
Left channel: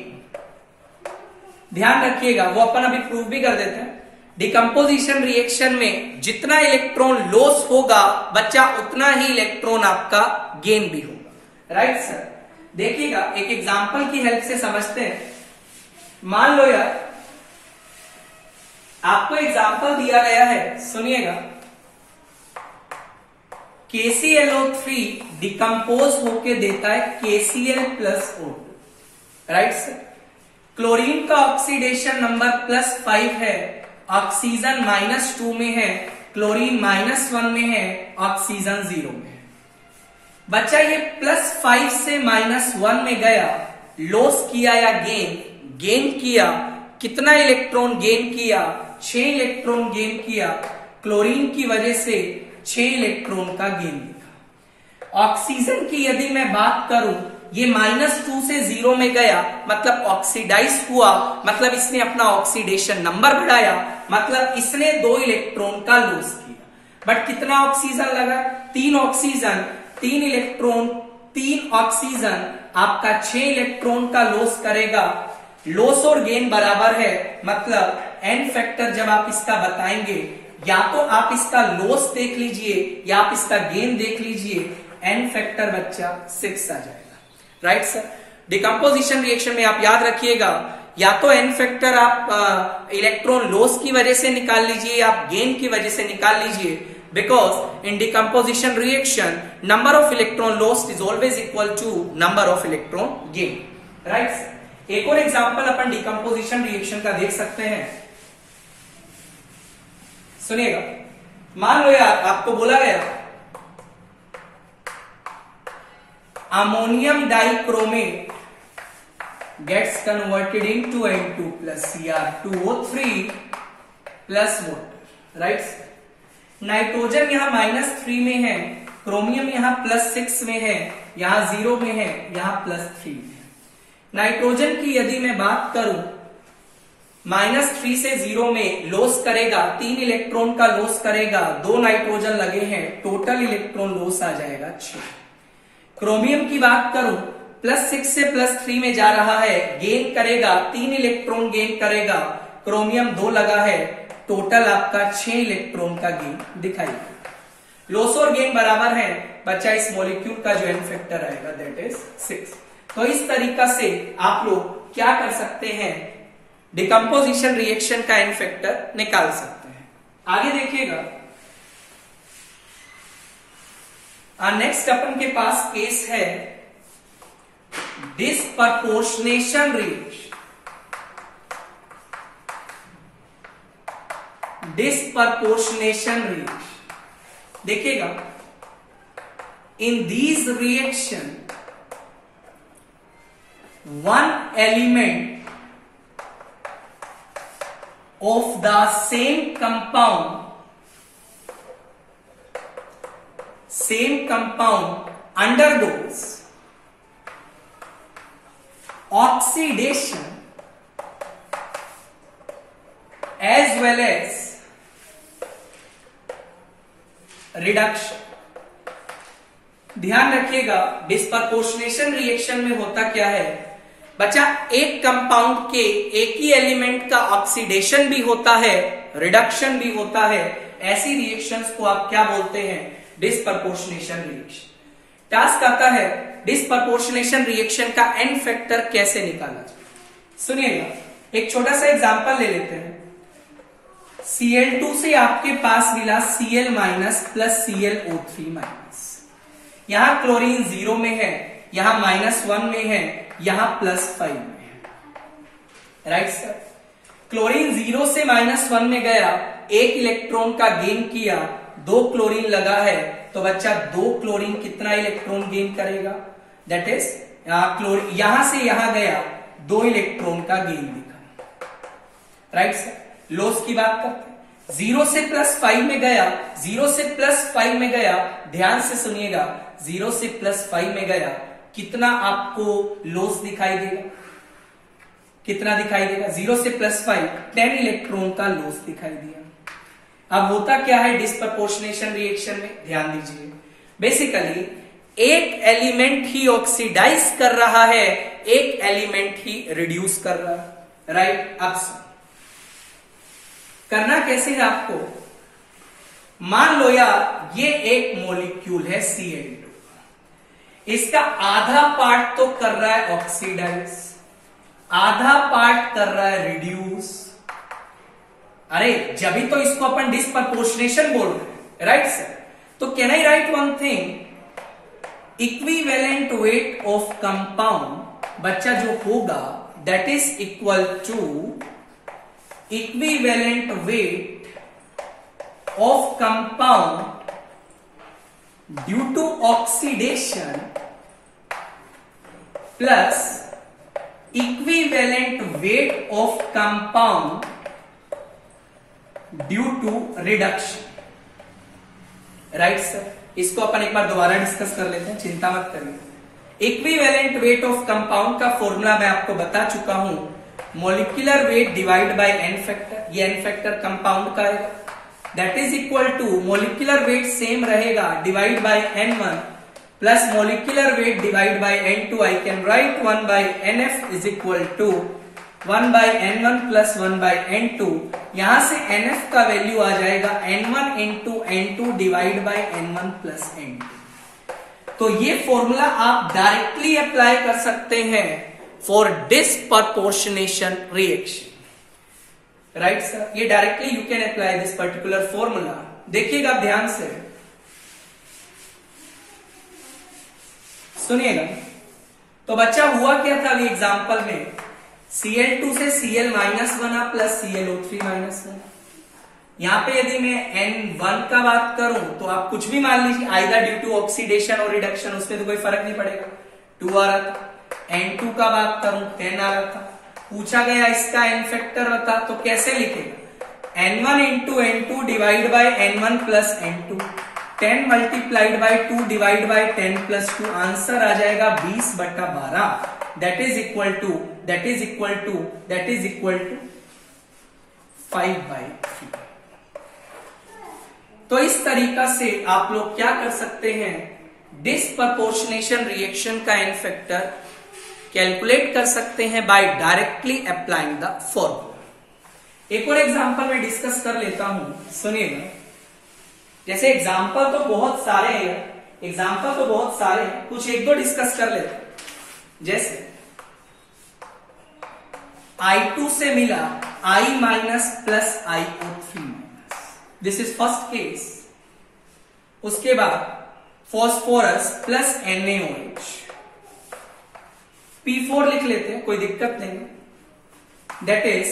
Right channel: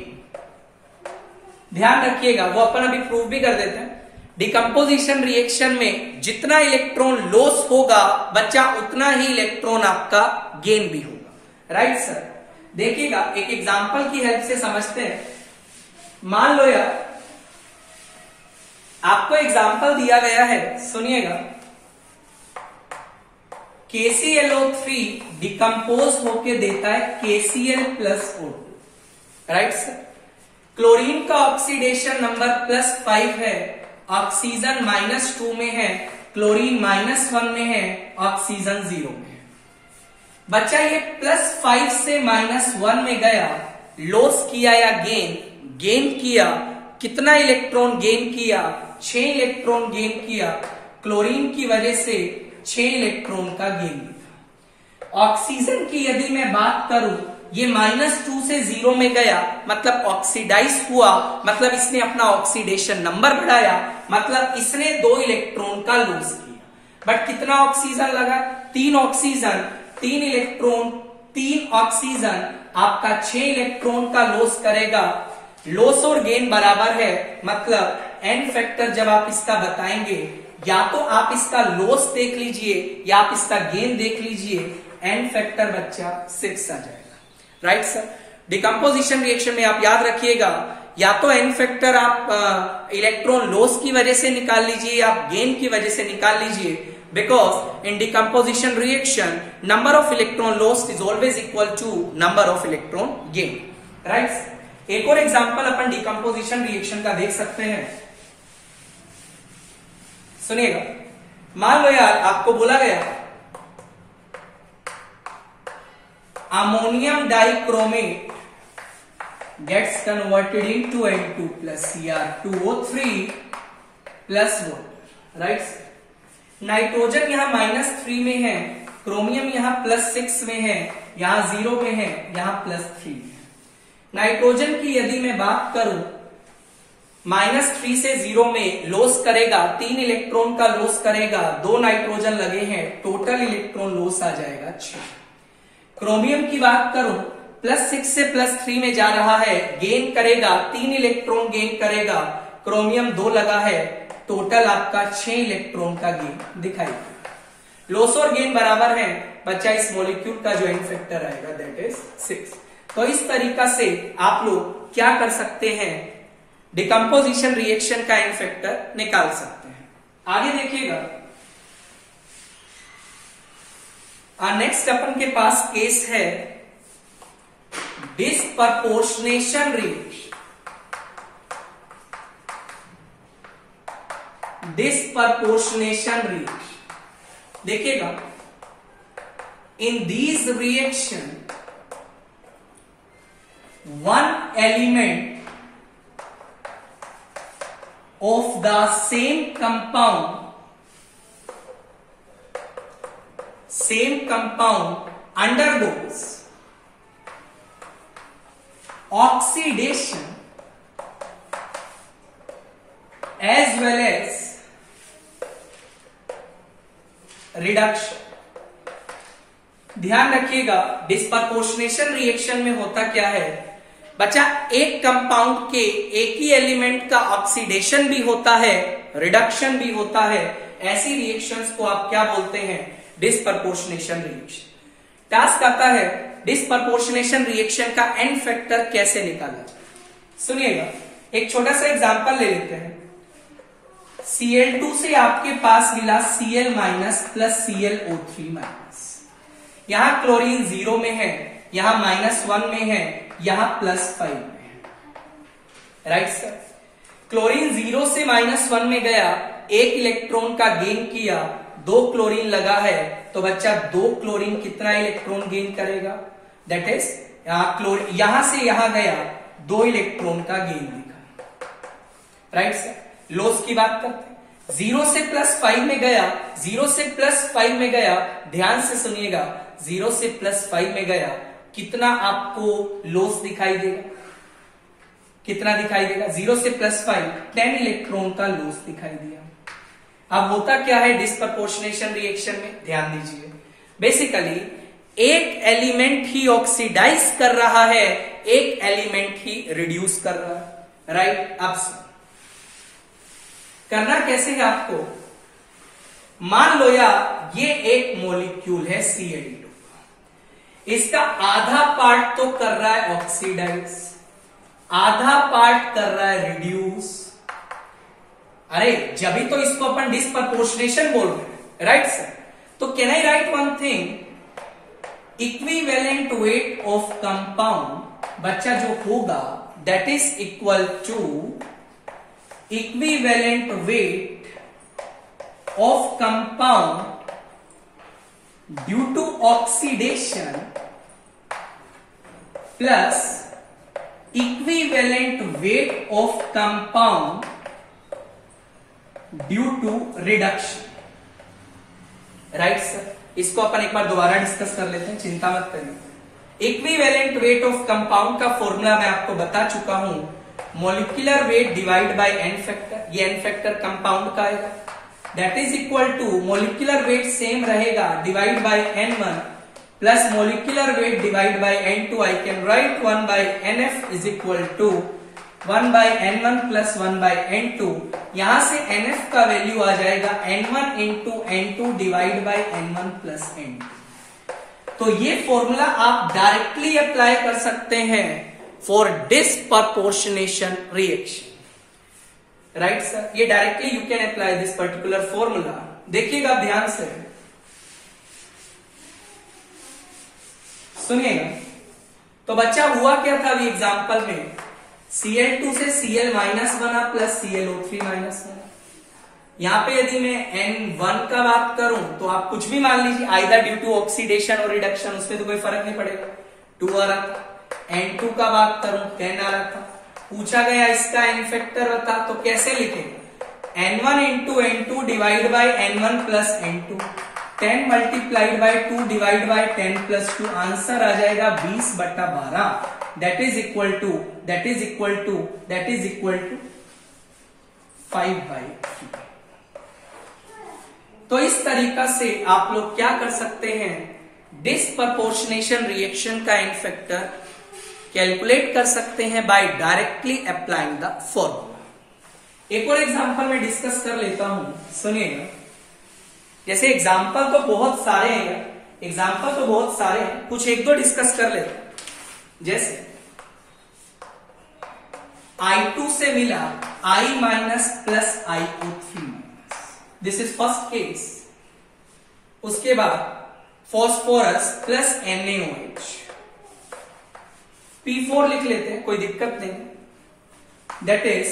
ध्यान रखिएगा, वो अपन अभी प्रूव भी कर देते हैं। डिकम्पोजिशन रिएक्शन में जितना इलेक्ट्रॉन लॉस होगा बच्चा, उतना ही इलेक्ट्रॉन आपका गेन भी होगा। Right sir. देखिएगा, एक एग्जांपल की हेल्प से समझते हैं। मान लो यार, आपको एग्जांपल दिया गया है, सुनिएगा। KClO3 डिकम्पोज होके देता है KCl + O2। Right sir. Chlorine का ऑक्सीडेशन नंबर +5 है, ऑक्सीजन -2 में है, क्लोरीन -1 में है, ऑक्सीजन 0 में है। बच्चा ये +5 से -1 में गया, लॉस किया या गेन किया। कितना इलेक्ट्रॉन गेन किया? 6 इलेक्ट्रॉन गेन किया। क्लोरीन की वजह से 6 इलेक्ट्रॉन का गेन किया। ऑक्सीजन की यदि मैं बात करूं, ये -2 से 0 में गया, मतलब ऑक्सीडाइज हुआ, मतलब इसने अपना ऑक्सीडेशन नंबर बढ़ाया, मतलब इसने 2 इलेक्ट्रॉन का लॉस किया। बट कितना ऑक्सीजन लगा? 3 ऑक्सीजन, 3 इलेक्ट्रॉन, 3 ऑक्सीजन आपका 6 इलेक्ट्रॉन का लॉस करेगा। लॉस और गेन बराबर है, मतलब एन फैक्टर जब आप इसका बताएंगे, या तो आप इसका लॉस देख लीजिए या आप इसका गेन देख लीजिए, एन फैक्टर बच्चा 6 आ जाएगा। Right sir. डिकम्पोजिशन रिएक्शन में आप याद रखिएगा, या तो एन फैक्टर आप इलेक्ट्रॉन लॉस की वजह से निकाल लीजिए या आप गेन की वजह से निकाल लीजिए, because in decomposition reaction number of electron lost is always equal to number of electron gain. Right. एक और एग्जांपल अपन डिकम्पोजिशन रिएक्शन का देख सकते हैं, सुनिएगा। मान लो यार आपको बोला गया ammonium dichromate gets converted into N2 plus Cr2O3 plus water, right? Nitrogen यहां -3 में है, क्रोमियम यहां +6 में है, यहां 0 में है, यहां +3 में है। नाइट्रोजन की यदि मैं बात करूं, -3 से 0 में लॉस करेगा, 3 इलेक्ट्रॉन का लॉस करेगा, 2 नाइट्रोजन लगे हैं, टोटल इलेक्ट्रॉन लॉस आ जाएगा 6। क्रोमियम की बात करूं, +6 से +3 में जा रहा है, गेन करेगा, 3 इलेक्ट्रॉन गेन करेगा, क्रोमियम 2 लगा है, टोटल आपका 6 इलेक्ट्रॉन का गेन दिखाई देगा। लॉस और गेन बराबर है बच्चा, इस मॉलिक्यूल का जो एन फैक्टर आएगा दैट इज 6। तो इस तरीका से आप लोग क्या कर सकते हैं, डिकम्पोजिशन रिएक्शन का एन फैक्टर निकाल सकते हैं। आगे देखिएगा, नेक्स्ट अपन के पास केस है डिस्प्रपोर्शनेशन रिएक्शन। डिस्प्रपोर्शनेशन रिएक्शन देखिएगा, इन these reaction one element of the same compound undergoes oxidation as well as reduction। ध्यान रखिएगा, डिस्प्रपोर्शनेशन रिएक्शन में होता क्या है बच्चा, एक कंपाउंड के एक ही एलिमेंट का ऑक्सीडेशन भी होता है, रिडक्शन भी होता है। ऐसी रिएक्शंस को आप क्या बोलते हैं, डिस्प्रपोर्शनेशन रिएक्शन। टास्क आता है डिस्प्रपोर्शनेशन रिएक्शन का एन फैक्टर कैसे निकाला। सुनिएगा, एक छोटा सा एग्जांपल ले लेते हैं। Cl2 से आपके पास मिला Cl- प्लस ClO3-। यहां क्लोरीन 0 में है, यहां -1 में है, यहां +5 में है। Right sir. क्लोरीन 0 से -1 में गया, 1 इलेक्ट्रॉन का गेन किया, 2 क्लोरीन लगा है, तो बच्चा 2 क्लोरीन कितना इलेक्ट्रॉन गेन करेगा, दैट इज यहां से यहां गया, 2 इलेक्ट्रॉन का गेन दिखा। Right sir. लॉस की बात करते हैं, 0 से +5 में गया, 0 से +5 में गया, ध्यान से सुनिएगा, 0 से +5 में गया, कितना आपको लॉस दिखाई देगा, कितना दिखाई देगा, 0 से +5 10 इलेक्ट्रॉन का लॉस दिखाई दिया। अब होता क्या है डिस्प्रपोर्शनेशन रिएक्शन में, ध्यान दीजिए, बेसिकली एक एलिमेंट ही ऑक्सीडाइज कर रहा है, एक एलिमेंट ही रिड्यूस कर रहा है। राइट। अब करना कैसे है आपको, मान लो यार ये एक मॉलिक्यूल है Cl2, इसका आधा पार्ट तो कर रहा है ऑक्सीडाइज, आधा पार्ट कर रहा है रिड्यूस। अरे जब भी तो इसको अपन डिस्प्रपोर्शनेशन बोल रहे, राइट सर। तो can I write one thing, equivalent weight of compound बच्चा जो होगा that is equal to equivalent weight of compound due to oxidation plus equivalent weight of compound due to reduction. Right sir. इसको अपन एक बार दोबारा discuss कर लेते हैं, चिंता मत करिए। इक्विवेलेंट वेट ऑफ कंपाउंड का फॉर्मूला मैं आपको बता चुका हूं, molecular weight divide by n factor. ये एन फैक्टर कंपाउंड का आएगा, that is equal to molecular weight same रहेगा divide by N1 plus molecular weight divide by N2. I can write 1 by NF is equal to 1 by N1 plus 1 by N2. यहां से NF का value आ जाएगा N1 into N2 divide by N1 plus N2. तो ये formula आप directly apply कर सकते हैं for disproportionation reaction. Right sir, ये directly you can apply this particular formula. देखिएगा ध्यान से, सुनिएगा. तो बच्चा हुआ क्या था अभी एग्जांपल में, Cl2 से Cl माइनस बना प्लस ClO3 माइनस बना. यहां पे यदि मैं N1 का बात करूं तो आप कुछ भी मान लीजिए, आइदर ड्यू टू ऑक्सीडेशन और रिडक्शन, उसमें तो कोई फर्क नहीं पड़ेगा, 2 आ रहा था. N2 का बात करूं 10 आ रहा था. पूछा गया इसका एन फैक्टर बता, तो कैसे लिखेंगे, N1 into N2 divide by N1 plus N2. 10 multiplied by 2 divide by 10 plus 2. Answer आ जाएगा 20/12. That is equal to 5/3. तो इस तरीका से आप लोग क्या कर सकते हैं, डिस्प्रपोर्शनेशन रिएक्शन का एन फैक्टर कैलकुलेट कर सकते हैं by directly applying the formula. एक और एग्जांपल में डिस्कस कर लेता हूं, सुनिएगा. जैसे एग्जांपल तो बहुत सारे हैं, कुछ एक दो डिस्कस कर लेते हैं. जैसे I2 से मिला I minus plus IO3 minus, this is first case. उसके बाद फॉस्फोरस प्लस NaOH, P4 लिख लेते हैं, कोई दिक्कत नहीं. That is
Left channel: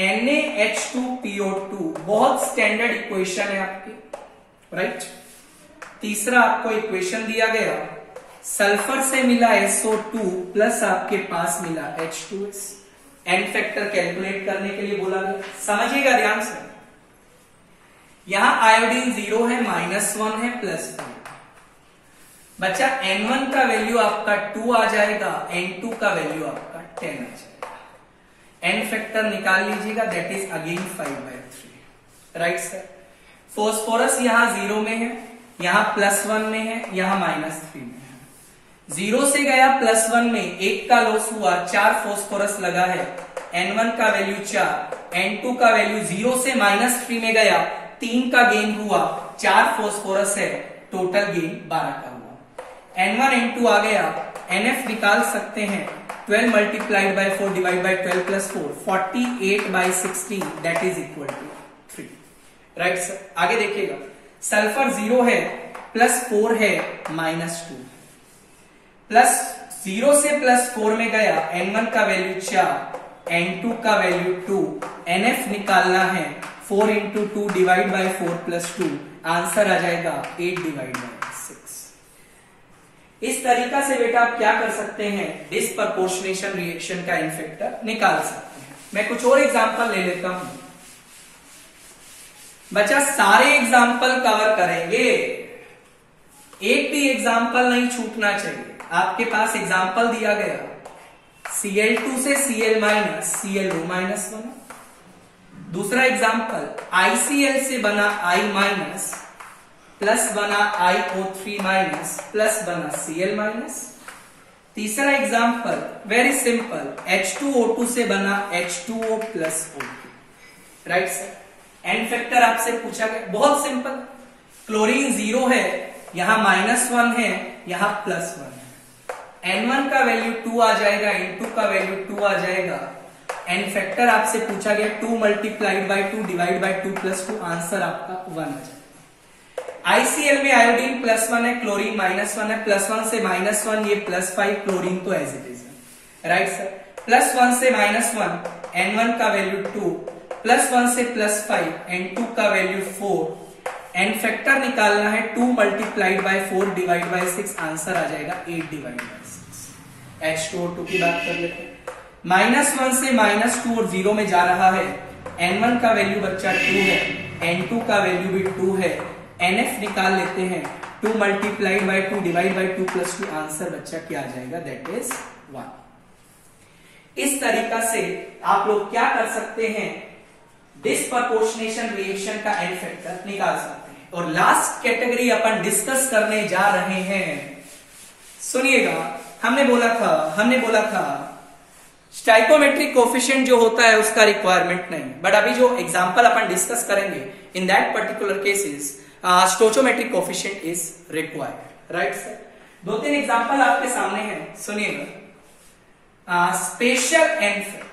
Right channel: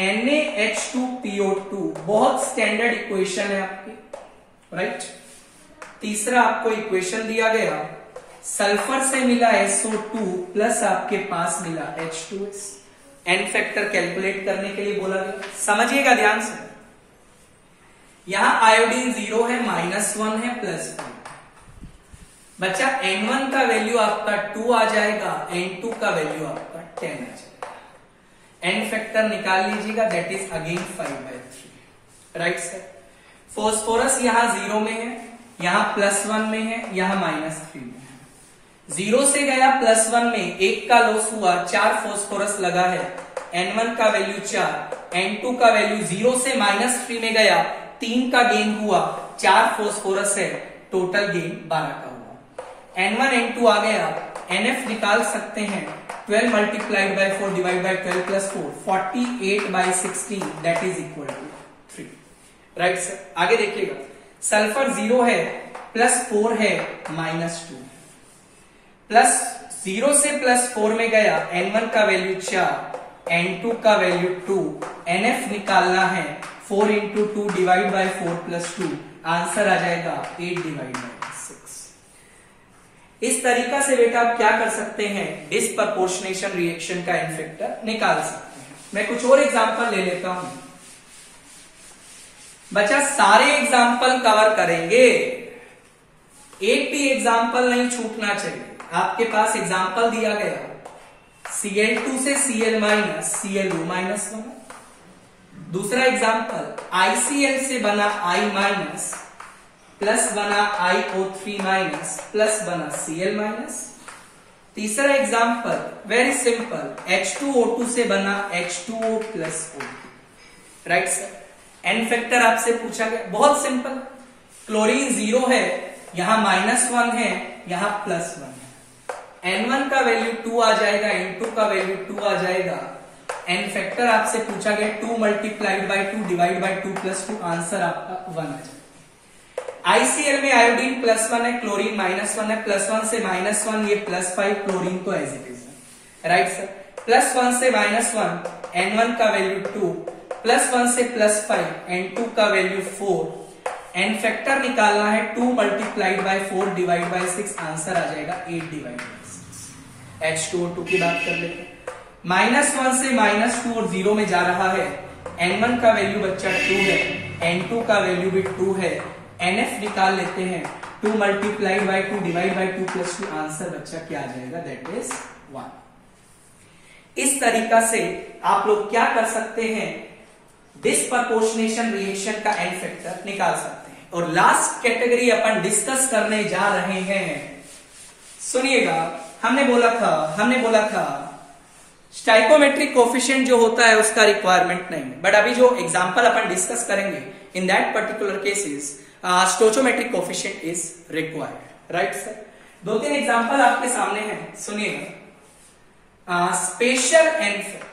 NaH2PO2. बहुत स्टैंडर्ड इक्वेशन है आपकी, राइट. तीसरा आपको इक्वेशन दिया गया, सल्फर से मिला SO2 प्लस आपके पास मिला H2S. एन फैक्टर कैलकुलेट करने के लिए बोला गया. समझिएगा ध्यान से, यहां आयोडीन 0 है, -1 है, +1. बच्चा N1 का वैल्यू आपका 2 आ जाएगा, N2 का वैल्यू आपका 10 आ जाएगा. एन फैक्टर निकाल लीजिएगा, that is again 5/3. Right sir. Phosphorus यहां 0 में है, यहां +1 में है, यहां -3 में है. 0 से गया +1 में, 1 का लॉस हुआ, 4 फॉस्फोरस लगा है. N1 का वैल्यू 4, N2 का वैल्यू 0 से -3 में गया, 3 का गेन हुआ, 4 फॉस्फोरस है, टोटल गेन 12 का हुआ. N1 N2 आ गया, NF निकाल सकते हैं, 12 multiplied by 4 divide by 12 plus 4, 48/16. That is equal to 3. Right sir. आगे देखिएगा, सल्फर 0 है, +4 है, -2. प्लस 0 से +4 में गया, N1 का वैल्यू 4, N2 का वैल्यू 2, NF निकालना है, 4 into 2 divide by 4 plus 2. Answer आ जाएगा 8/6. इस तरीका से बेटा आप क्या कर सकते हैं, डिस्प्रपोर्शनेशन रिएक्शन का एन फैक्टर निकाल सकते हैं. मैं कुछ और एग्जांपल ले लेता हूं. बच्चा सारे एग्जांपल कवर करेंगे, एक भी एग्जांपल नहीं छूटना चाहिए. आपके पास एग्जांपल दिया गया, Cl2 से Cl माइनस ClO माइनस बना. दूसरा एग्जांपल, ICl से बना I माइनस प्लस बना IO3 माइनस प्लस बना Cl माइनस. तीसरा एग्जांपल वेरी सिंपल, H2O2 से बना H2O plus O2. Right sir. N factor आपसे पूछा गया, बहुत सिंपल. क्लोरीन 0 है, यहां -1 है, यहां +1 है. N1 का वैल्यू 2 आ जाएगा, N2 का वैल्यू 2 आ जाएगा. एन फैक्टर आपसे पूछा गया, 2 multiplied by 2 divide by 2 plus 2. Answer आपका 1 आ जाएगा. ICl में आयोडीन +1 है, क्लोरीन -1 है. +1 से -1 ये +5, क्लोरीन तो एज इट इज है. Right sir. +1 से -1, N1 का वैल्यू 2, +1 से +5, N2 का वैल्यू 4. एन फैक्टर निकालना है, 2 multiplied by 4 divide by 6. Answer आ जाएगा 8/6. H2O2 की बात कर लेते हैं. -1 से -2 और 0 में जा रहा है. N1 का वैल्यू बच्चा 2 है, N2 का वैल्यू भी 2 है. NF निकाल लेते हैं, 2 multiplied by 2 divide by 2 plus 2. Answer बच्चा क्या आ जाएगा, दैट इज 1. इस तरीका से आप लोग क्या कर सकते हैं, डिस्प्रपोर्शनेशन रिएक्शन का एन फैक्टर निकाल सकते हैं। और लास्ट कैटेगरी अपन डिस्कस करने जा रहे हैं, सुनिएगा, हमने बोला था स्टाइकोमेट्रिक कोफिशिएंट जो होता है उसका रिक्वायरमेंट नहीं, बट अभी जो एग्जांपल अपन डिस्कस करेंगे in that particular cases stoichiometric coefficient is required, right sir. 2-3 example आपके सामने हैं, सुनिएगा। स्पेशल एन फैक्टर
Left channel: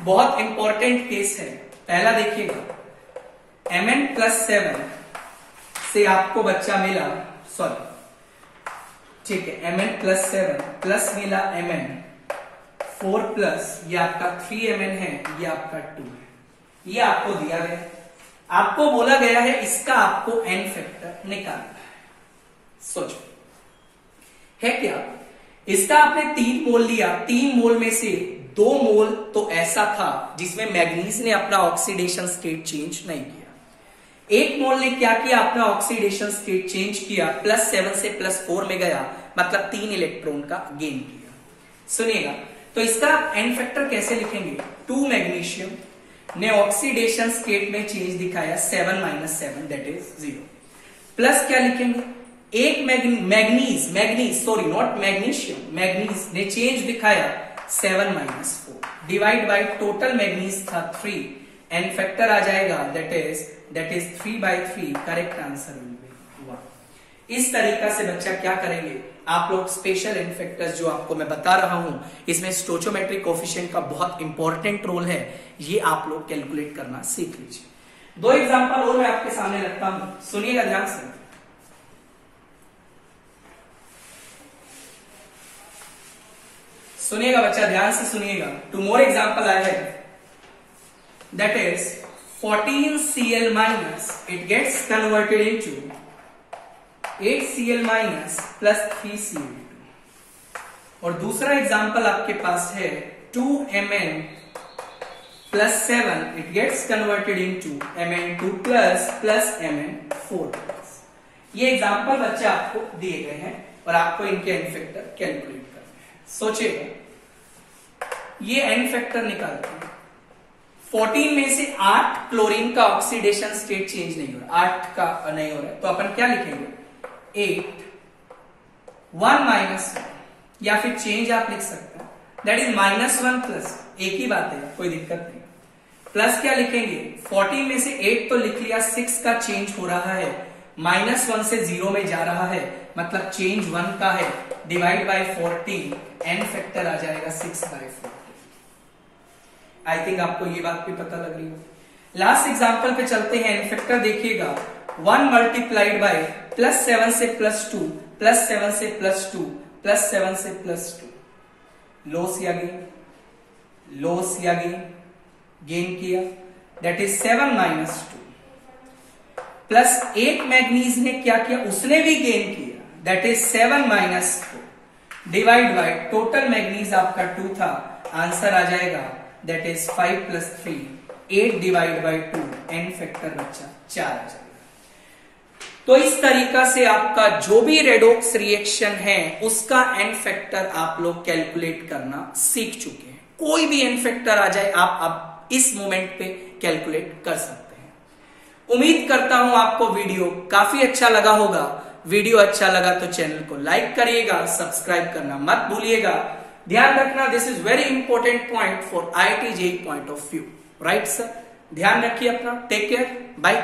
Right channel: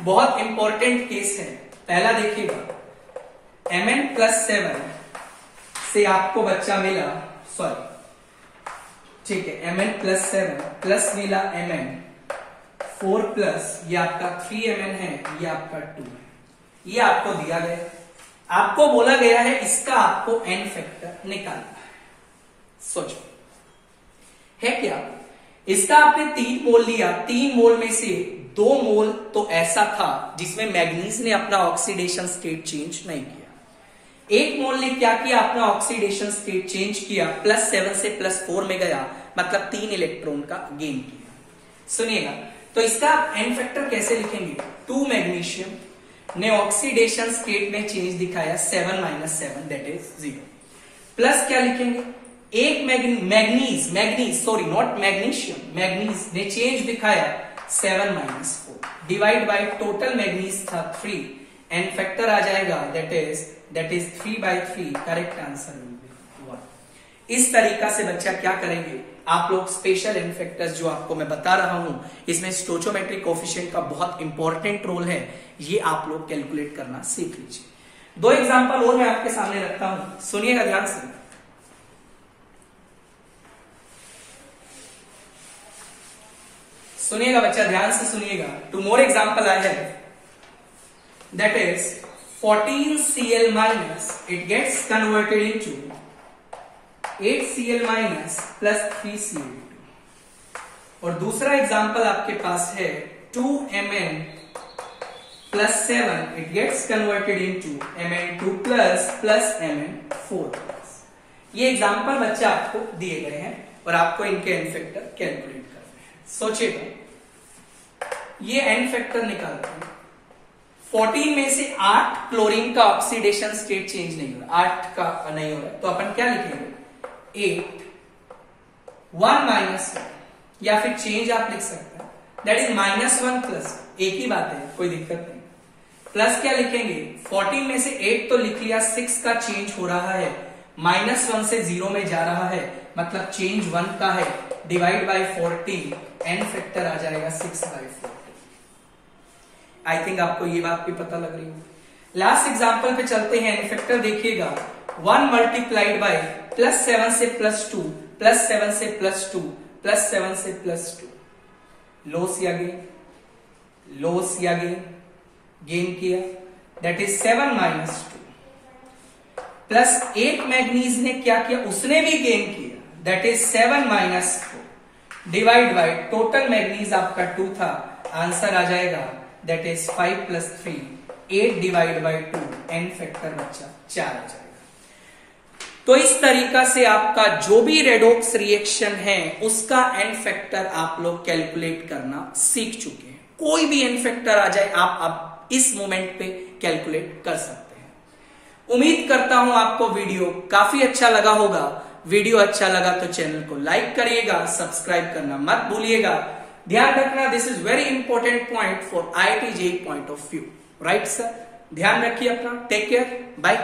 बहुत इंपॉर्टेंट केस है। पहला देखिएगा, Mn+7 से आपको बच्चा मिला, सॉरी ठीक है, Mn+7 प्लस मिला Mn4 प्लस, ये आपका 3Mn है, ये आपका 2 है, ये आपको दिया गया, आपको बोला गया है इसका आपको एन फैक्टर निकालना है। सोचो है क्या, इसका आपने 3 मोल लिया, 3 मोल में से 2 मोल तो ऐसा था जिसमें मैग्नीज ने अपना ऑक्सीडेशन स्टेट चेंज नहीं किया। 1 मोल ने क्या किया, अपना ऑक्सीडेशन स्टेट चेंज किया, +7 से +4 में गया, मतलब 3 इलेक्ट्रॉन का गेन किया। सुनिएगा, तो इसका एन फैक्टर कैसे लिखेंगे, 2 मैग्नीशियम ने ऑक्सीडेशन स्टेट में चेंज दिखाया 7 - 7 दैट इज 0, प्लस क्या लिखेंगे, एक manganese sorry not magnesium, manganese ने चेंज दिखाया 7 - 4 डिवाइड बाय टोटल मैग्नीज था 3, एन फैक्टर आ जाएगा that is 3/3, correct answer will be 1। इस तरीका से बच्चा क्या करेंगे, आप लोग स्पेशल एन फैक्टर्स जो आपको मैं बता रहा हूं, इसमें स्टोइचोमेट्रिक कोफिशिएंट का बहुत इंपॉर्टेंट रोल है, ये आप लोग कैलकुलेट करना सीख लीजिए। 2 एग्जांपल और मैं आपके सामने रखता हूं, सुनिएगा ध्यान से, सुनिएगा बच्चा, ध्यान से सुनिएगा। 2 more example I have, that is 14Cl- it gets converted into 8Cl- plus 3Cl2। और दूसरा एग्जांपल आपके पास है 2Mn+7, it gets converted into Mn2 plus Mn4+। ये एग्जांपल बच्चा आपको दिए गए हैं और आपको इनके एन फैक्टर कैलकुलेट करने हैं। सोचिएगा, ये एन फैक्टर निकालते हैं, 14 में से 8 क्लोरीन का ऑक्सीडेशन स्टेट चेंज नहीं हो रहा, 8 का नहीं हो रहा, तो अपन क्या लिखेंगे, 8 1 - 1, या फिर चेंज आप लिख सकते हैं दैट इज -1 प्लस, एक ही बात है, कोई दिक्कत नहीं। प्लस क्या लिखेंगे, 14 में से 8 तो लिख लिया, 6 का चेंज हो रहा है, -1 से 0 में जा रहा है, मतलब चेंज 1 का है, डिवाइड बाय 14, एन फैक्टर आ जाएगा 6/14। आई थिंक आपको ये बात भी पता लग रही है। लास्ट एग्जांपल पे चलते हैं, एन फैक्टर देखिएगा, 1 मल्टीप्लाइड बाय +7 से +2, +7 से +2, +7 से +2, लॉस या गेन, लॉस या गेन किया, दैट इज 7 - 2, प्लस 8 मैग्नीज ने क्या किया, उसने भी गेन किया, that is 7 - 4 divide by total manganese आपका 2 था, आंसर आ जाएगा that is 5 + 3, 8 divide by 2, n factor बच्चा 4 आ जाएगा। तो इस तरीका से आपका जो भी रेडॉक्स रिएक्शन है उसका एन फैक्टर आप लोग कैलकुलेट करना सीख चुके हैं। कोई भी एन फैक्टर आ जाए आप अब इस मोमेंट पे कैलकुलेट कर सकते हैं। उम्मीद करता हूं आपको वीडियो काफी अच्छा लगा होगा। वीडियो अच्छा लगा तो चैनल को लाइक करिएगा, सब्सक्राइब करना मत भूलिएगा। ध्यान रखना, this is very important point for IIT JEE point of view, right sir. ध्यान रखिए अपना, टेक केयर, बाय।